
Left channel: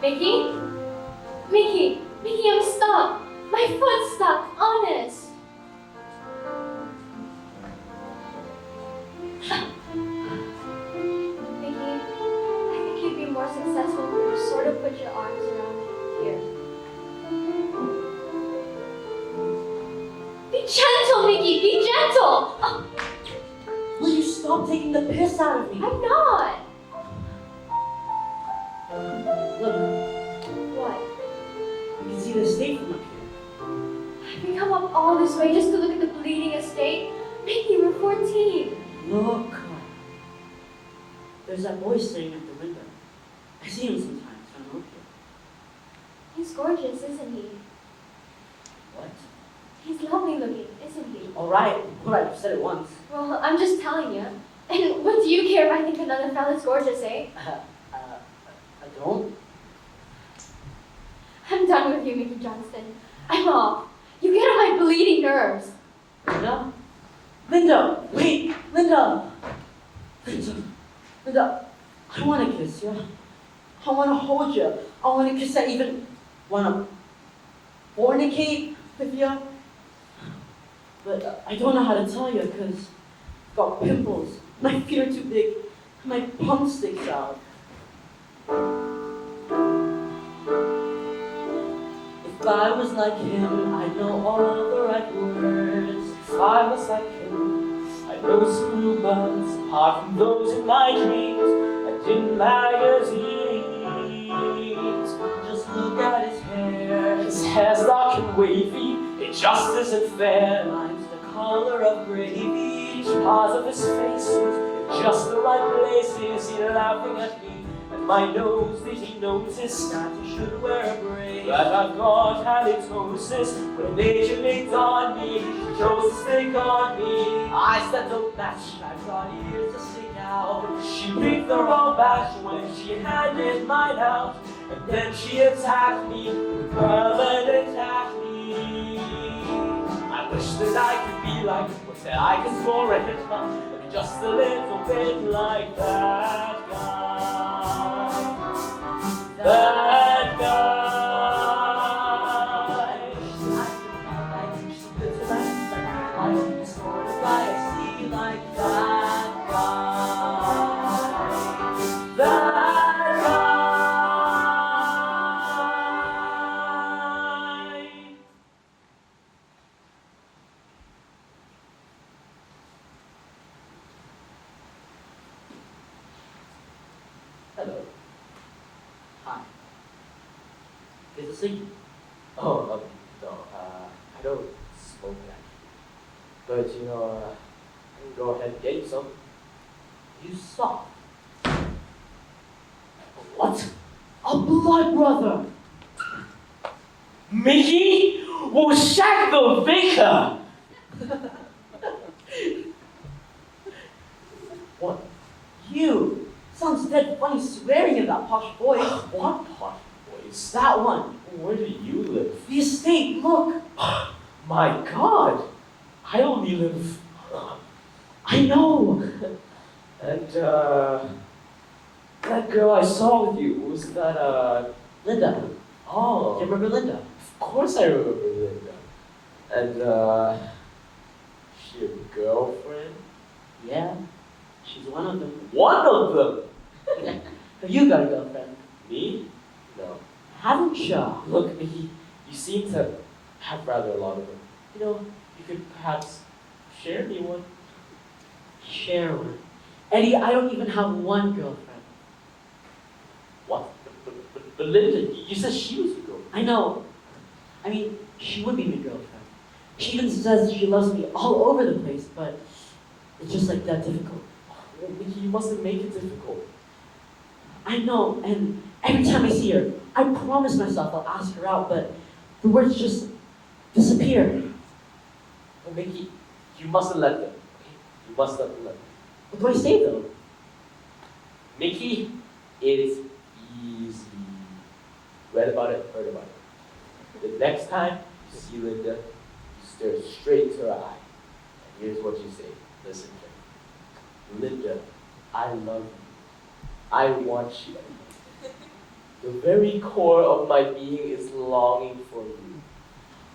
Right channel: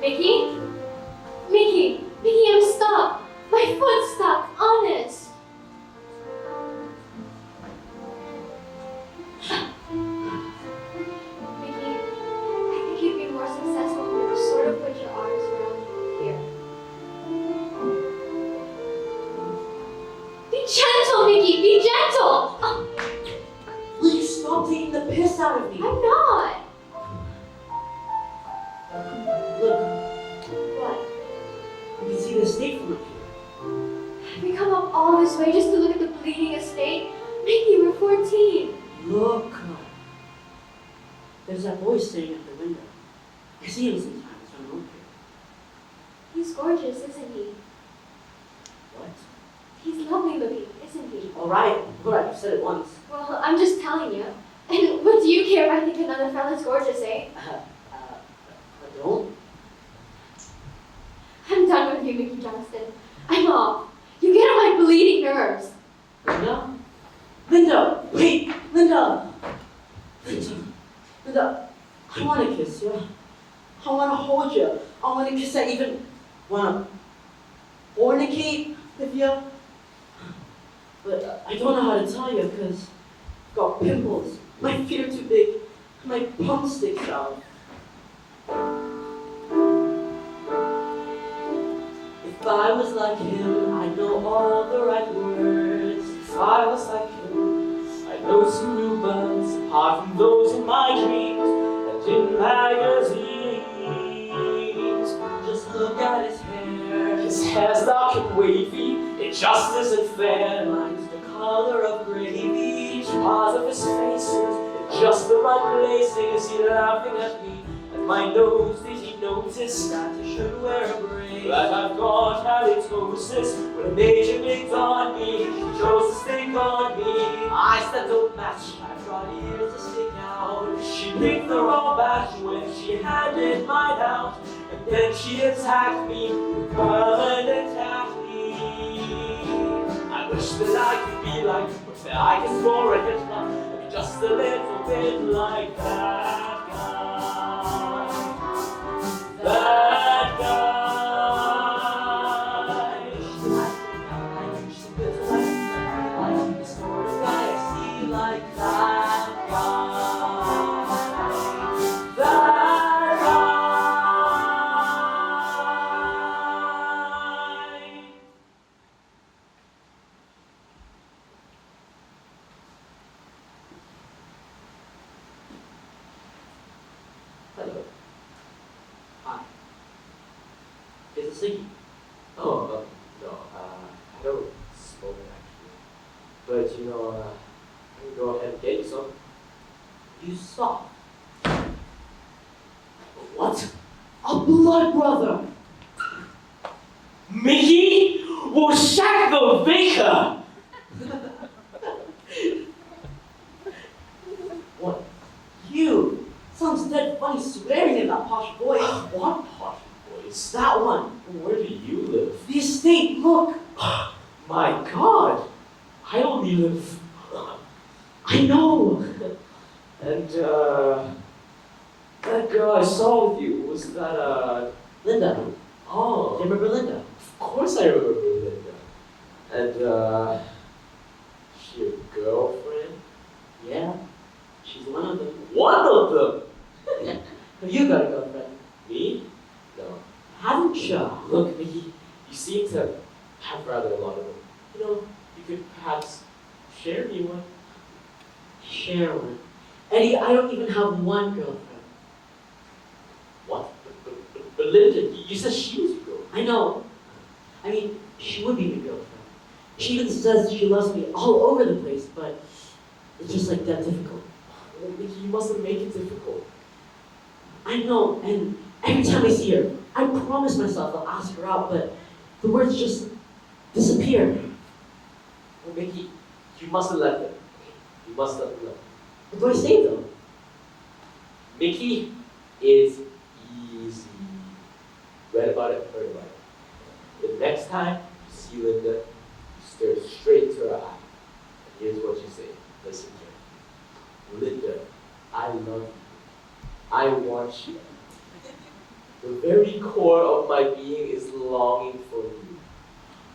Mickey? Mickey, I'm stuck. My foot's stuck, honest. Mickey, I think you'd be more successful if you sort of put your arms around here. Be gentle, Mickey, be gentle. Oh, Will you stop taking the piss out of me? I'm not. Look, What? you can see the state from up here. We come up all this way just to look at the bleeding estate? Mickey, we're 14. Look. There's that boy sitting at the window. I see him sometimes when I'm up here. He's gorgeous, isn't he? What? He's lovely looking, isn't he? All right, you said it once. Well, I'm just telling you. And what do you care if I think another fella's gorgeous, eh? I don't. I'm done with you, Mickey Johnston. I'm off. You get on my bleeding nerves. Linda? Linda! Wait! Linda! Linda, I want to kiss you. I want to hold you. I want to kiss. I even want to fornicate with you. But I don't know how to tell you because I've got pimples. My feet are too big. My bum sticks out. If I was like him, I'd know all the right words. If I was like him, I know some real buds, apart from those in my dreams and in magazines. Just look at his hair. His hair's dark and wavy, it just isn't fair. Mine's the color of gravy. Each part of his face is in just the right places. He's laughing at me, and my nose, did he notice That you should wear a brace. that I've got halitosis? When a major licked on me, she chose to stick on me. I said don't match. I brought ears to stick out. She picked the wrong batch when she handed mine out, and then she attacked me, and attacked me. I wish that I could be like, but that I can score a hit line, just a little bit like that guy. That guy. Hello. Hi. Is it singing? Oh, no, I don't smoke actually. But you know, I can go ahead and get you some. You saw. What? A blood brother! Mickey Woshakovica! What? You? Sounds dead funny swearing in that posh voice. What part voice? That one. Where do you live? The estate, look. My God! I only live. I know. And, that girl I saw with you, was that, Linda. oh. Do you remember Linda? Of course I remember Linda. And, she your girlfriend? Yeah. She's one of them. One of them. Have you got a girlfriend? Me? No. Haven't you? Look, Mickey, you seem to have rather a lot of them. You know, you could perhaps share me one. Share one. Eddie, I don't even have one girlfriend. What? But Linda, you said she was your girlfriend. I know. I mean, she would be my girlfriend. She even says she loves me all over the place, but it's just like that difficult. Mickey, you mustn't make it difficult. I know, and every time I see her, I promise myself I'll ask her out, but the words just disappear. Well, Mickey, you mustn't let them. You must let them. What do I say though? Mickey is easy. Read about it, heard about it. The next time you see Linda, you stare straight into her eye. Here's what you say. Listen to her. Linda, I love you. I want you. The very core of my being is longing for you.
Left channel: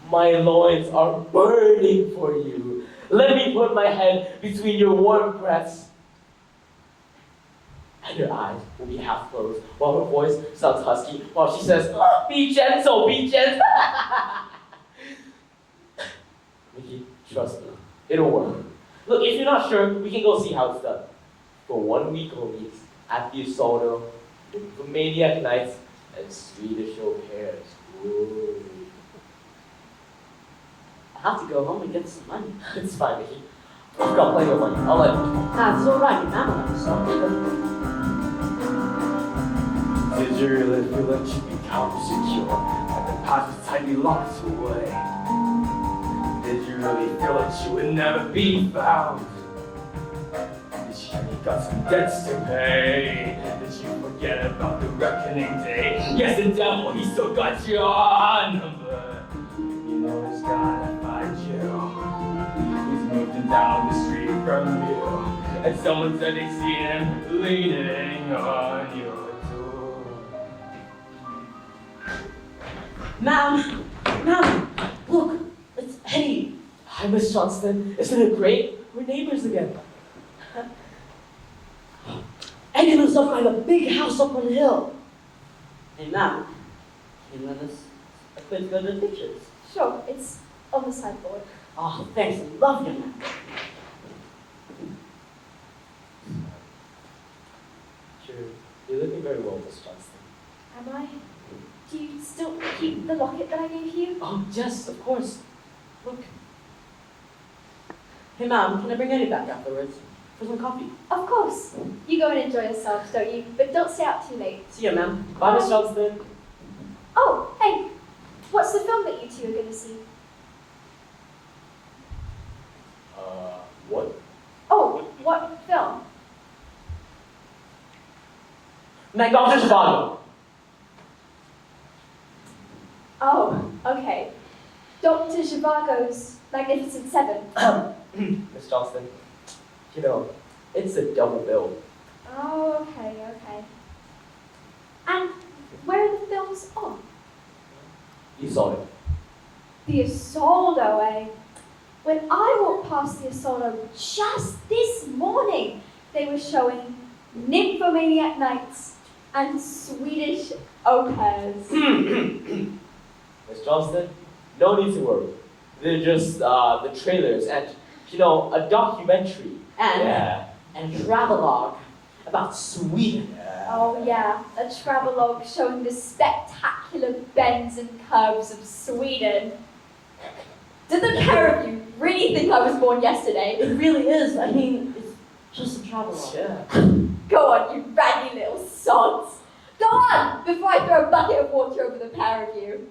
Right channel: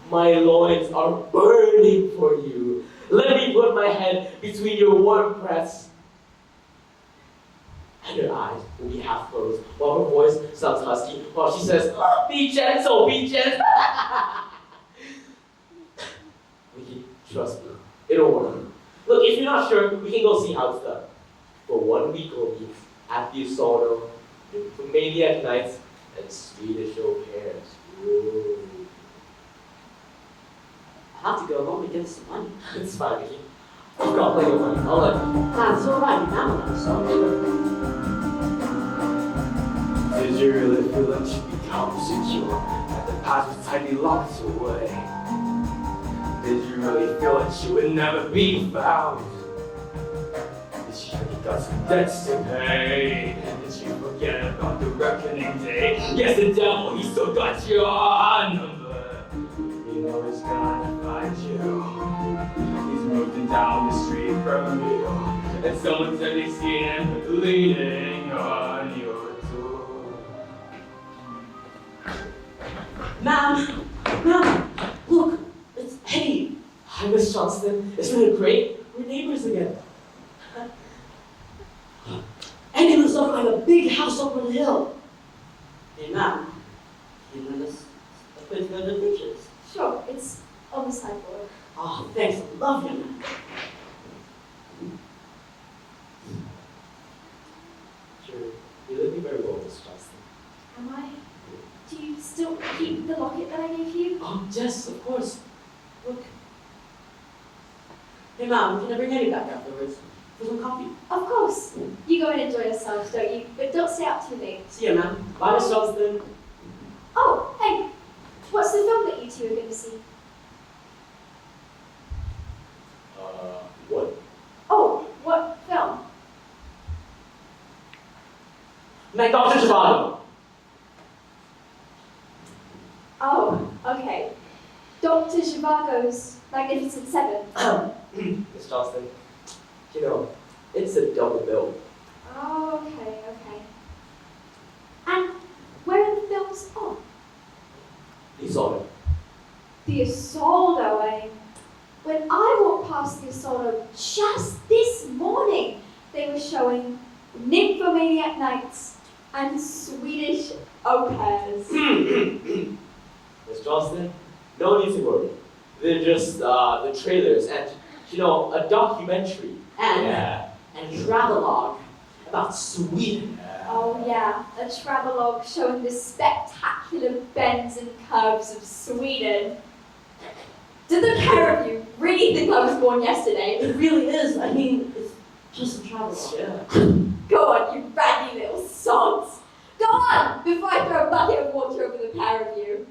My loins are burning for you. Let me put my head between your warm breasts. And her eyes will be half closed, while her voice sounds husky, while she says, "Oh, be gentle, be gentle." Mickey, trust me, it'll work. Look, if you're not sure, we can go see how it's done. For 1 week only, at the Asono, Romaniac nights, and Swedish au pairs. Ooh. I have to go home and get some money. It's fine, Mickey. I've got plenty of money. I'll let you. That's alright now, so. Did you really feel that you become secure? And the past was tightly locked away? Did you really feel that you would never be found? Did you got some debts to pay? Did you forget about the reckoning day? Yes, the devil, he still got your number. You know he's gonna find you. He's moving down the street from you. And someone said they see him leaning on your door. Ma'am, look, it's Eddie. Hi, Miss Johnston. Isn't it great? We're neighbors again. Eddie lives up like a big house up on the hill. Hey, ma'am, can you lend us a quick look at the pictures? Sure, it's on the sideboard. Oh, thanks, I love you, man. Sure. You're looking very well, Miss Johnston. Am I? Do you still keep the locket that I gave you? Oh, yes, of course. Look. Hey, ma'am, can I bring Eddie back afterwards? For some coffee? Of course. You go and enjoy yourselves, don't you? But don't stay out too late. See ya, ma'am. Bye, Miss Johnston. Oh, hey, what's the film that you two are going to see? What? Oh, what film? Dr. Zhivago. Oh, okay. Dr. Zhivago's Magnificent Seven. Miss Johnston, you know, it's a double bill. Oh, okay. And where are the films on? You saw it. The Asoldo, eh? When I walked past the Asoldo just this morning, they were showing Nymphomaniac Nights and Swedish au pairs. Miss Johnston, no need to worry. They're just the trailers and, you know, a documentary. And travelogue about Sweden. Oh yeah, a travelogue showing the spectacular bends and curves of Sweden. Did the pair of you really think I was born yesterday? It really is. I mean, it's just a travelogue. Yeah. Go on, you raggy little sods. Go on, before I throw a bucket of water over the pair of you.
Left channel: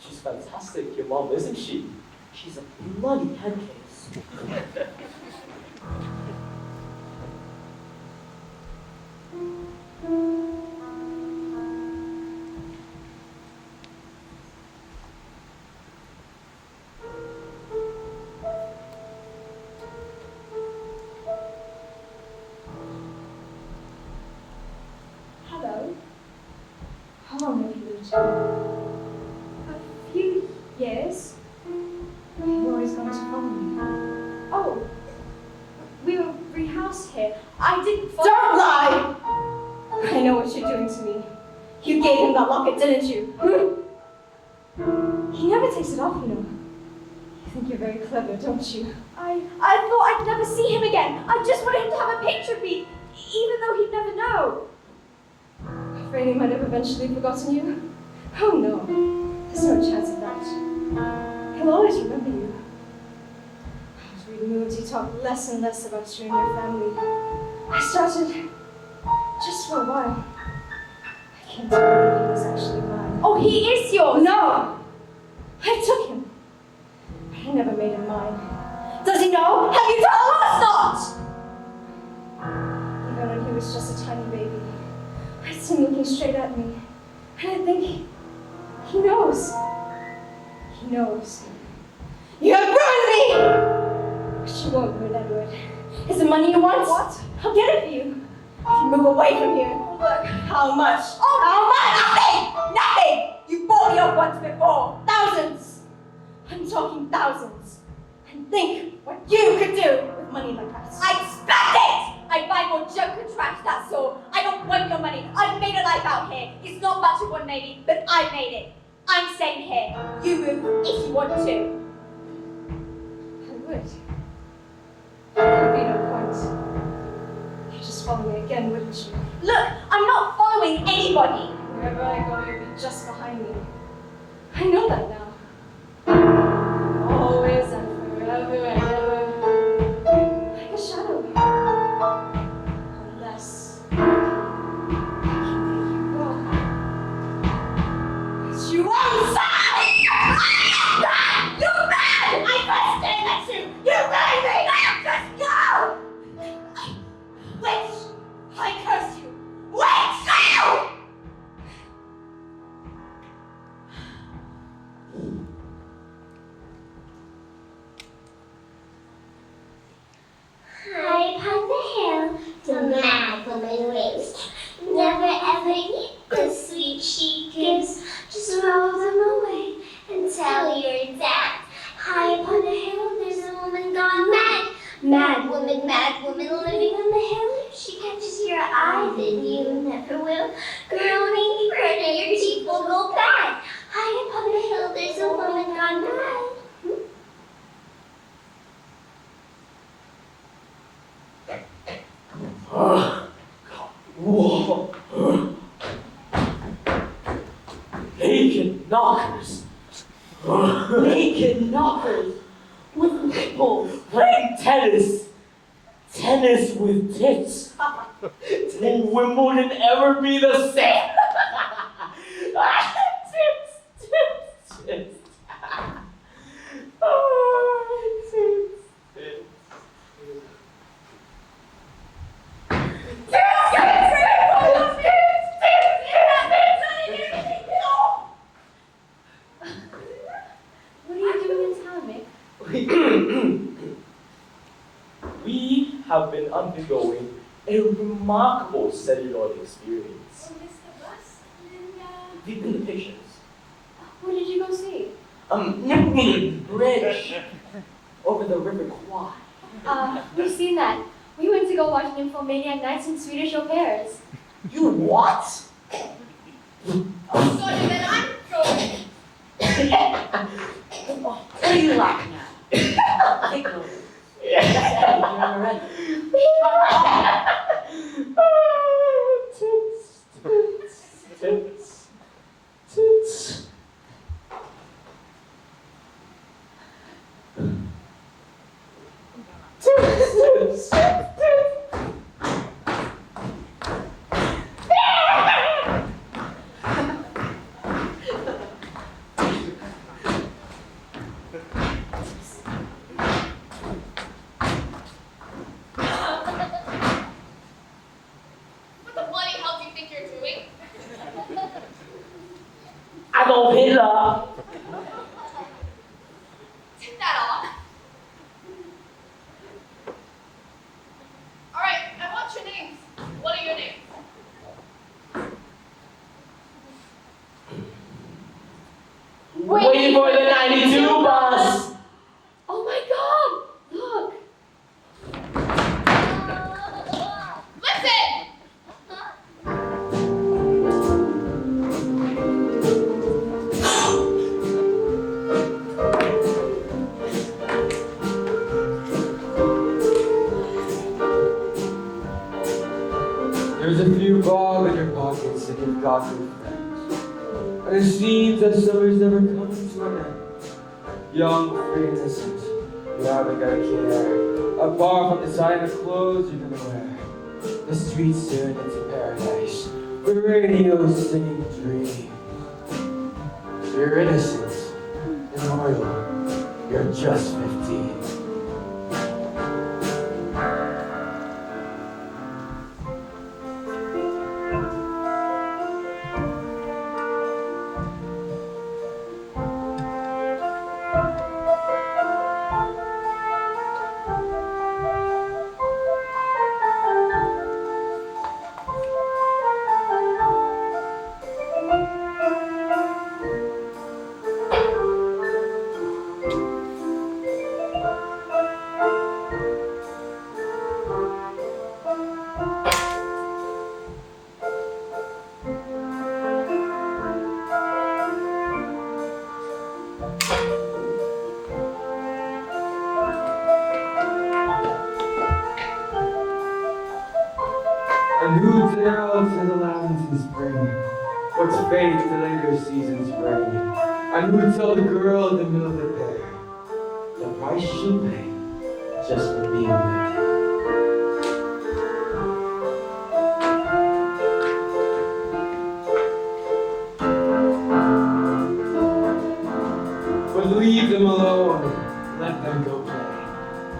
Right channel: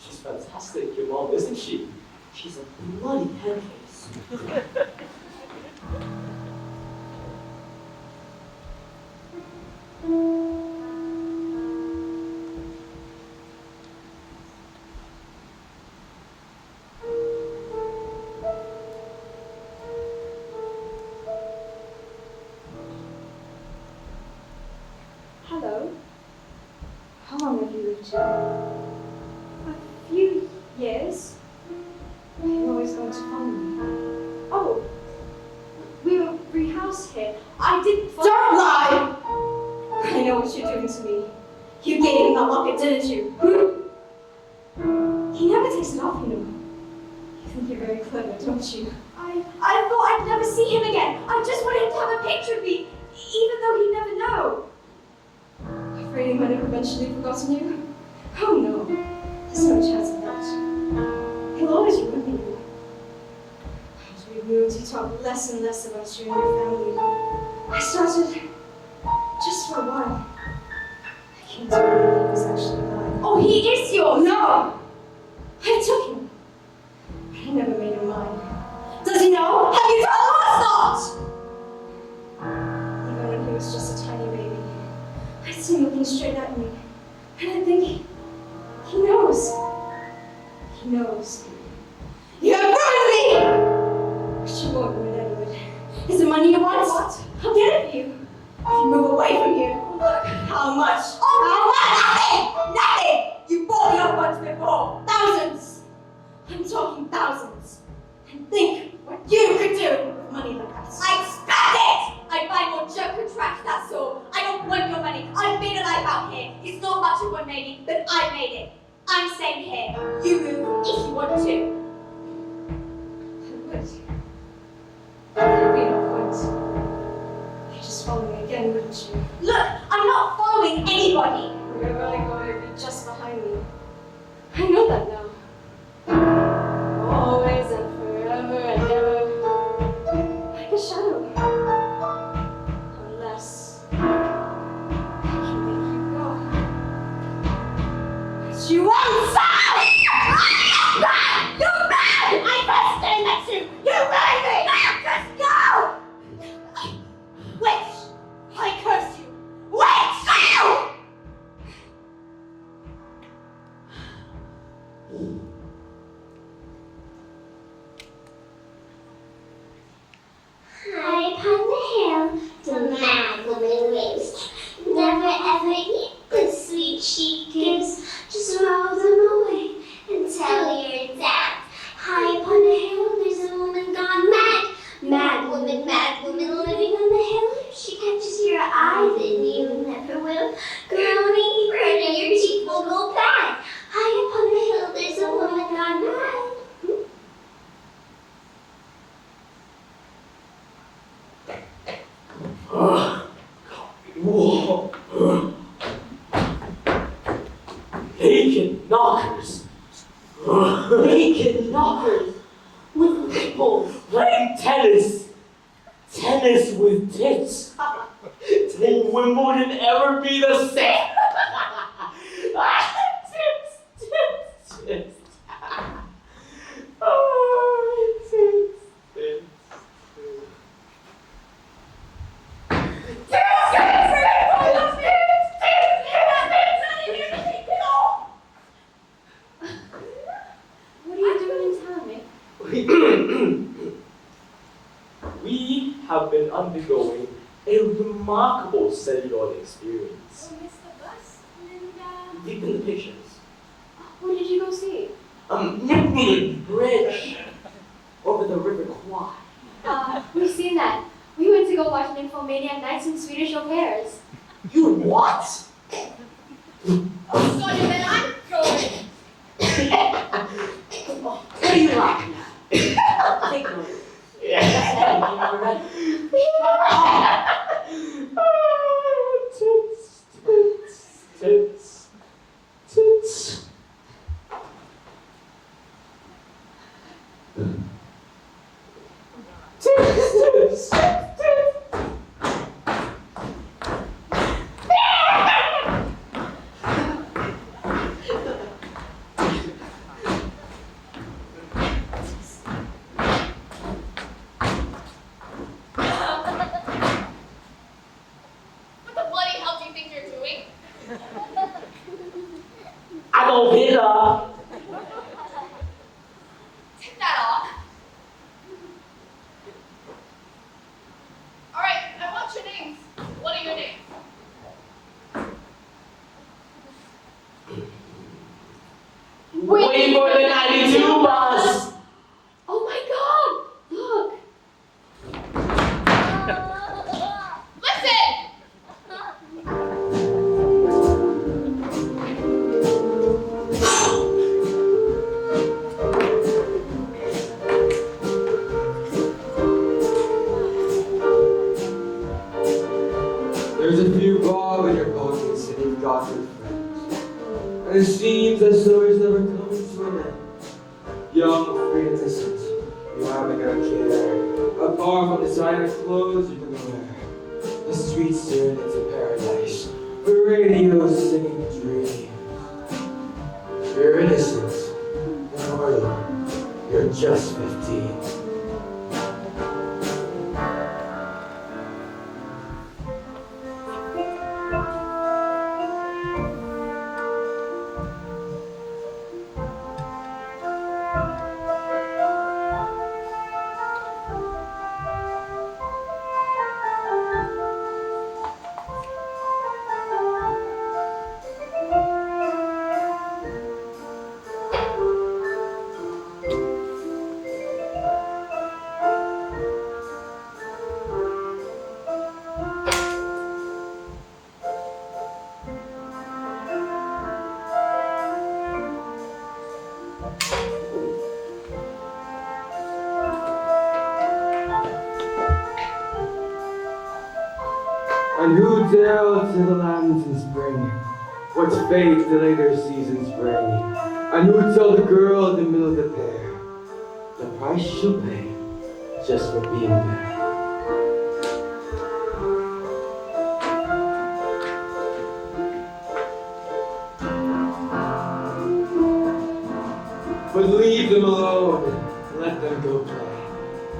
She's fantastic, your mom, isn't she? She's a bloody head case. Hello. How long have you been here? A few years. You always going to phone me. Oh, I didn't. Don't lie! I know what you're doing to me. You gave him that locket, didn't you? He never takes it off, you know. You think you're very clever, don't you? I thought I'd never see him again. I just wanted him to have a picture of me, even though he'd never know. Afraid he might have eventually forgotten you? Oh no, there's no chance of that. He'll always remember you. As we moved, he talked less and less about you and your family. I started, just for a while. I can't tell you if he was actually alive. Oh, he is yours! No! I took him. But I never made him mine. Does he know? Have you told him or not? Even when he was just a tiny baby, I see him looking straight at me. And I think, he knows. He knows. You have ruined me! But you won't ruin Edward. Is the money you want? What? I'll get it for you. If you move away from here. Look, how much? Oh, how much? Nothing! Nothing! You bought me up once before. Thousands! I'm talking thousands. And think what you could do with money like that. I spent it! I buy more junk and trash, that's all. I don't want your money. I've made a life out here. It's not much of one maybe, but I made it. I'm staying here. You move if you want to. I would. There'd be no point. You'd just follow me again, wouldn't you? Look, I'm not following anybody. Wherever I go, you'll be just behind me. I know that now. Always and forever and ever. Like a shadow. Unless I can make you go. But you won't stop! You're mad! I'm not staying next to you! You made me! Just go! Witch! I curse you! Witch! High upon the hill, the mad woman lives. Never ever eat the sweet she gives. Just roll them away and tell your dad. High upon the hill, there's a woman gone mad. Mad woman living on the hill. If she catches your eye, then you never will. Groaning, burning, your teeth will go bad. High upon the hill, there's a woman gone mad. Whoa. Naked knockers. Naked knockers with nipples. Playing tennis. Tennis with tits. Then Wimbledon ever be the same? Tits, tits, tits. Oh, tits, tits. What are you doing in town, Nick? We have been undergoing a remarkable celluloid experience. Oh, Mr. Bus, Linda. Deep in the pictures. Who did you go see? Nibbling Bridge over the River Kwai. We've seen that. We went to go watch Nymphomaniac Nights in Swedish Au Pairs. You what? Oh, sorry, then I'm going. What are you laughing at? Take a look. Tits, tits, tits, tits. Tits, tits, tits. What the bloody hell do you think you're doing? I don't hit her. Take that off. All right, I want your names. What are your names? Waiting for the 92 bus. Oh my god! Look! There's a few bob in your pockets and you've got your friends. And it seems that stories never come to an end. Young, free, innocent, you haven't got a care. Apart from designer clothes you're gonna wear. The streets turn into paradise. The radio's singing dreams. You're innocent and loyal. You're just 15. And who dare to the lands in spring? What's fate to later seasons bring? And who tell the girl in the middle of the day the price she'll pay just for being there? But leave them alone, let them go play.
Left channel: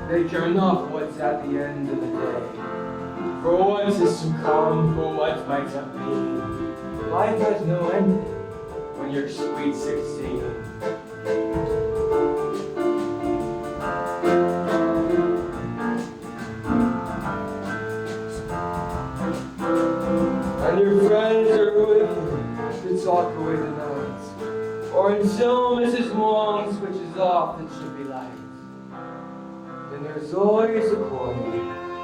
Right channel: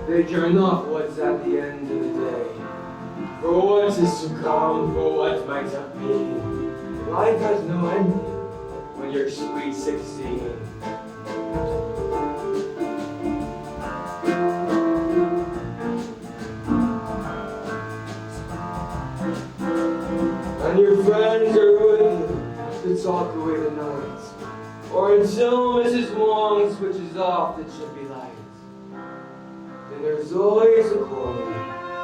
They care not what's at the end of the day. For what is to come, for what might have been. Life has no ending when you're sweet 16. And your friends are with you to talk away the night. Or until Mrs. Wong switches off the chippy lights. And there's always a corner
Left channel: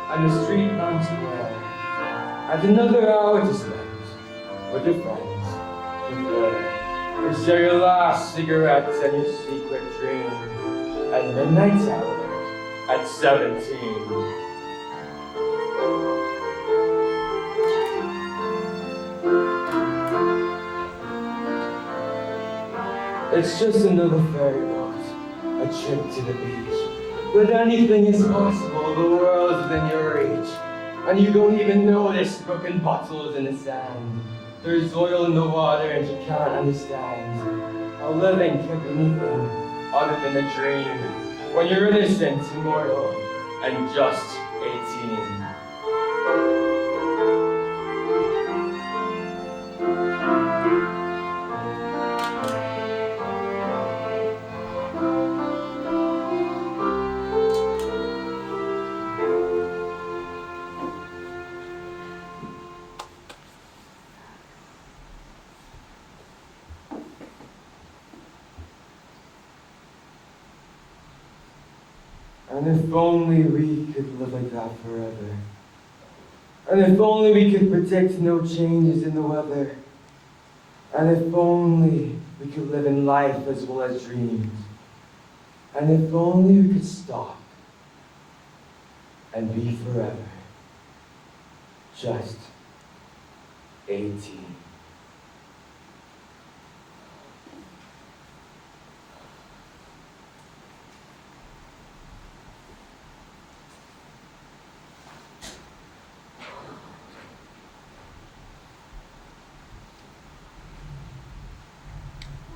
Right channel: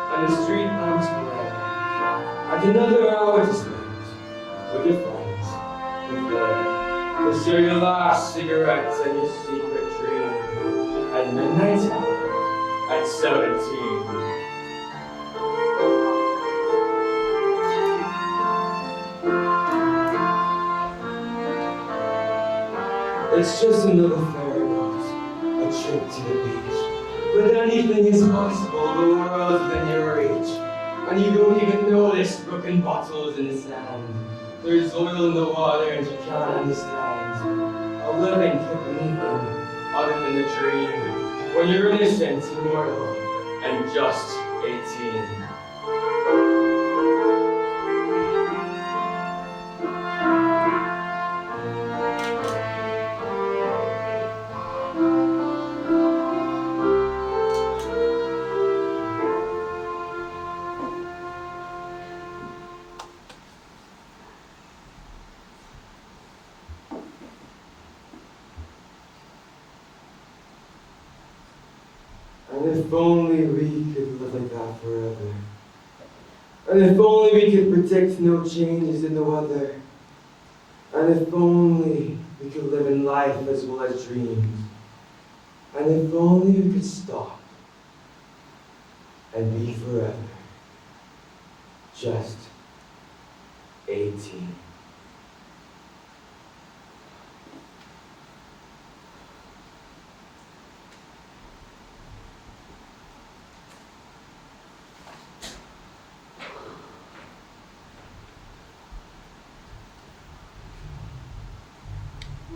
and the street lamps play, and another hour to spend with your friends and play, and share your last cigarettes and your secret dream at midnight hour at 17. It's just another ferry boat, a trip to the beach. But anything is possible, the world's within your reach. And you don't even notice broken bottles in the sand. There's oil in the water and you can't understand. A living could be anything other than a dream. When you're innocent, immortal, and just 18. And if only we could live like that forever. And if only we could predict no changes in the weather. And if only we could live in life as well as dreams. And if only we could stop and be forever. Just 18.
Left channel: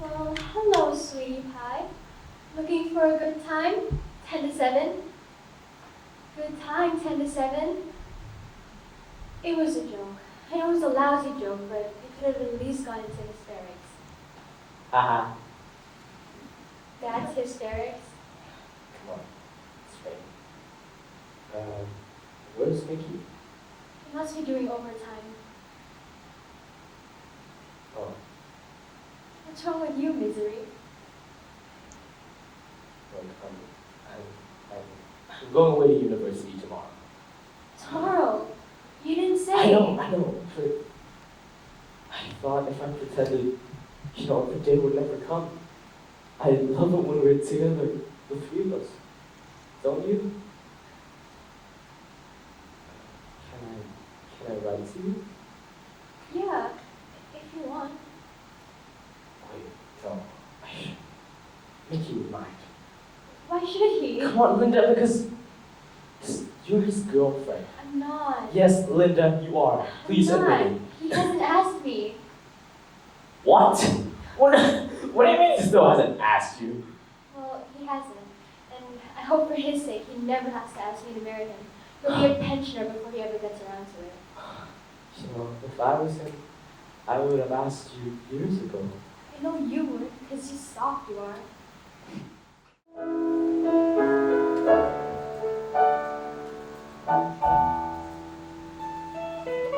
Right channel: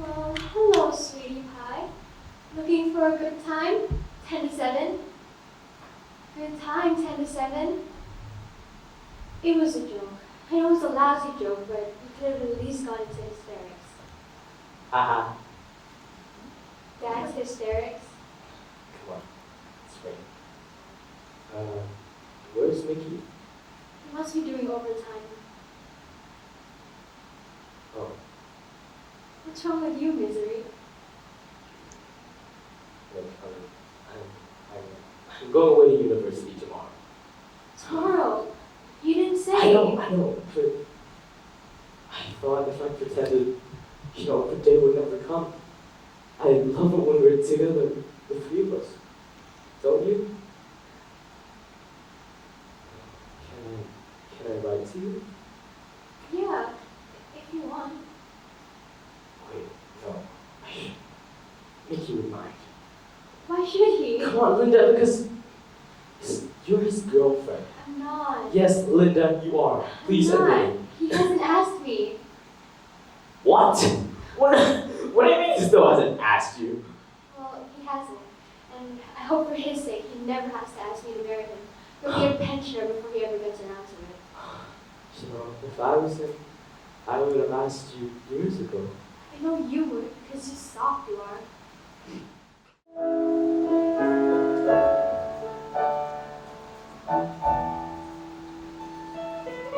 Well, hello, sweetie pie. Looking for a good time? 10 to 7. Good time, 10 to 7. It was a joke. I know it was a lousy joke, but you could have at least gone into hysterics. Haha. That's hysterics. Come on. It's right. Where's Mickey? You must be doing overtime. Oh. What's wrong with you, misery? I'm going away to university tomorrow. Tomorrow. You didn't say. I know, but I thought if I pretended, the day would never come. I love it when we're together, the three of us. Don't you? Can I write to you? Yeah, if you want. Wait, don't. Mickey would mind. Why should he? Come on, Linda, because you're his girlfriend. I'm not. Yes, Linda, you are. Please I'm not. admit it. He hasn't asked me. What? What do you mean he still hasn't asked you? Well, he hasn't. And I hope for his sake he never has to ask me to marry him. He'll be a pensioner before he ever gets around to it. You know, if I was him, I would have asked you years ago. I know you would, because you soft you are.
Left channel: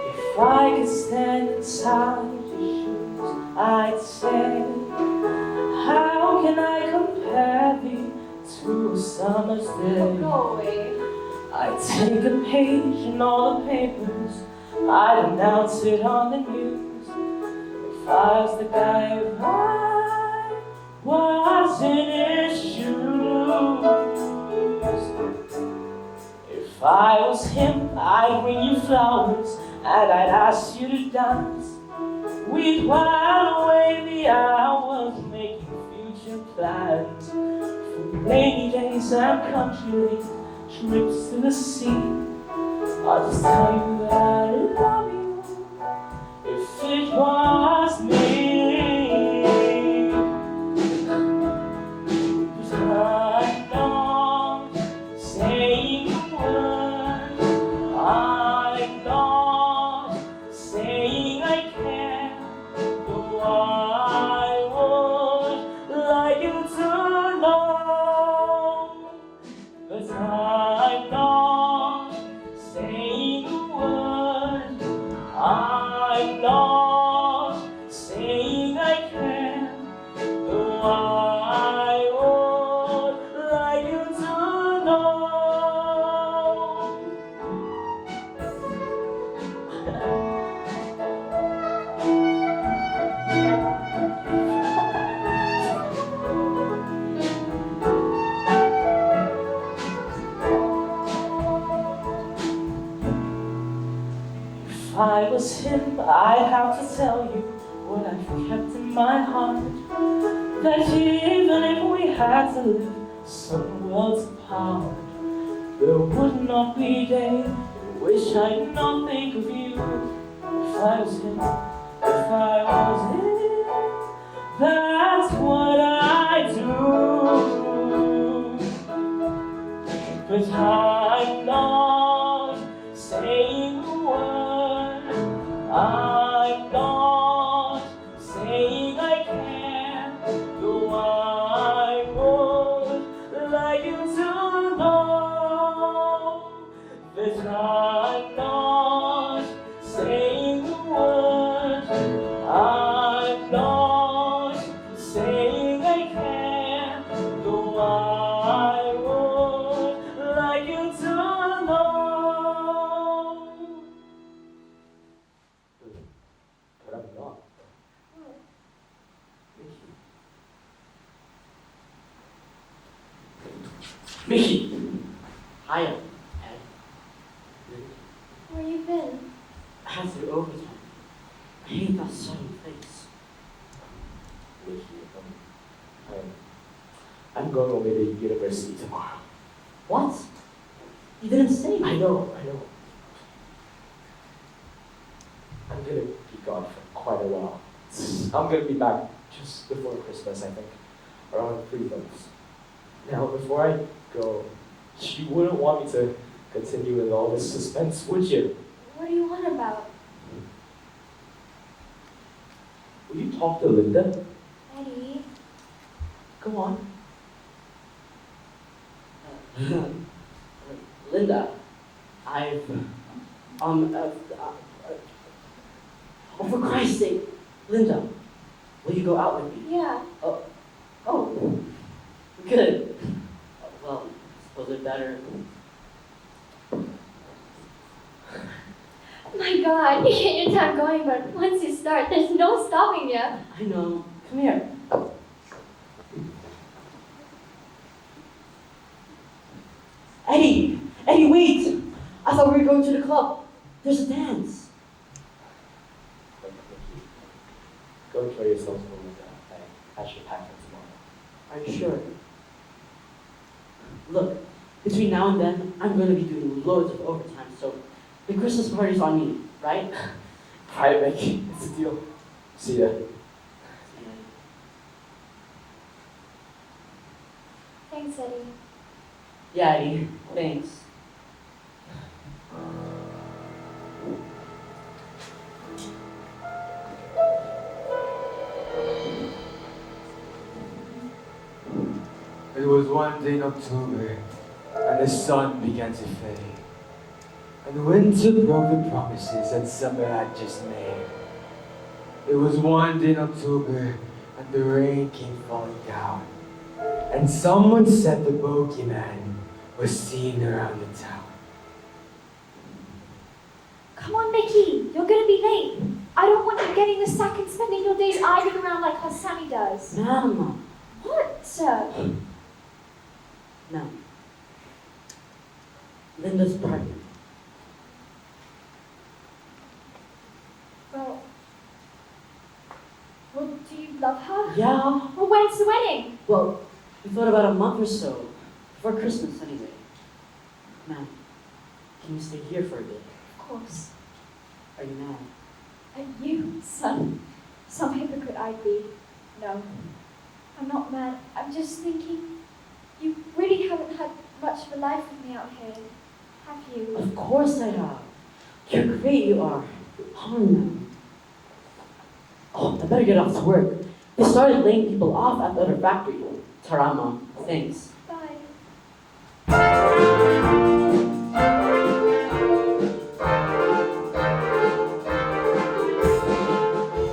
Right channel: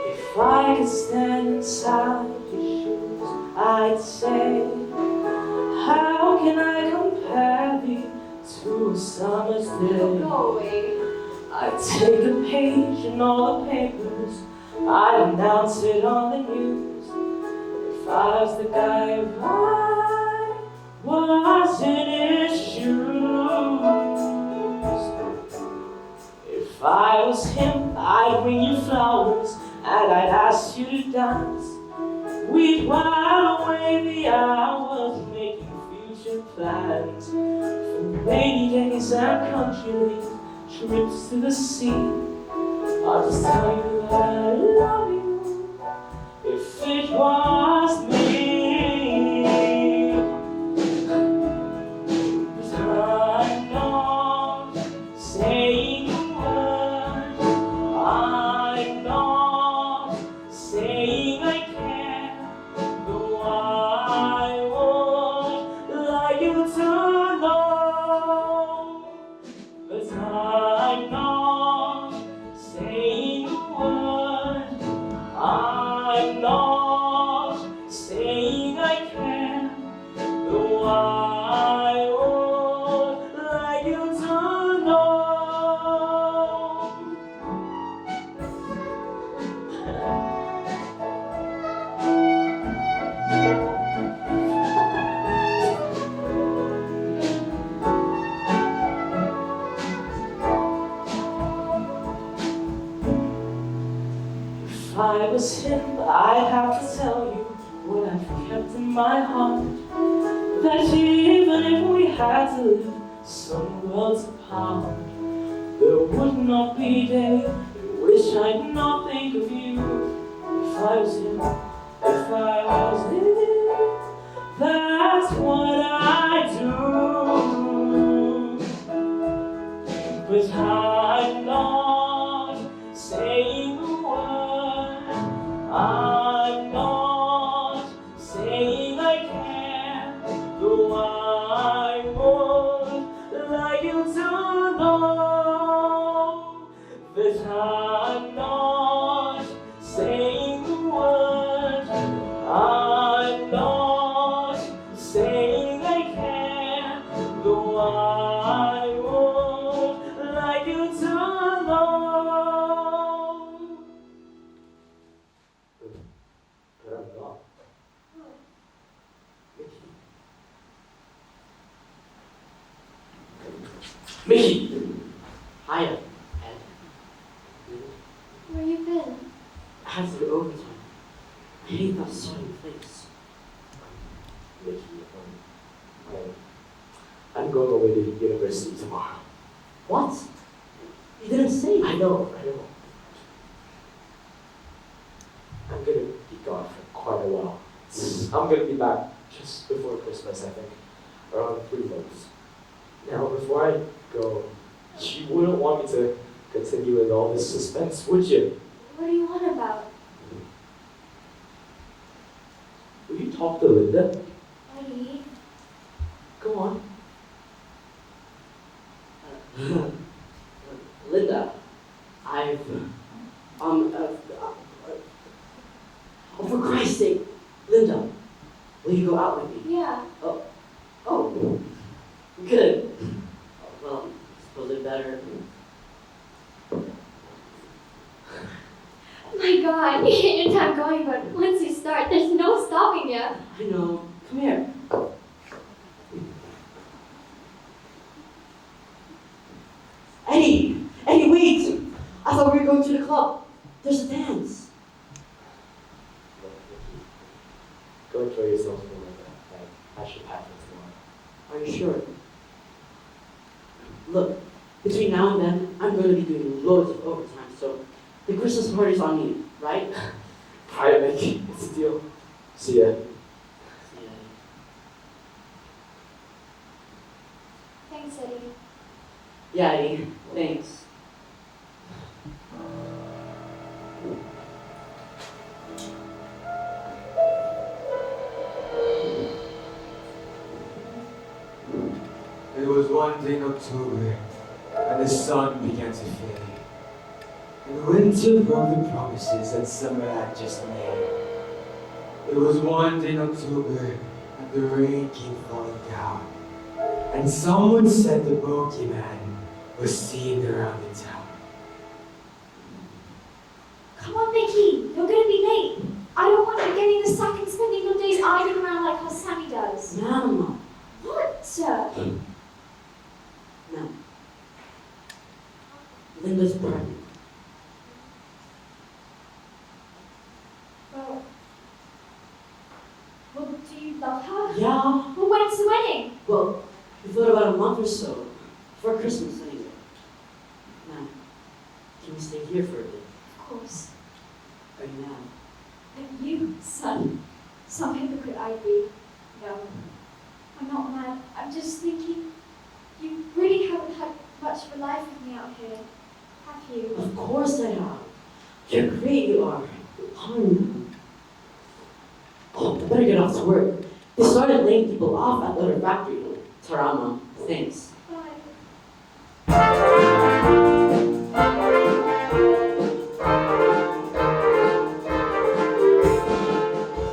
If I could stand inside your shoes, I'd say, how can I compare thee to a summer's day? Go away. I'd take a page in all the papers, I'd announce it on the news. If I was the guy who was in his shoes. If I was him, I'd bring you flowers and I'd ask you to dance. We'd while away the hours making future plans for rainy days and country trips to the sea. I'll just tell you that I love you if it was me. I'm not saying a word. I'm not saying I can. Though I would like you to know that I'm not saying a word. I'm not saying I can. Though I would like you to know. If I was him, I'd have to tell you what I've kept in my heart. That even if we had to live some worlds apart, there would not be a day in which I'd not think of you. If I was him, if I was him, that's what I do. But I'm not saying a word. I'm not saying I can. Though I would like you to know that I'm not saying a word. I'm not saying I can. Though I would like you to know. But I'm not. Mickey! Hiya. Where you been? After overtime. I hate that certain place. Mickey, I'm going away to university tomorrow. What? You didn't say. I know. I'm gonna be gone for quite a while. I'm gonna be back just before Christmas, I think. Around 3 months. Now, before I go, you wouldn't want me to continue with all this suspense, would you? What do you want about? Will you talk to Linda? Eddie? Go on. Linda, oh, for Christ's sake, Linda, will you go out with me? Yeah. Oh, good. Well, I suppose it better. Oh my god, you get your time going, but once you start, there's no stopping you. I know. Come here. Eddie, wait! I thought we were going to the club. There's a dance. Don't kill yourself for that. I should pack it tomorrow. Are you sure? Look, between now and then, I'm going to be doing loads of overtime, so the Christmas party's on you, right? Alright, Mickey. It's a deal. See ya. Thanks, Eddie. Yeah, Eddie, thanks. It was one day in October, and the sun began to fade. And winter broke the promises that summer had just made. It was one day in October, and the rain came falling down. And someone said the bogeyman was seen around the town. Come on, Mickey. You're going to be late. I don't want you getting the sack and spending your days arguing around like how Sammy does. Mama. What, sir? No. Linda's pregnant. Well, do you love her? Yeah. Well, when's the wedding? Well, we thought about a month or so. Before Christmas, anyway. Now, can you stay here for a bit? Of course. Are you mad? And you, son. Some hypocrite I'd be. No. I'm not mad. I'm just thinking, you really haven't had much of a life with me out here, have you? Of course I have. You're great, you are. Oh, I better get off to work. They started laying people off at the other factory. Tarama, thanks. Bye.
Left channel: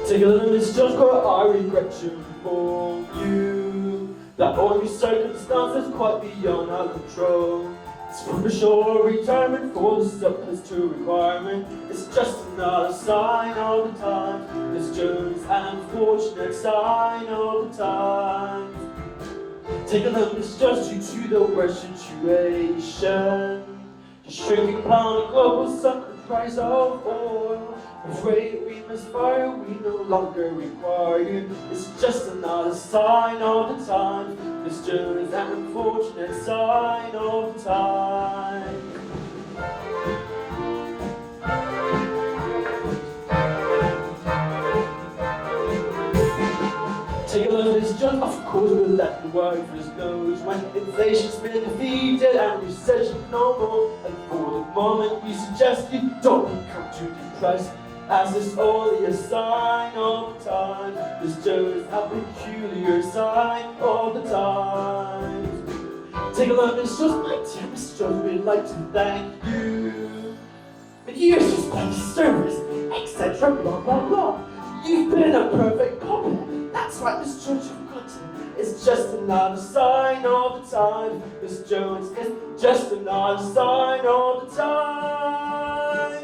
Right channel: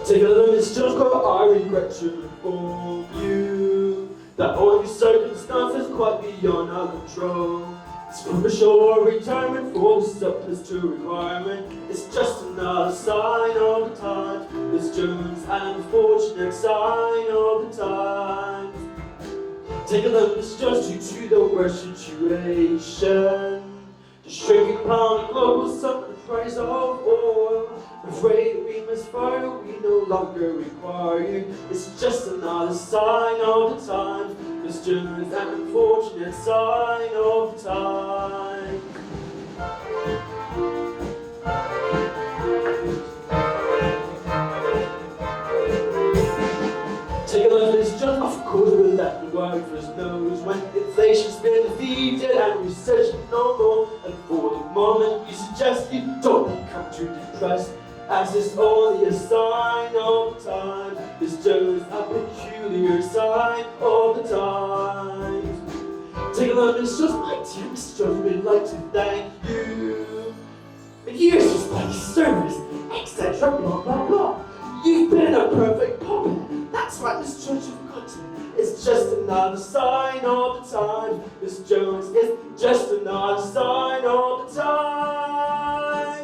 Take a look, it's just what I regret to inform you that all your circumstances quite beyond our control. It's premature retirement falls surplus to requirement. It's just another sign of the time. It's just an unfortunate sign of the times. Take a look, it's just due to the worst situation. The shrinking pound of global sun, the price of oil. Afraid we must fire, we no longer require you. It's just another sign of the times. It's just an unfortunate sign of the time. Take a look, it's just of course we let the workers knows when inflation's been defeated and recession no more. And for the moment we suggest you don't become too depressed, as it's only a sign of the time. This just a peculiar sign of the times. Take a look, it's just my text, just we'd like to thank you. The years just like service, etc. blah blah blah. You've been a perfect puppet. That's right, this church of cotton is just another sign of the time. This Jones is just another sign of the time.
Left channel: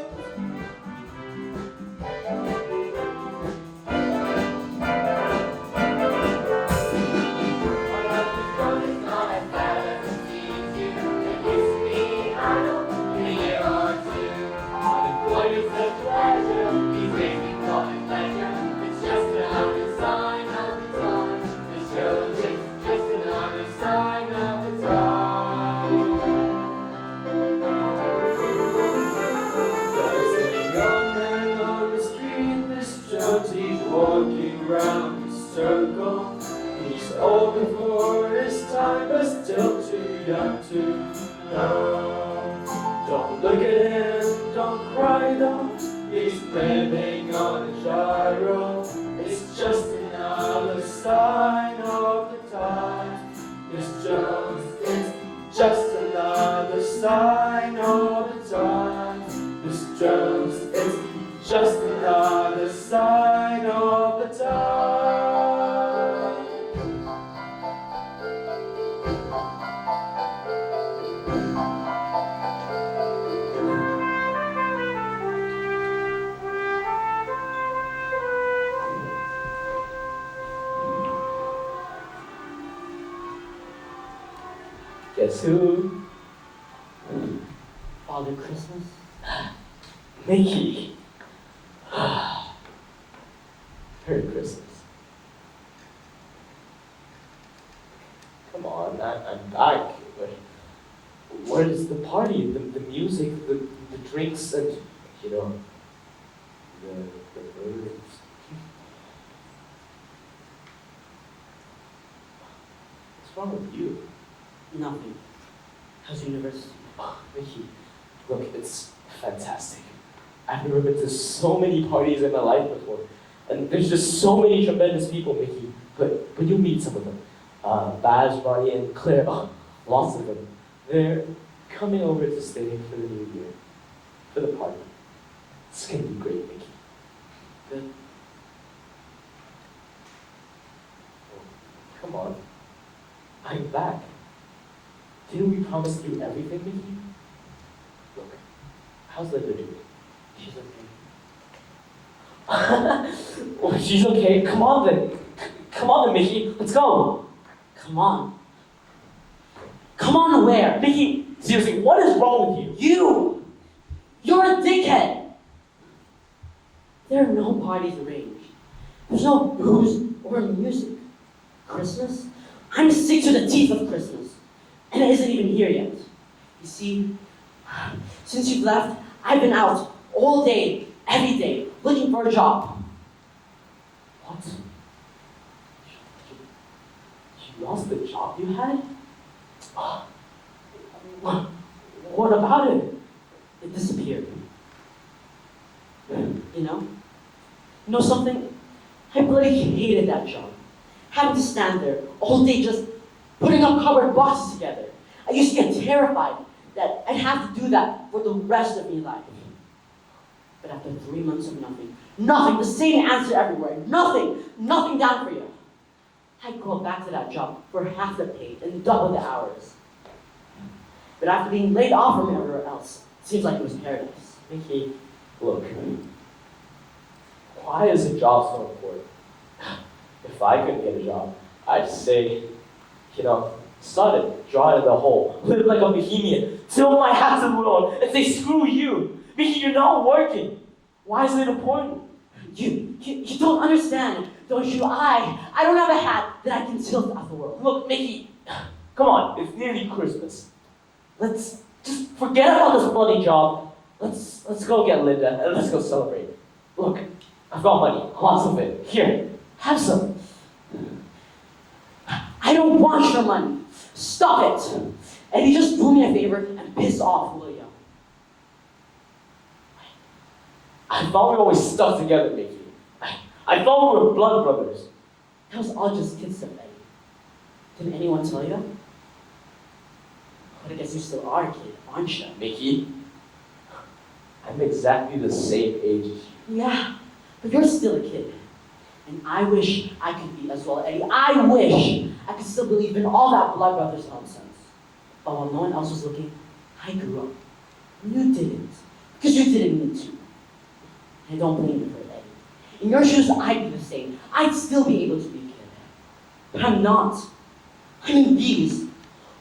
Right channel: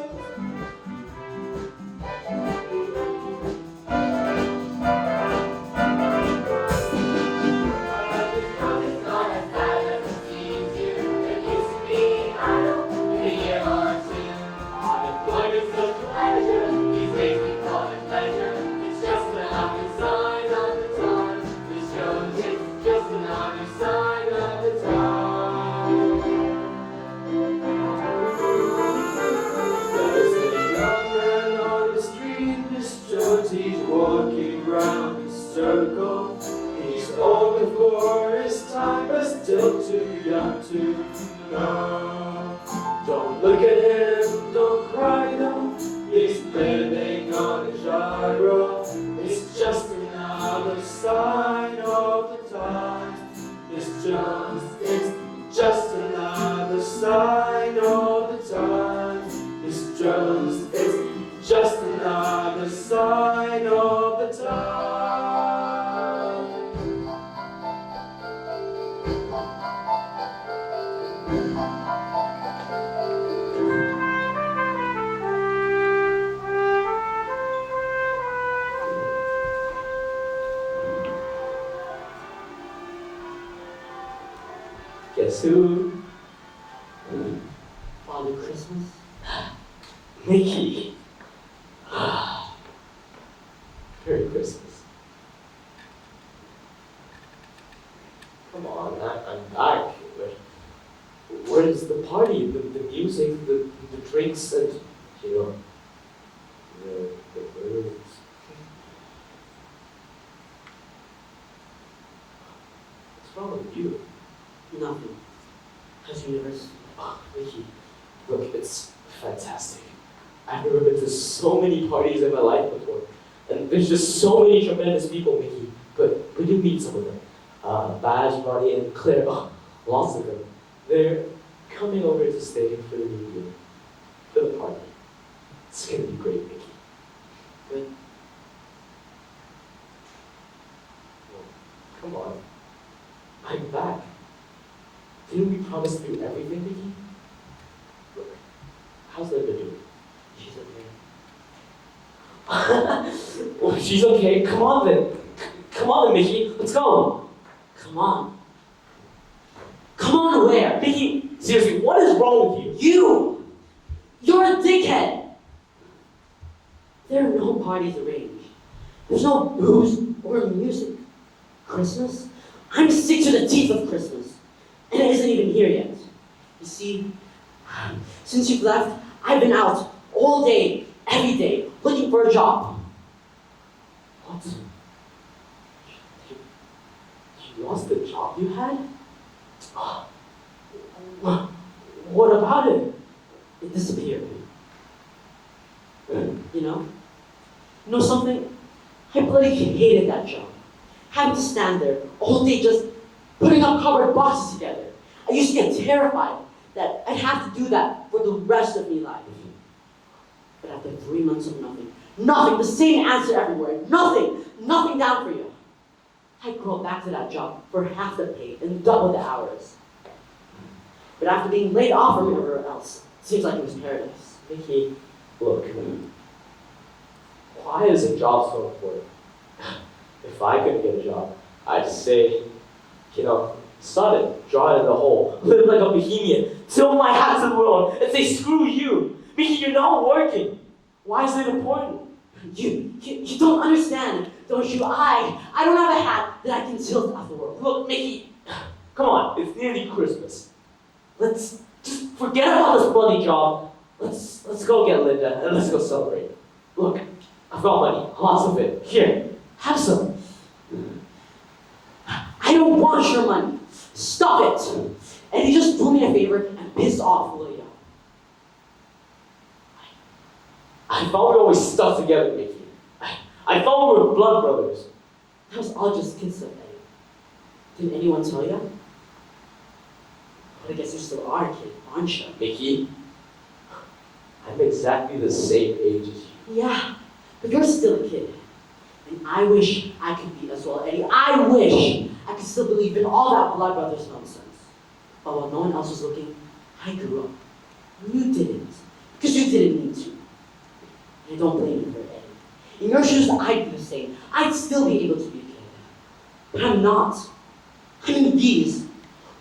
Don't look at him, don't cry, no. He's living on a gyro. It's just another sign of the time. This Jones is just another sign of the time. This Jones is just another sign of the time. Guess who? Father Christmas? Mickey. Merry Christmas. drinks and, you know, the birds. What's wrong with you? Nothing. How's university? Oh, Mickey, look, it's fantastic. I've never been to so many parties in my life before. And there's just so many tremendous people, Mickey. But you'll meet some of them. Badge, Barney, and Claire, oh, lots of them. They're coming over to stay for the new year, for the party. It's gonna be great, Mickey. Good. Oh, come on. I'm back. Didn't we promise to do everything, Mickey? Look, how's Linda doing? She's okay. Well, she's okay. Come on then. Come on then, Mickey. Let's go. Come on. Come on where? Mickey, seriously, what is wrong with you? You! You're a dickhead! There are no parties arranged. There's no booze or music. Christmas? I'm sick to the teeth of Christmas. And it isn't even here yet. You see, since you've left, I've been out all day, every day, looking for a job. What? You lost the job you had? What about it? It disappeared. You know? You know something? I bloody hated that job. Having to stand there all day just putting up cardboard boxes together. I used to get terrified that I'd have to do that for the rest of my life. But after 3 months of nothing, the same answer everywhere, nothing down for you. I'd go back to that job for half the pay and double the hours. But after being laid off from everywhere else, it seems like it was paradise. Mickey, look. Why is a job so important? If I could get a job, I'd say, you know, start it, draw it in the hole, live like a bohemian, throw my hats in the world, and say, screw you. Mickey, you're not working. Why is it important? You don't understand, don't you? I don't have a hat that I can tilt at the world. Look, Mickey, come on, it's nearly Christmas. Let's just forget about this bloody job. Let's go get Linda and let's go celebrate. Look, I've got money, lots of it. Here, have some. I don't want your money. Stop it. And you just do me a favor and piss off, will you? I thought we always stuck together, Mickey. I thought we were blood brothers. That was all just kid stuff, Eddie. Didn't anyone tell you that? But I guess you still are a kid, aren't you? Mickey, I'm exactly the same age as you. Yeah, but you're still a kid. And I wish I could be as well, Eddie. I wish I could still believe in all that blood brothers nonsense. But while no one else was looking, I grew up. You didn't. Because you didn't need to. And don't blame me for it, Eddie. In your shoes, I'd be the same. I'd still be able to be a kid. But I'm not. I mean, these.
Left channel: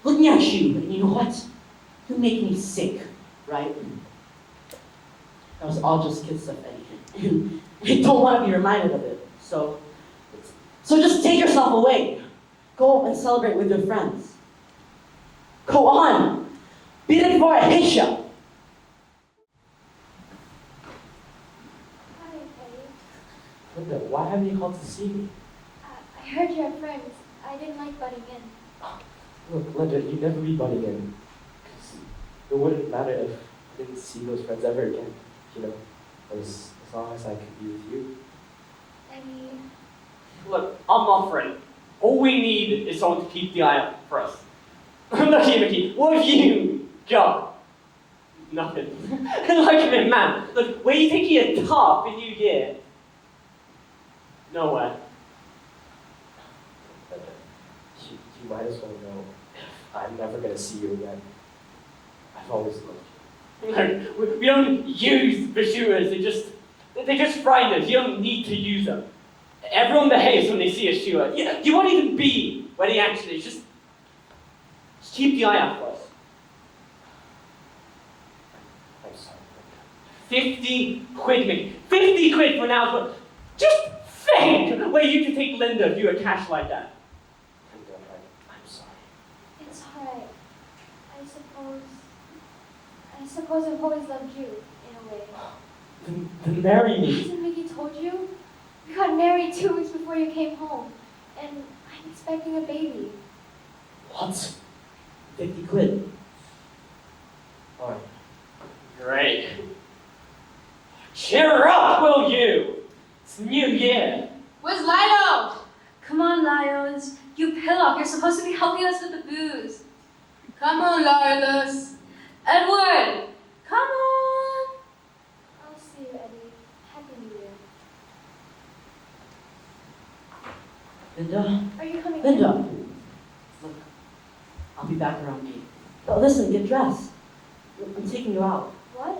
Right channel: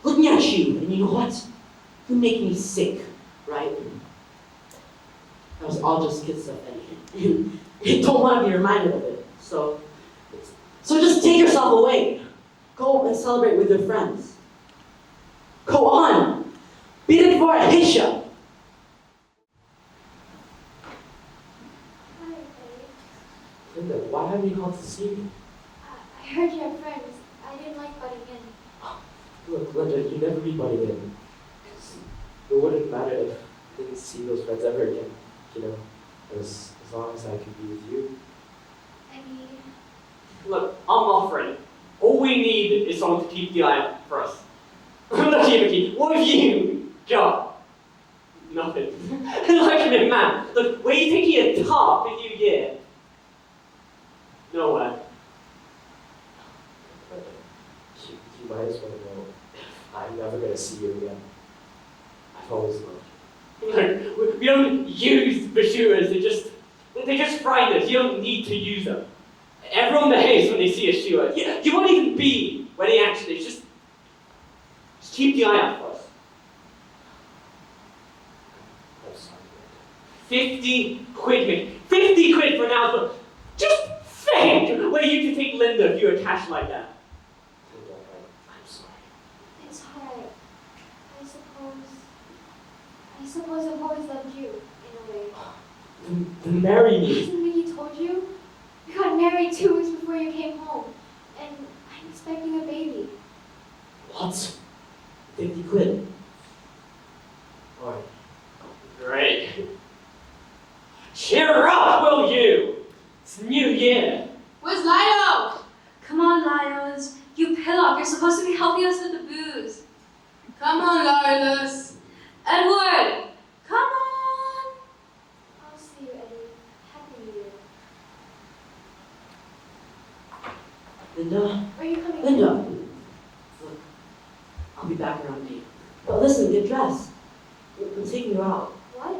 Looking at you, and you know what? You make me sick, right? That was all just kid stuff, Eddie. You don't want to be reminded of it. So just take yourself away. Go and celebrate with your friends. Go on. Beat it before I hit you. Hi, Eddie. Linda, why haven't you called to see me? I heard you have friends. I didn't like butting in. Look, Linda, you never be buddy in. It wouldn't matter if I didn't see those friends ever again. You know, as long as I could be with you. Eddie. Look, I'm offering. All we need is someone to keep the eye out for us. Look here, Mickey. What have you got? Nothing. Look at me, man. Look, where do you think you're top in New Year? Nowhere. You might as well know I'm never going to see you again. I've always loved you. Look, we don't use the shooters. They just frighten us. You don't need to use them. Everyone behaves when they see a shooter. You won't even be when he actually just keep the eye out for us. I'm sorry. 50 quid, Mick. 50 quid for now, but just think where you could take Linda if you had cash like that. I'm sorry. It's hard. I suppose I I suppose I've always loved you, in a way. Then marry me. Hasn't Mickey told you? We got married 2 weeks before you came home. And I'm expecting a baby. What? 50 quid. Oh, great. Cheer up, will you? It's the new year. Where's Lilo? Come on, Lios. You pillock. You're supposed to be helping us with the booze. Come on, Lilas. Edward! Come on! I'll see you, Eddie. Happy New Year. Linda? Are you coming? Linda! Look, I'll be back around 8. But listen, get dressed. I'm taking you out. What?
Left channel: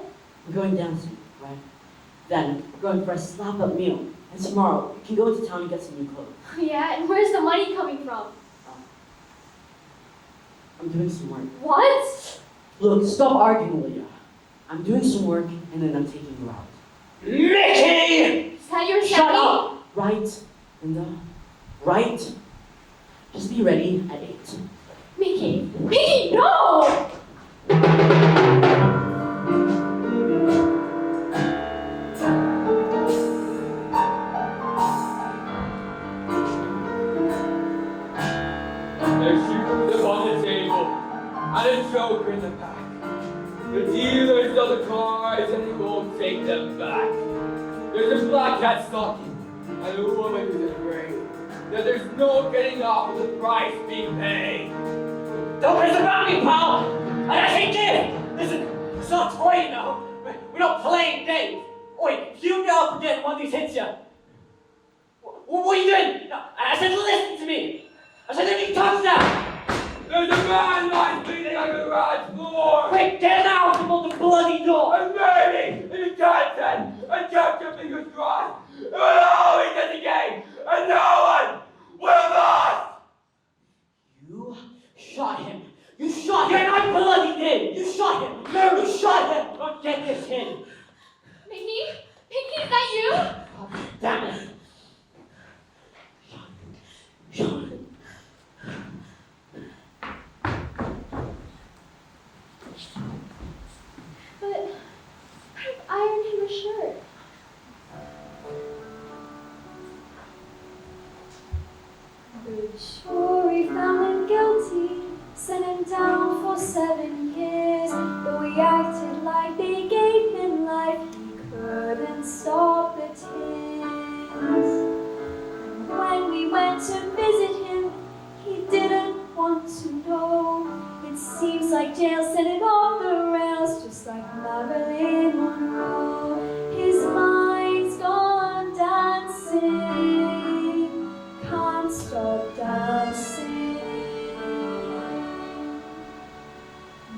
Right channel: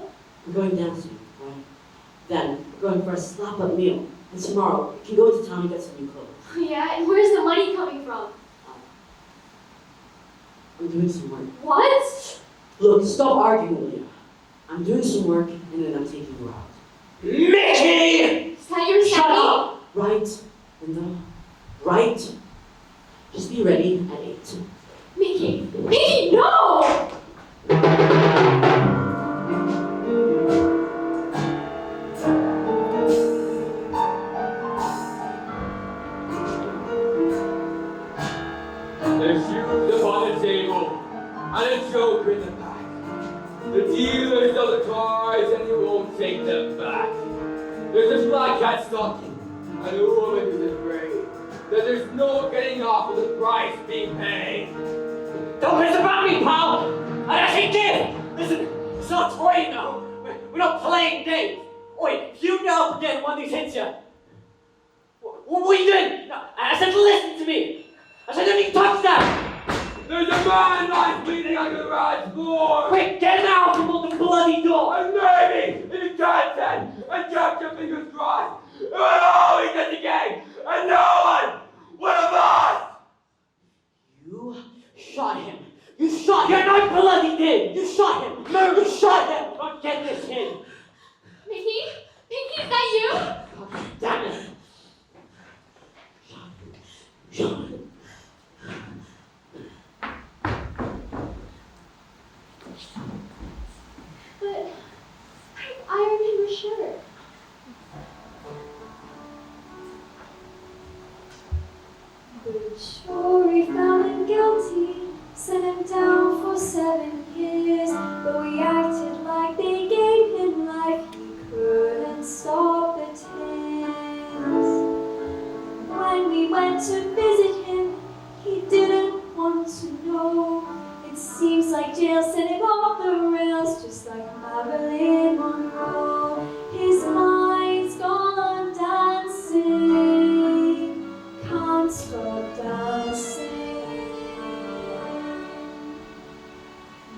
We're going dancing, right? Then we're going for a slap-up meal. And tomorrow, we can go into town and get some new clothes. Yeah, and where's the money coming from? I'm doing some work. What? Look, stop arguing with me. I'm doing some work, and then I'm taking you out. Mickey! Is that your Shut up! Right, Linda. Right? Just be ready at 8. Mickey! Mickey, no! There's shoes upon the table, and a choker in the back. The dealers of the cars, and they won't take them back. There's a black cat stocking, and a woman who's afraid that there's no getting off with the price being paid. Don't mess about me, pal! I ain't kid! Listen, it's not a toy, you know. We're not playing games. Oi, you know again one of these hits you. What are you doing? No, I said listen to me. I said don't you touch that. There's a man lying bleeding on the garage floor! Quick, get him out from the bloody door. I'm waiting in the content and kept your fingers crossed. It will always get the game, and no one will lost! You shot him. You shot him. You're not bloody did. You shot him. No, you shot him. Don't get this in. Mickey? Mickey, is that you? Damn it. Shot him. But I ironed him a shirt. The jury found him guilty, sent him down for 7 years. But we acted like they gave him life, he couldn't stop the tears. When we went to visit him, he didn't want to know. It seems like jail set him off the rails, just like Marilyn Monroe. His mind's gone dancing, can't stop dancing.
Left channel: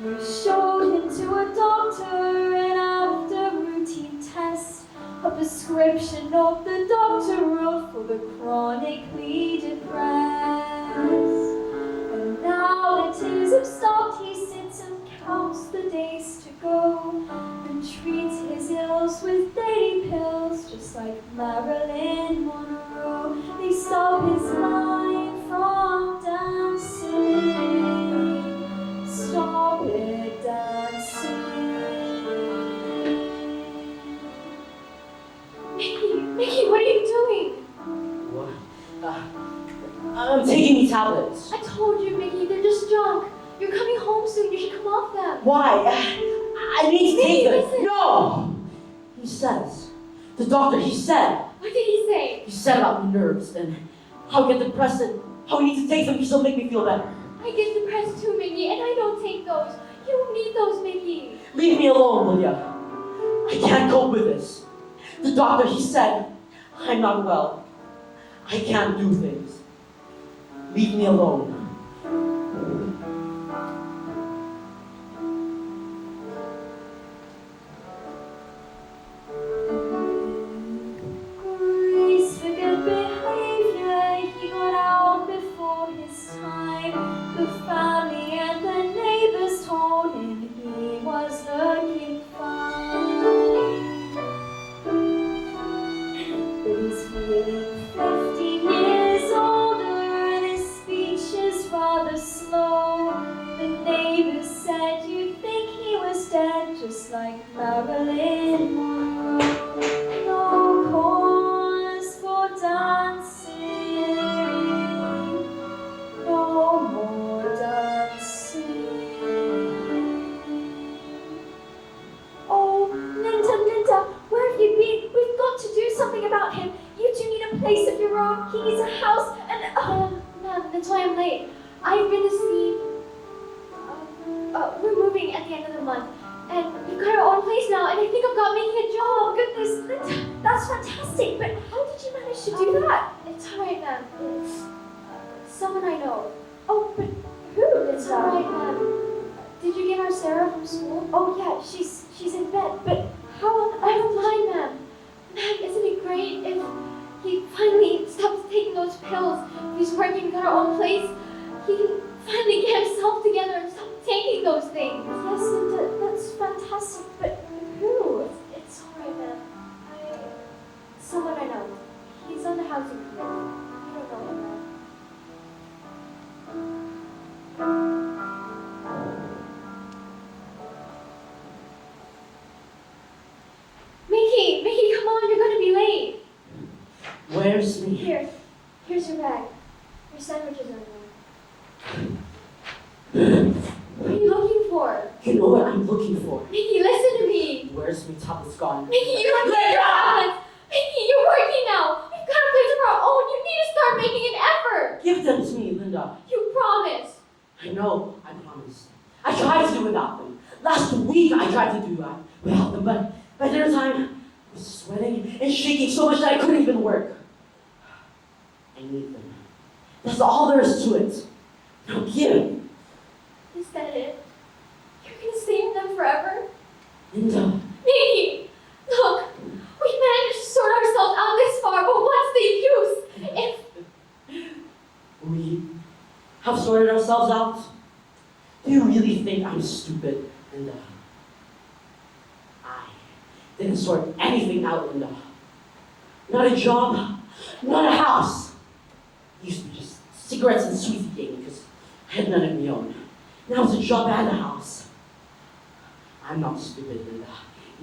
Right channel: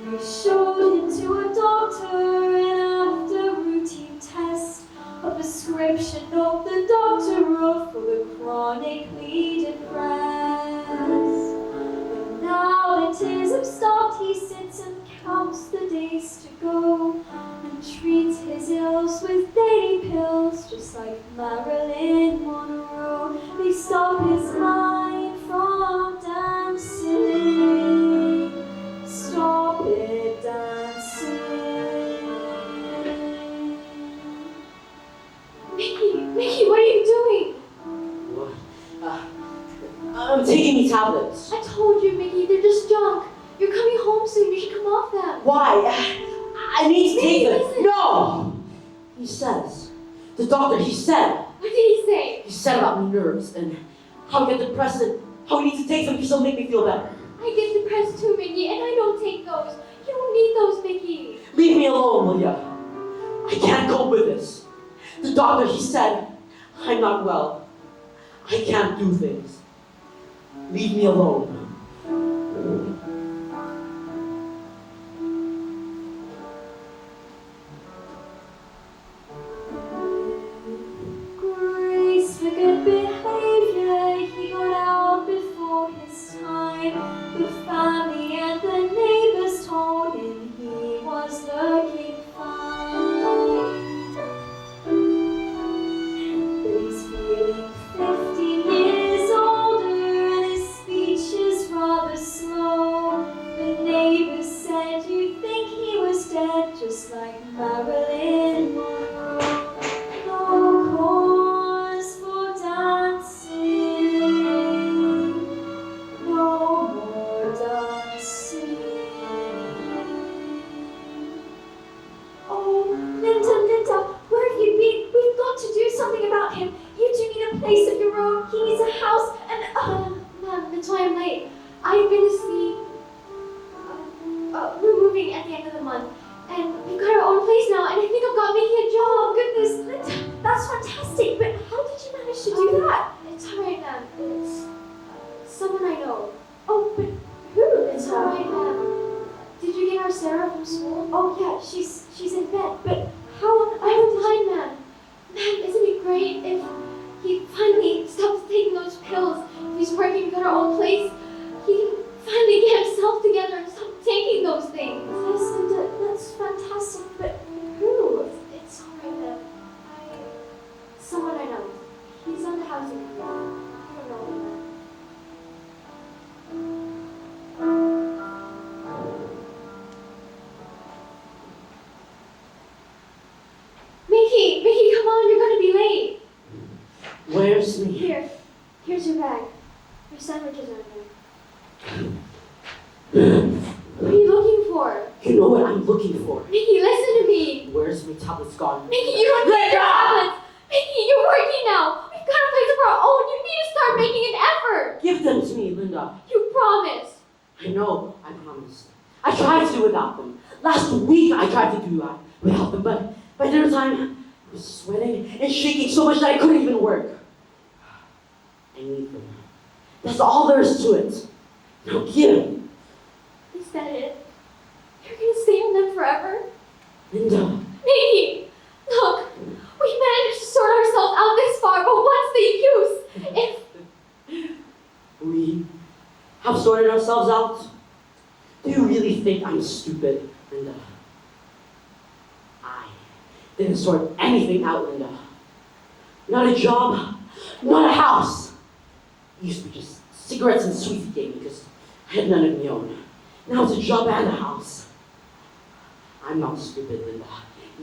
We showed him to a doctor, and after routine tests, a prescription of the doctor wrote for the chronically depressed. But now the tears have stopped, he sits and counts the days to go, and treats his ills with daily pills, just like Marilyn Monroe. They stop his mind from dancing, stop it dancing. Mickey, what are you doing? What? I'm taking these tablets. I told you, Mickey, they're just junk. You're coming home soon, you should come off them. Why? I need to take them. Listen. No! He says. The doctor, he said. What did he say? He said about my nerves and how I get depressed and how I need to take them because they'll make me feel better. I get depressed too, Mickey, and I don't take those. You don't need those, Mickey. Leave me alone, will ya? I can't cope with this. The doctor, he said, I'm not well. I can't do things. Leave me alone. Grace for good behavior, he got out before his time. The family and the neighbors told him he was looking fine. He's feeling 15 years older, and his speech is rather slow. I'm late. I've been asleep. We're moving at the end of the month, and we've got our own place now, and I think I've got making a job. Oh, goodness, that's fantastic, but how did you manage to do that? It's alright, ma'am. It's someone I know. Oh, but who? It's alright, ma'am. Did you get our Sarah from school? Oh, yeah, she's in bed, but how long? I don't mind, ma'am. Ma'am, isn't it great if he finally stops taking those pills? He's working, got our own place. He can finally get himself together and stop taking those things. Yes, Linda, that's fantastic, but who? It's alright, ma'am. Someone I know. He's on the housing committee. I don't know him. Mickey, come on, you're gonna be late. Where's me? Here's your bag. Your sandwiches are What are you looking for? You know what I'm looking for. Mickey, listen to me. Where's my tablet's gone? Mickey, you don't need your tablets. Mickey, you're working now. We've got a place of our own. You need to start making an effort. Give them to me, Linda. You promised. I know, I promised. I tried to do without them. Last week I tried to do without them, but by dinner time, I was sweating and shaking so much that I couldn't even work. I need them. That's all there is to it. Now give. Is that it? You're gonna stay with them forever? Linda. Mickey, look, we managed to sort ourselves out this far, but what's the use? We have sorted ourselves out. Do you really think I'm stupid, Linda? I didn't sort anything out, Linda. Not a job, not a house. It used to be just cigarettes and sweets he gave me because I had none of my own. Now it's a job and a house. I'm not stupid, Linda.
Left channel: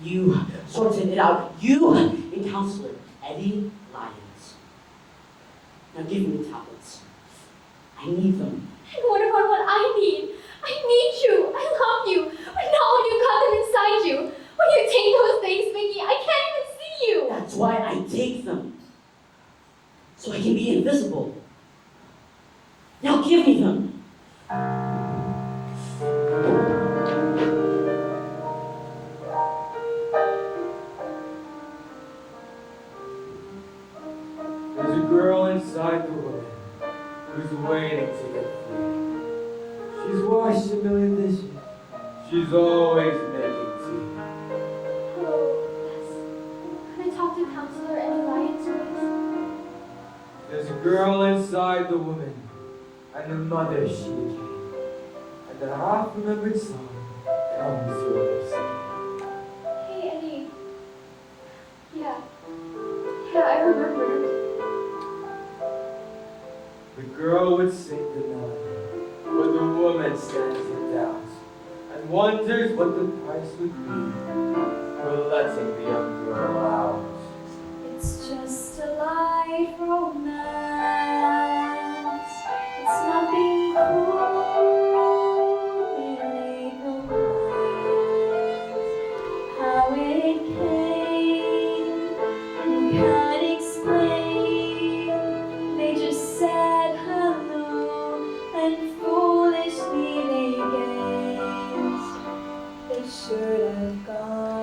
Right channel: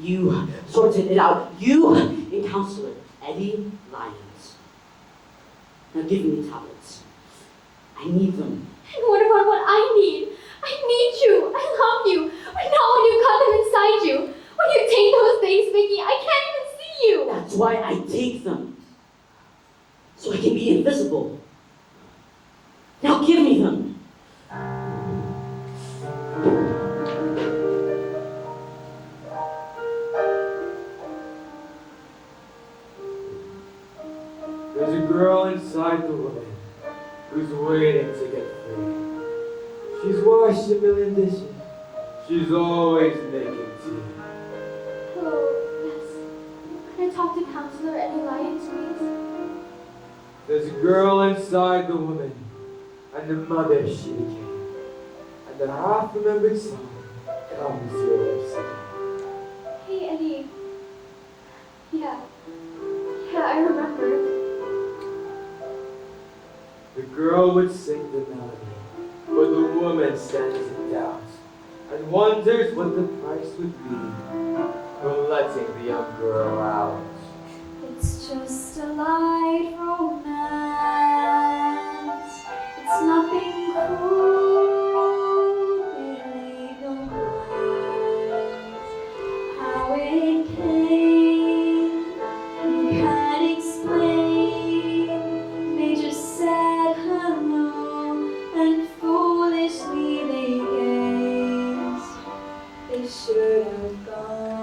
You sorted it out. You and Counselor Eddie Lyons. Now give me tablets. I need them. And what about what I need? I need you. I love you. But not when you've got them inside you. When you take those things, Mickey, I can't even see you. That's why I take them. So I can be invisible. Now give me them. There's a girl inside the woman who's waiting to get free. She's washed a million dishes. She's always making tea. Hello, yes. Can I talk to Counselor Eddie Lyons, please? There's a girl inside the woman, and the mother she became. And the half-remembered song comes your singing. Hey, Eddie. Yeah, I remember. The girl would sing the melody, but the woman stands in doubt and wonders what the price would be for letting the young girl out. It's just a light romance. It's nothing cool. It ain't no lies. How it came, you can't explain. They just said hello and foolishly they gazed. They should have gone.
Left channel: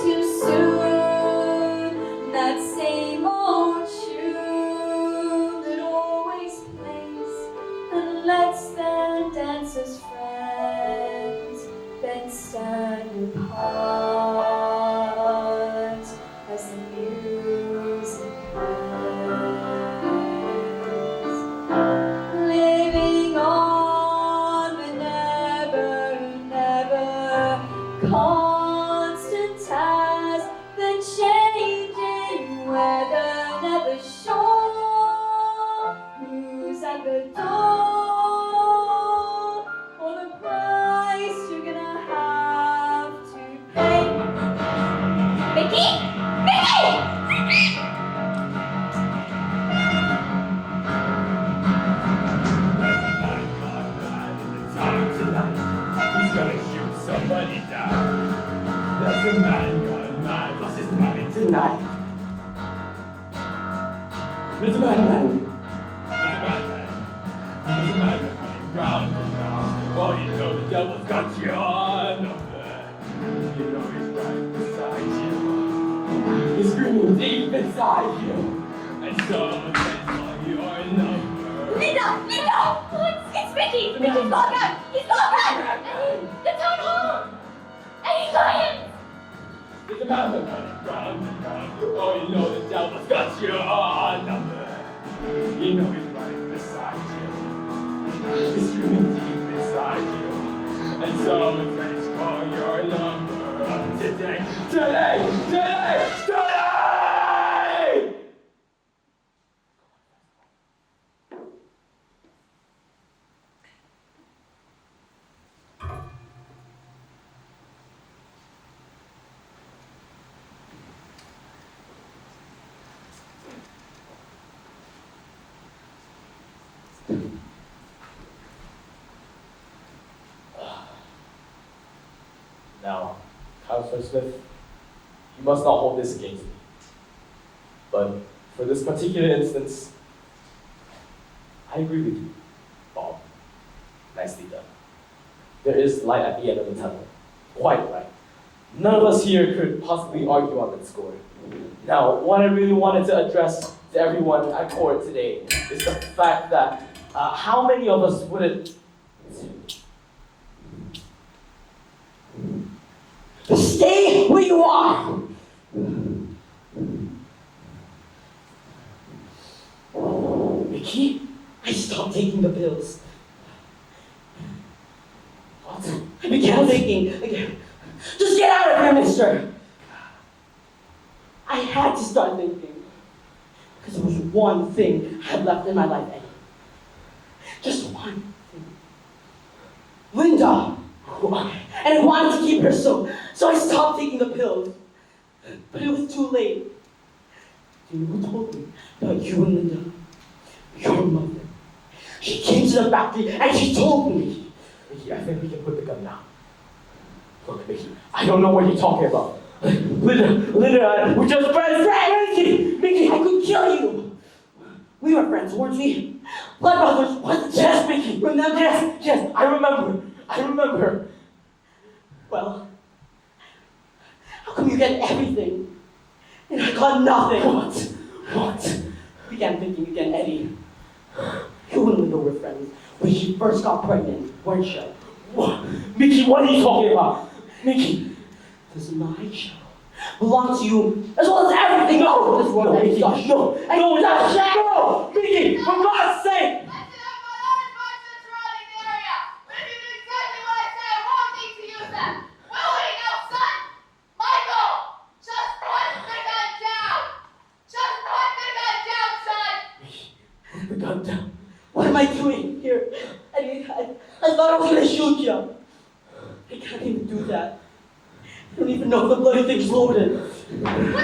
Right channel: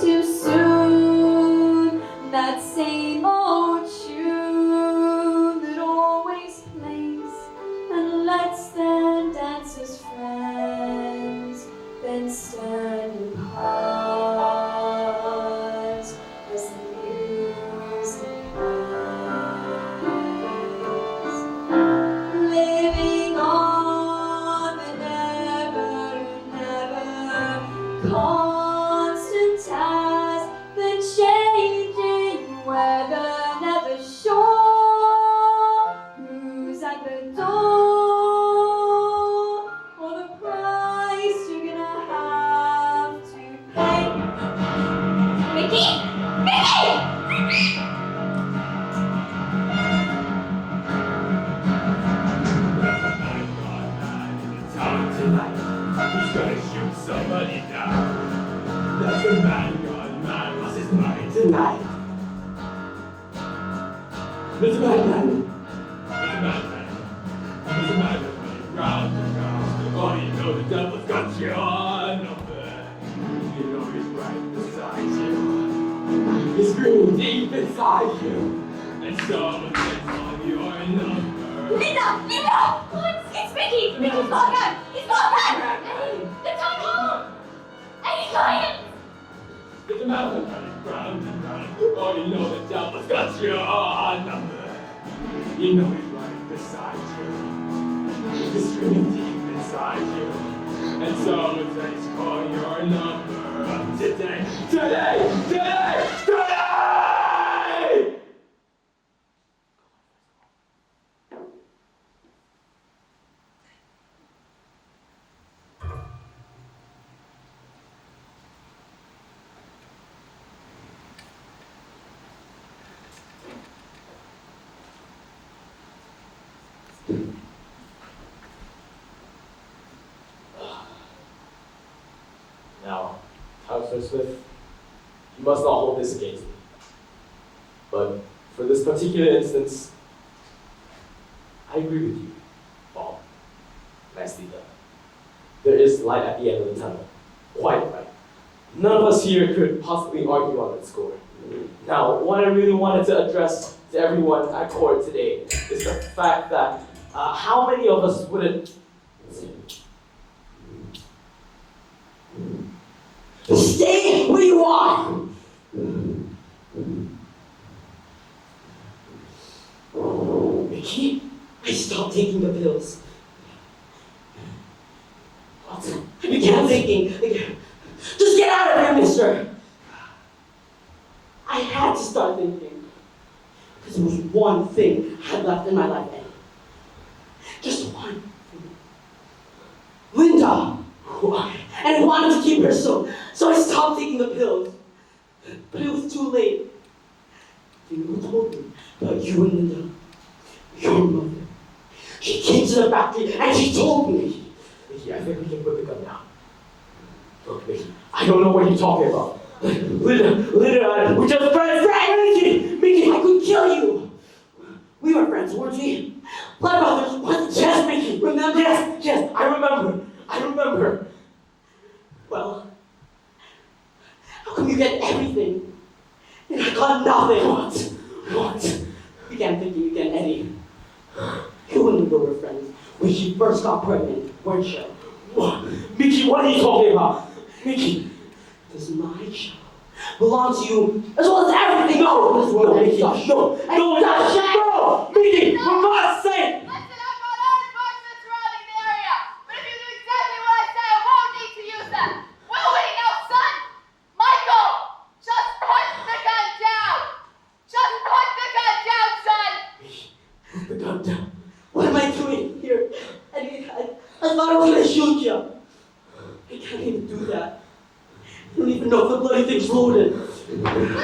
too soon. That same old tune that always plays and lets their dancers friends then stand apart as the music plays. Living on but never constant as the changing weather, never sure who's at the door, or the price you're gonna have to pay. Mickey! Mickey! He's gonna shoot somebody down. That's a man, this is mine tonight. It's a madman. He's a madman. Oh, you know the devil's got you on. You know he's right beside you. He's screaming deep inside you. And so it's on your number. Linda! Oh, it's Mickey! Mickey's gone back! He's gone back! The town hall! And he's lying! It's a madman. Oh, you know the devil's got you on number. You know he's right beside you. He's screaming deep inside you. And so it's for your number today. Today! Now, Counselor Smith, you must not hold this against me. But for this particular instance, I agree with you, Bob. Nicely done. There is light at the end of the tunnel. Quite right. None of us here could possibly argue on that score. Now, what I really wanted to address to everyone at court today is the fact that how many of us wouldn't Stay where you are! Mickey, I stopped taking the pills. What? I began thinking, just get out of here, mister! I had to start thinking. Because there was one thing I had left in my life, Eddie. Just one thing. Linda! And I wanted to keep her so I stopped taking the pills. But it was too late. You know who told me about you and Linda? Your mother. She came to the factory and she told me. Mickey, I think we can put the gun down. Look, Mickey, I don't know what you're talking about. Linda, we're just friends. Mickey, I could kill you. We were friends, weren't we? Blood brothers, what? Yes, Mickey, remember? Yes, I remember. Well, how come you get everything? And I got nothing? What? Began thinking again, Eddie. You and Linda were friends when she first got pregnant, weren't you? What? Mickey, what are you talking about? Mickey. Does my child belong to you as well as everything else in this world, Eddie? No, Mickey, for God's sake! Listen, I've got other parts of the surrounding area. But if you do exactly what I say, I won't need to use them. Willy, no, son! Michael! Just put the gun down! Just put the gun down, son! Put the gun down. what am I doing here? Eddie, I thought I was going to shoot you. I can't even do that. I don't even know if the bloody thing's loaded. What's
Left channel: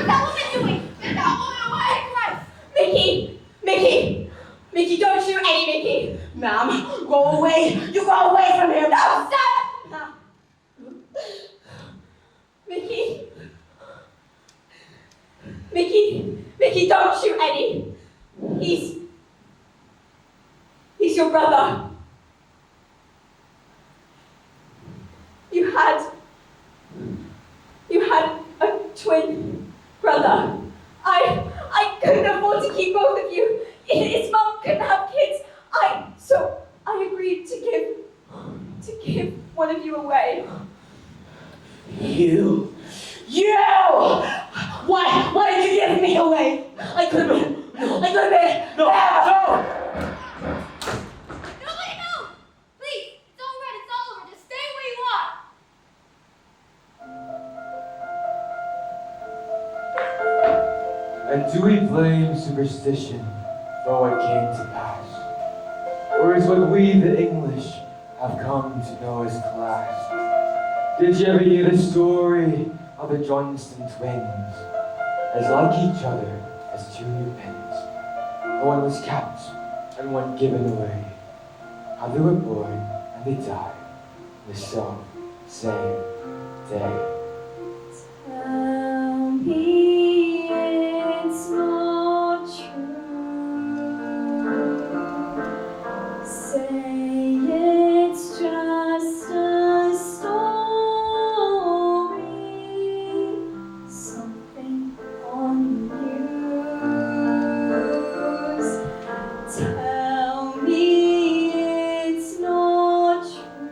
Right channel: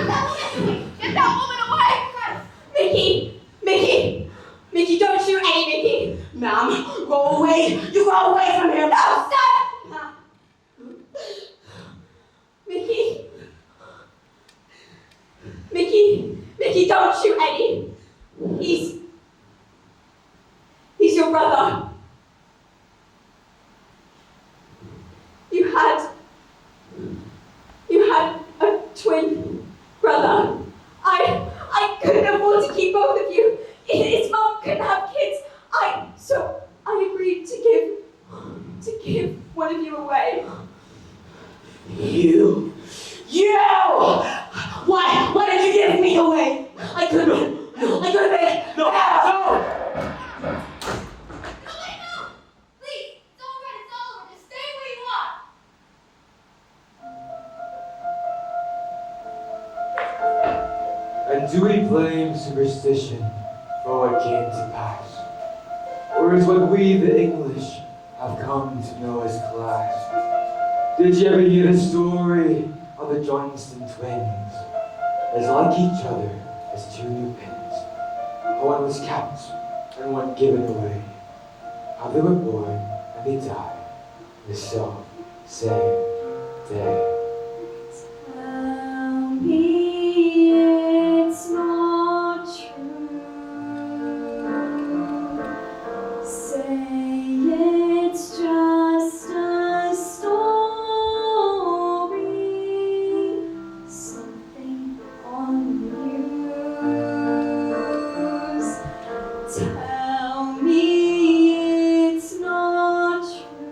that woman doing? Get that woman away from us! Mickey, don't shoot Eddie, Mickey! Ma'am, go away. You go away from here. No, stop! Mickey, don't shoot Eddie! He's your brother. You had a twin brother. I couldn't afford to keep both of you. His mom couldn't have kids. So I agreed to give one of you away. You! Why did you give me away? I couldn't. No! Nobody move! Please, it's all right, it's all over. Just stay where you are. And do we blame superstition for what came to pass? Or is what we, the English, have come to know as class? Did you ever hear the story of the Johnston twins? As like each other as two new pins. One was kept and one given away. How they were born and they died the same day. Tell me it's not true. Say it's just a story. Something on the news. Tell me it's not true.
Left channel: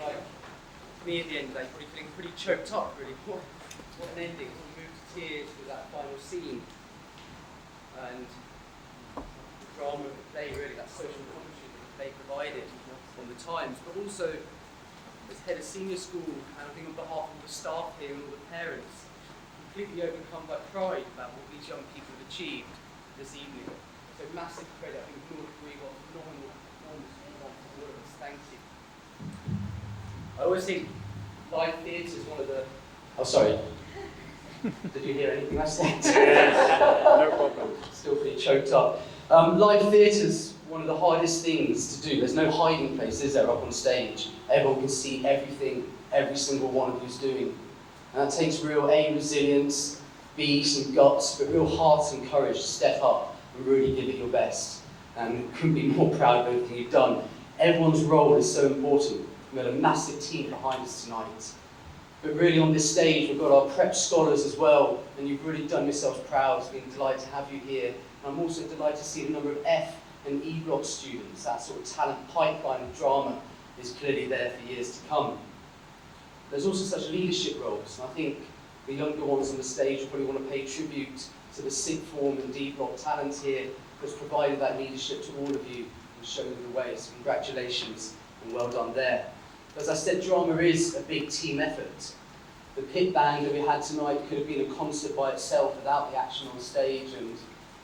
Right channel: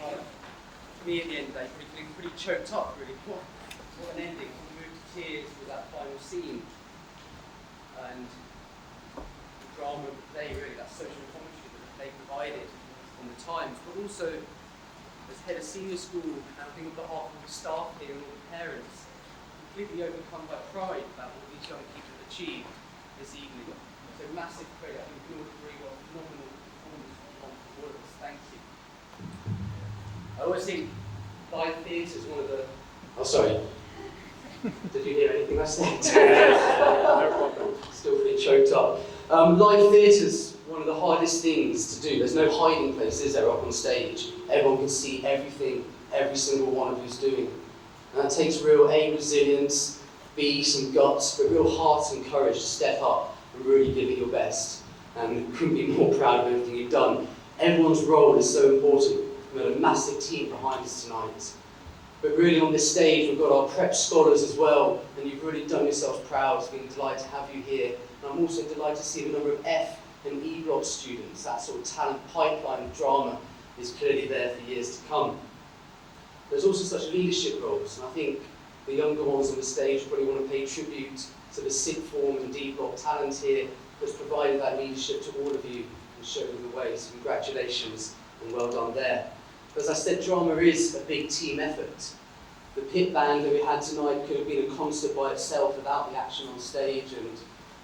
like me at the end of that, you're probably feeling pretty choked up, really. What an ending. We moved to tears with that final scene. And the drama of the play, really, that social commentary that the play provided on the times, but also as head of senior school, and I think on behalf of the staff here and all the parents, completely overcome by pride about what these young people have achieved this evening. So massive credit. I think we can all agree what a phenomenal performance from all of us. Thank you. I always think live theatre is one of the... Oh, sorry. Did you hear anything I said? No problem. Still pretty choked up. Live theatre's one of the hardest things to do. There's no hiding place, is there, up on stage? Everyone can see everything, every single one of you's doing. And that takes real A, resilience, B, some guts, but real heart and courage to step up and really give it your best. And couldn't be more proud of everything you've done. Everyone's role is so important. We've got a massive team behind us tonight. But really on this stage, we've got our prep scholars as well, and you've really done yourselves proud. It's been a delight to have you here. And I'm also delighted to see the number of F and E block students. That sort of talent pipeline of drama is clearly there for years to come. There's also such leadership roles, and I think the younger ones on the stage probably want to pay tribute to the sixth form and D block talent here that's provided that leadership to all of you and showed them the way. So congratulations and well done there. As I said, drama is a big team effort. The pit band that we had tonight could have been a concert by itself without the action on stage, and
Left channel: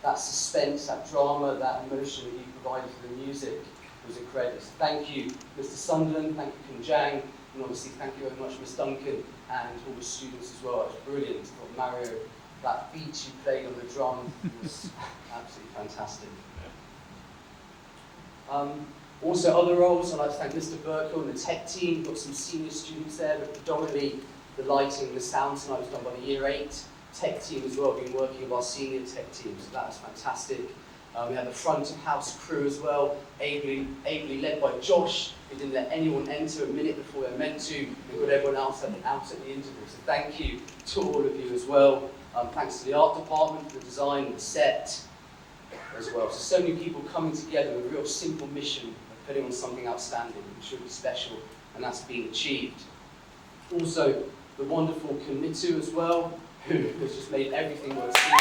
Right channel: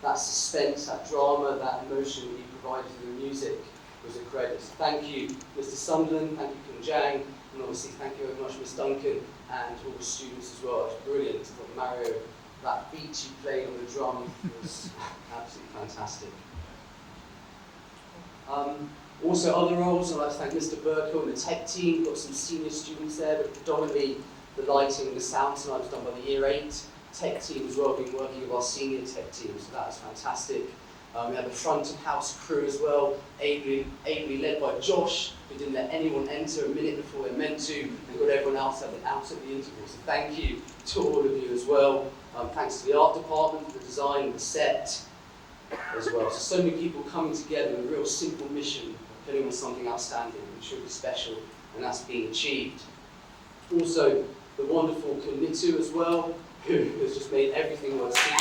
that suspense, that drama, that emotion that you provided for the music was incredible. So thank you, Mr. Sunderland, thank you, Kim Jang, and obviously thank you very much, Ms. Duncan, and all the students as well. It was brilliant. For Mario, that beat you played on the drum was absolutely fantastic. Also other roles, I'd like to thank Mr. Burkle and the tech team. We've got some senior students there, but predominantly the lighting and the sound tonight was done by the Year 8 tech team as well, been working with our senior tech team, so that was fantastic. We had the front of house crew as well, ably led by Josh, who didn't let anyone enter a minute before they're meant to, and got everyone else out at the interval. So thank you to all of you as well. Thanks to the art department, the design, and the set as well. So many people coming together with a real simple mission, putting on something outstanding, which should be special, and that's being achieved. Also, the wonderful Kamitu as well, who has just made everything worth seeing.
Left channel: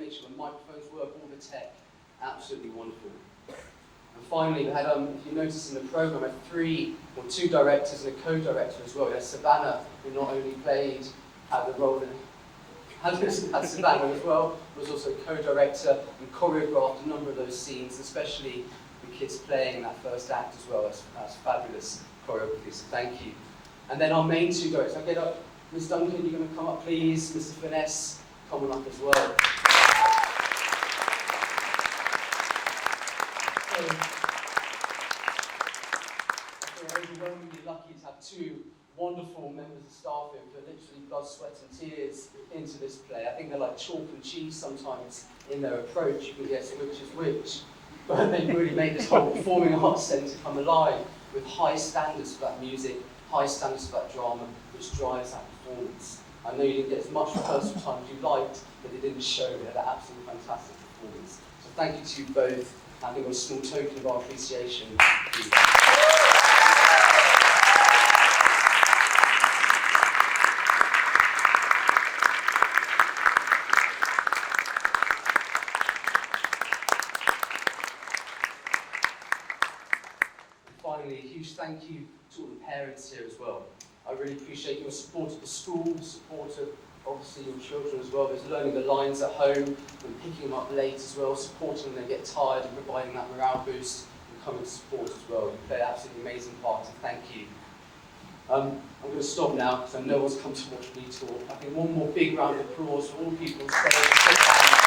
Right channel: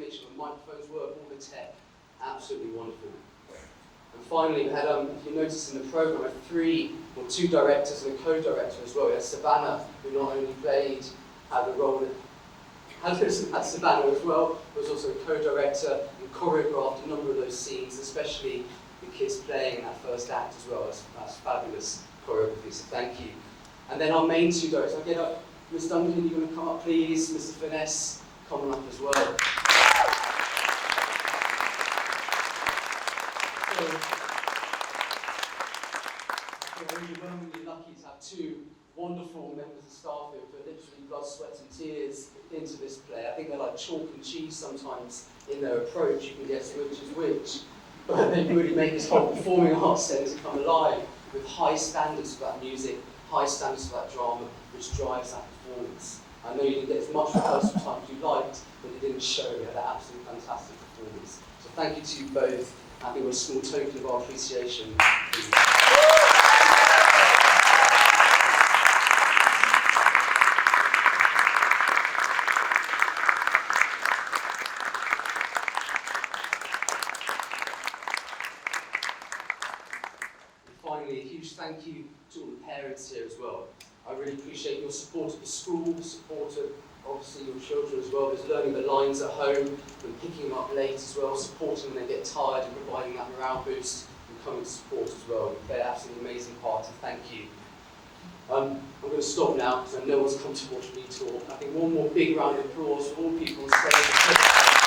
Make sure the microphones work, all the tech, absolutely wonderful. And finally, we had, if you notice in the program, we had two directors and a co-director as well. We had Savannah, who not only had the role had Savannah as well, was also a co-director and choreographed a number of those scenes, especially the kids playing in that first act as well. That's fabulous choreography, so thank you. And then our main two directors, I'll get up, Ms. Duncan, you're going to come up please, Mr. Finesse, come on up as well. So, we're really lucky to have two wonderful members of staff who put literally blood, sweat and tears into this play. I think they're like chalk and cheese sometimes in their approach. You can guess which is which. But they really make this whole performing arts centre come alive with high standards for that music, high standards for that drama, which drives that performance. I know you didn't get as much rehearsal time as you liked, but it didn't show. We had an absolutely fantastic performance. So thank you to you both. I think it was a small token of our appreciation. And finally, a huge thank you to all the parents here as well. I really appreciate your support of the school, support of obviously your children as well. There's learning the lines at home and picking them up late as well, supporting when they get tired and providing that morale boost and coming to support as well. They're absolutely amazing part, and thank you. I'm going to stop now because I know one's come to watch me talk. I think one more big round of applause for all people on stage.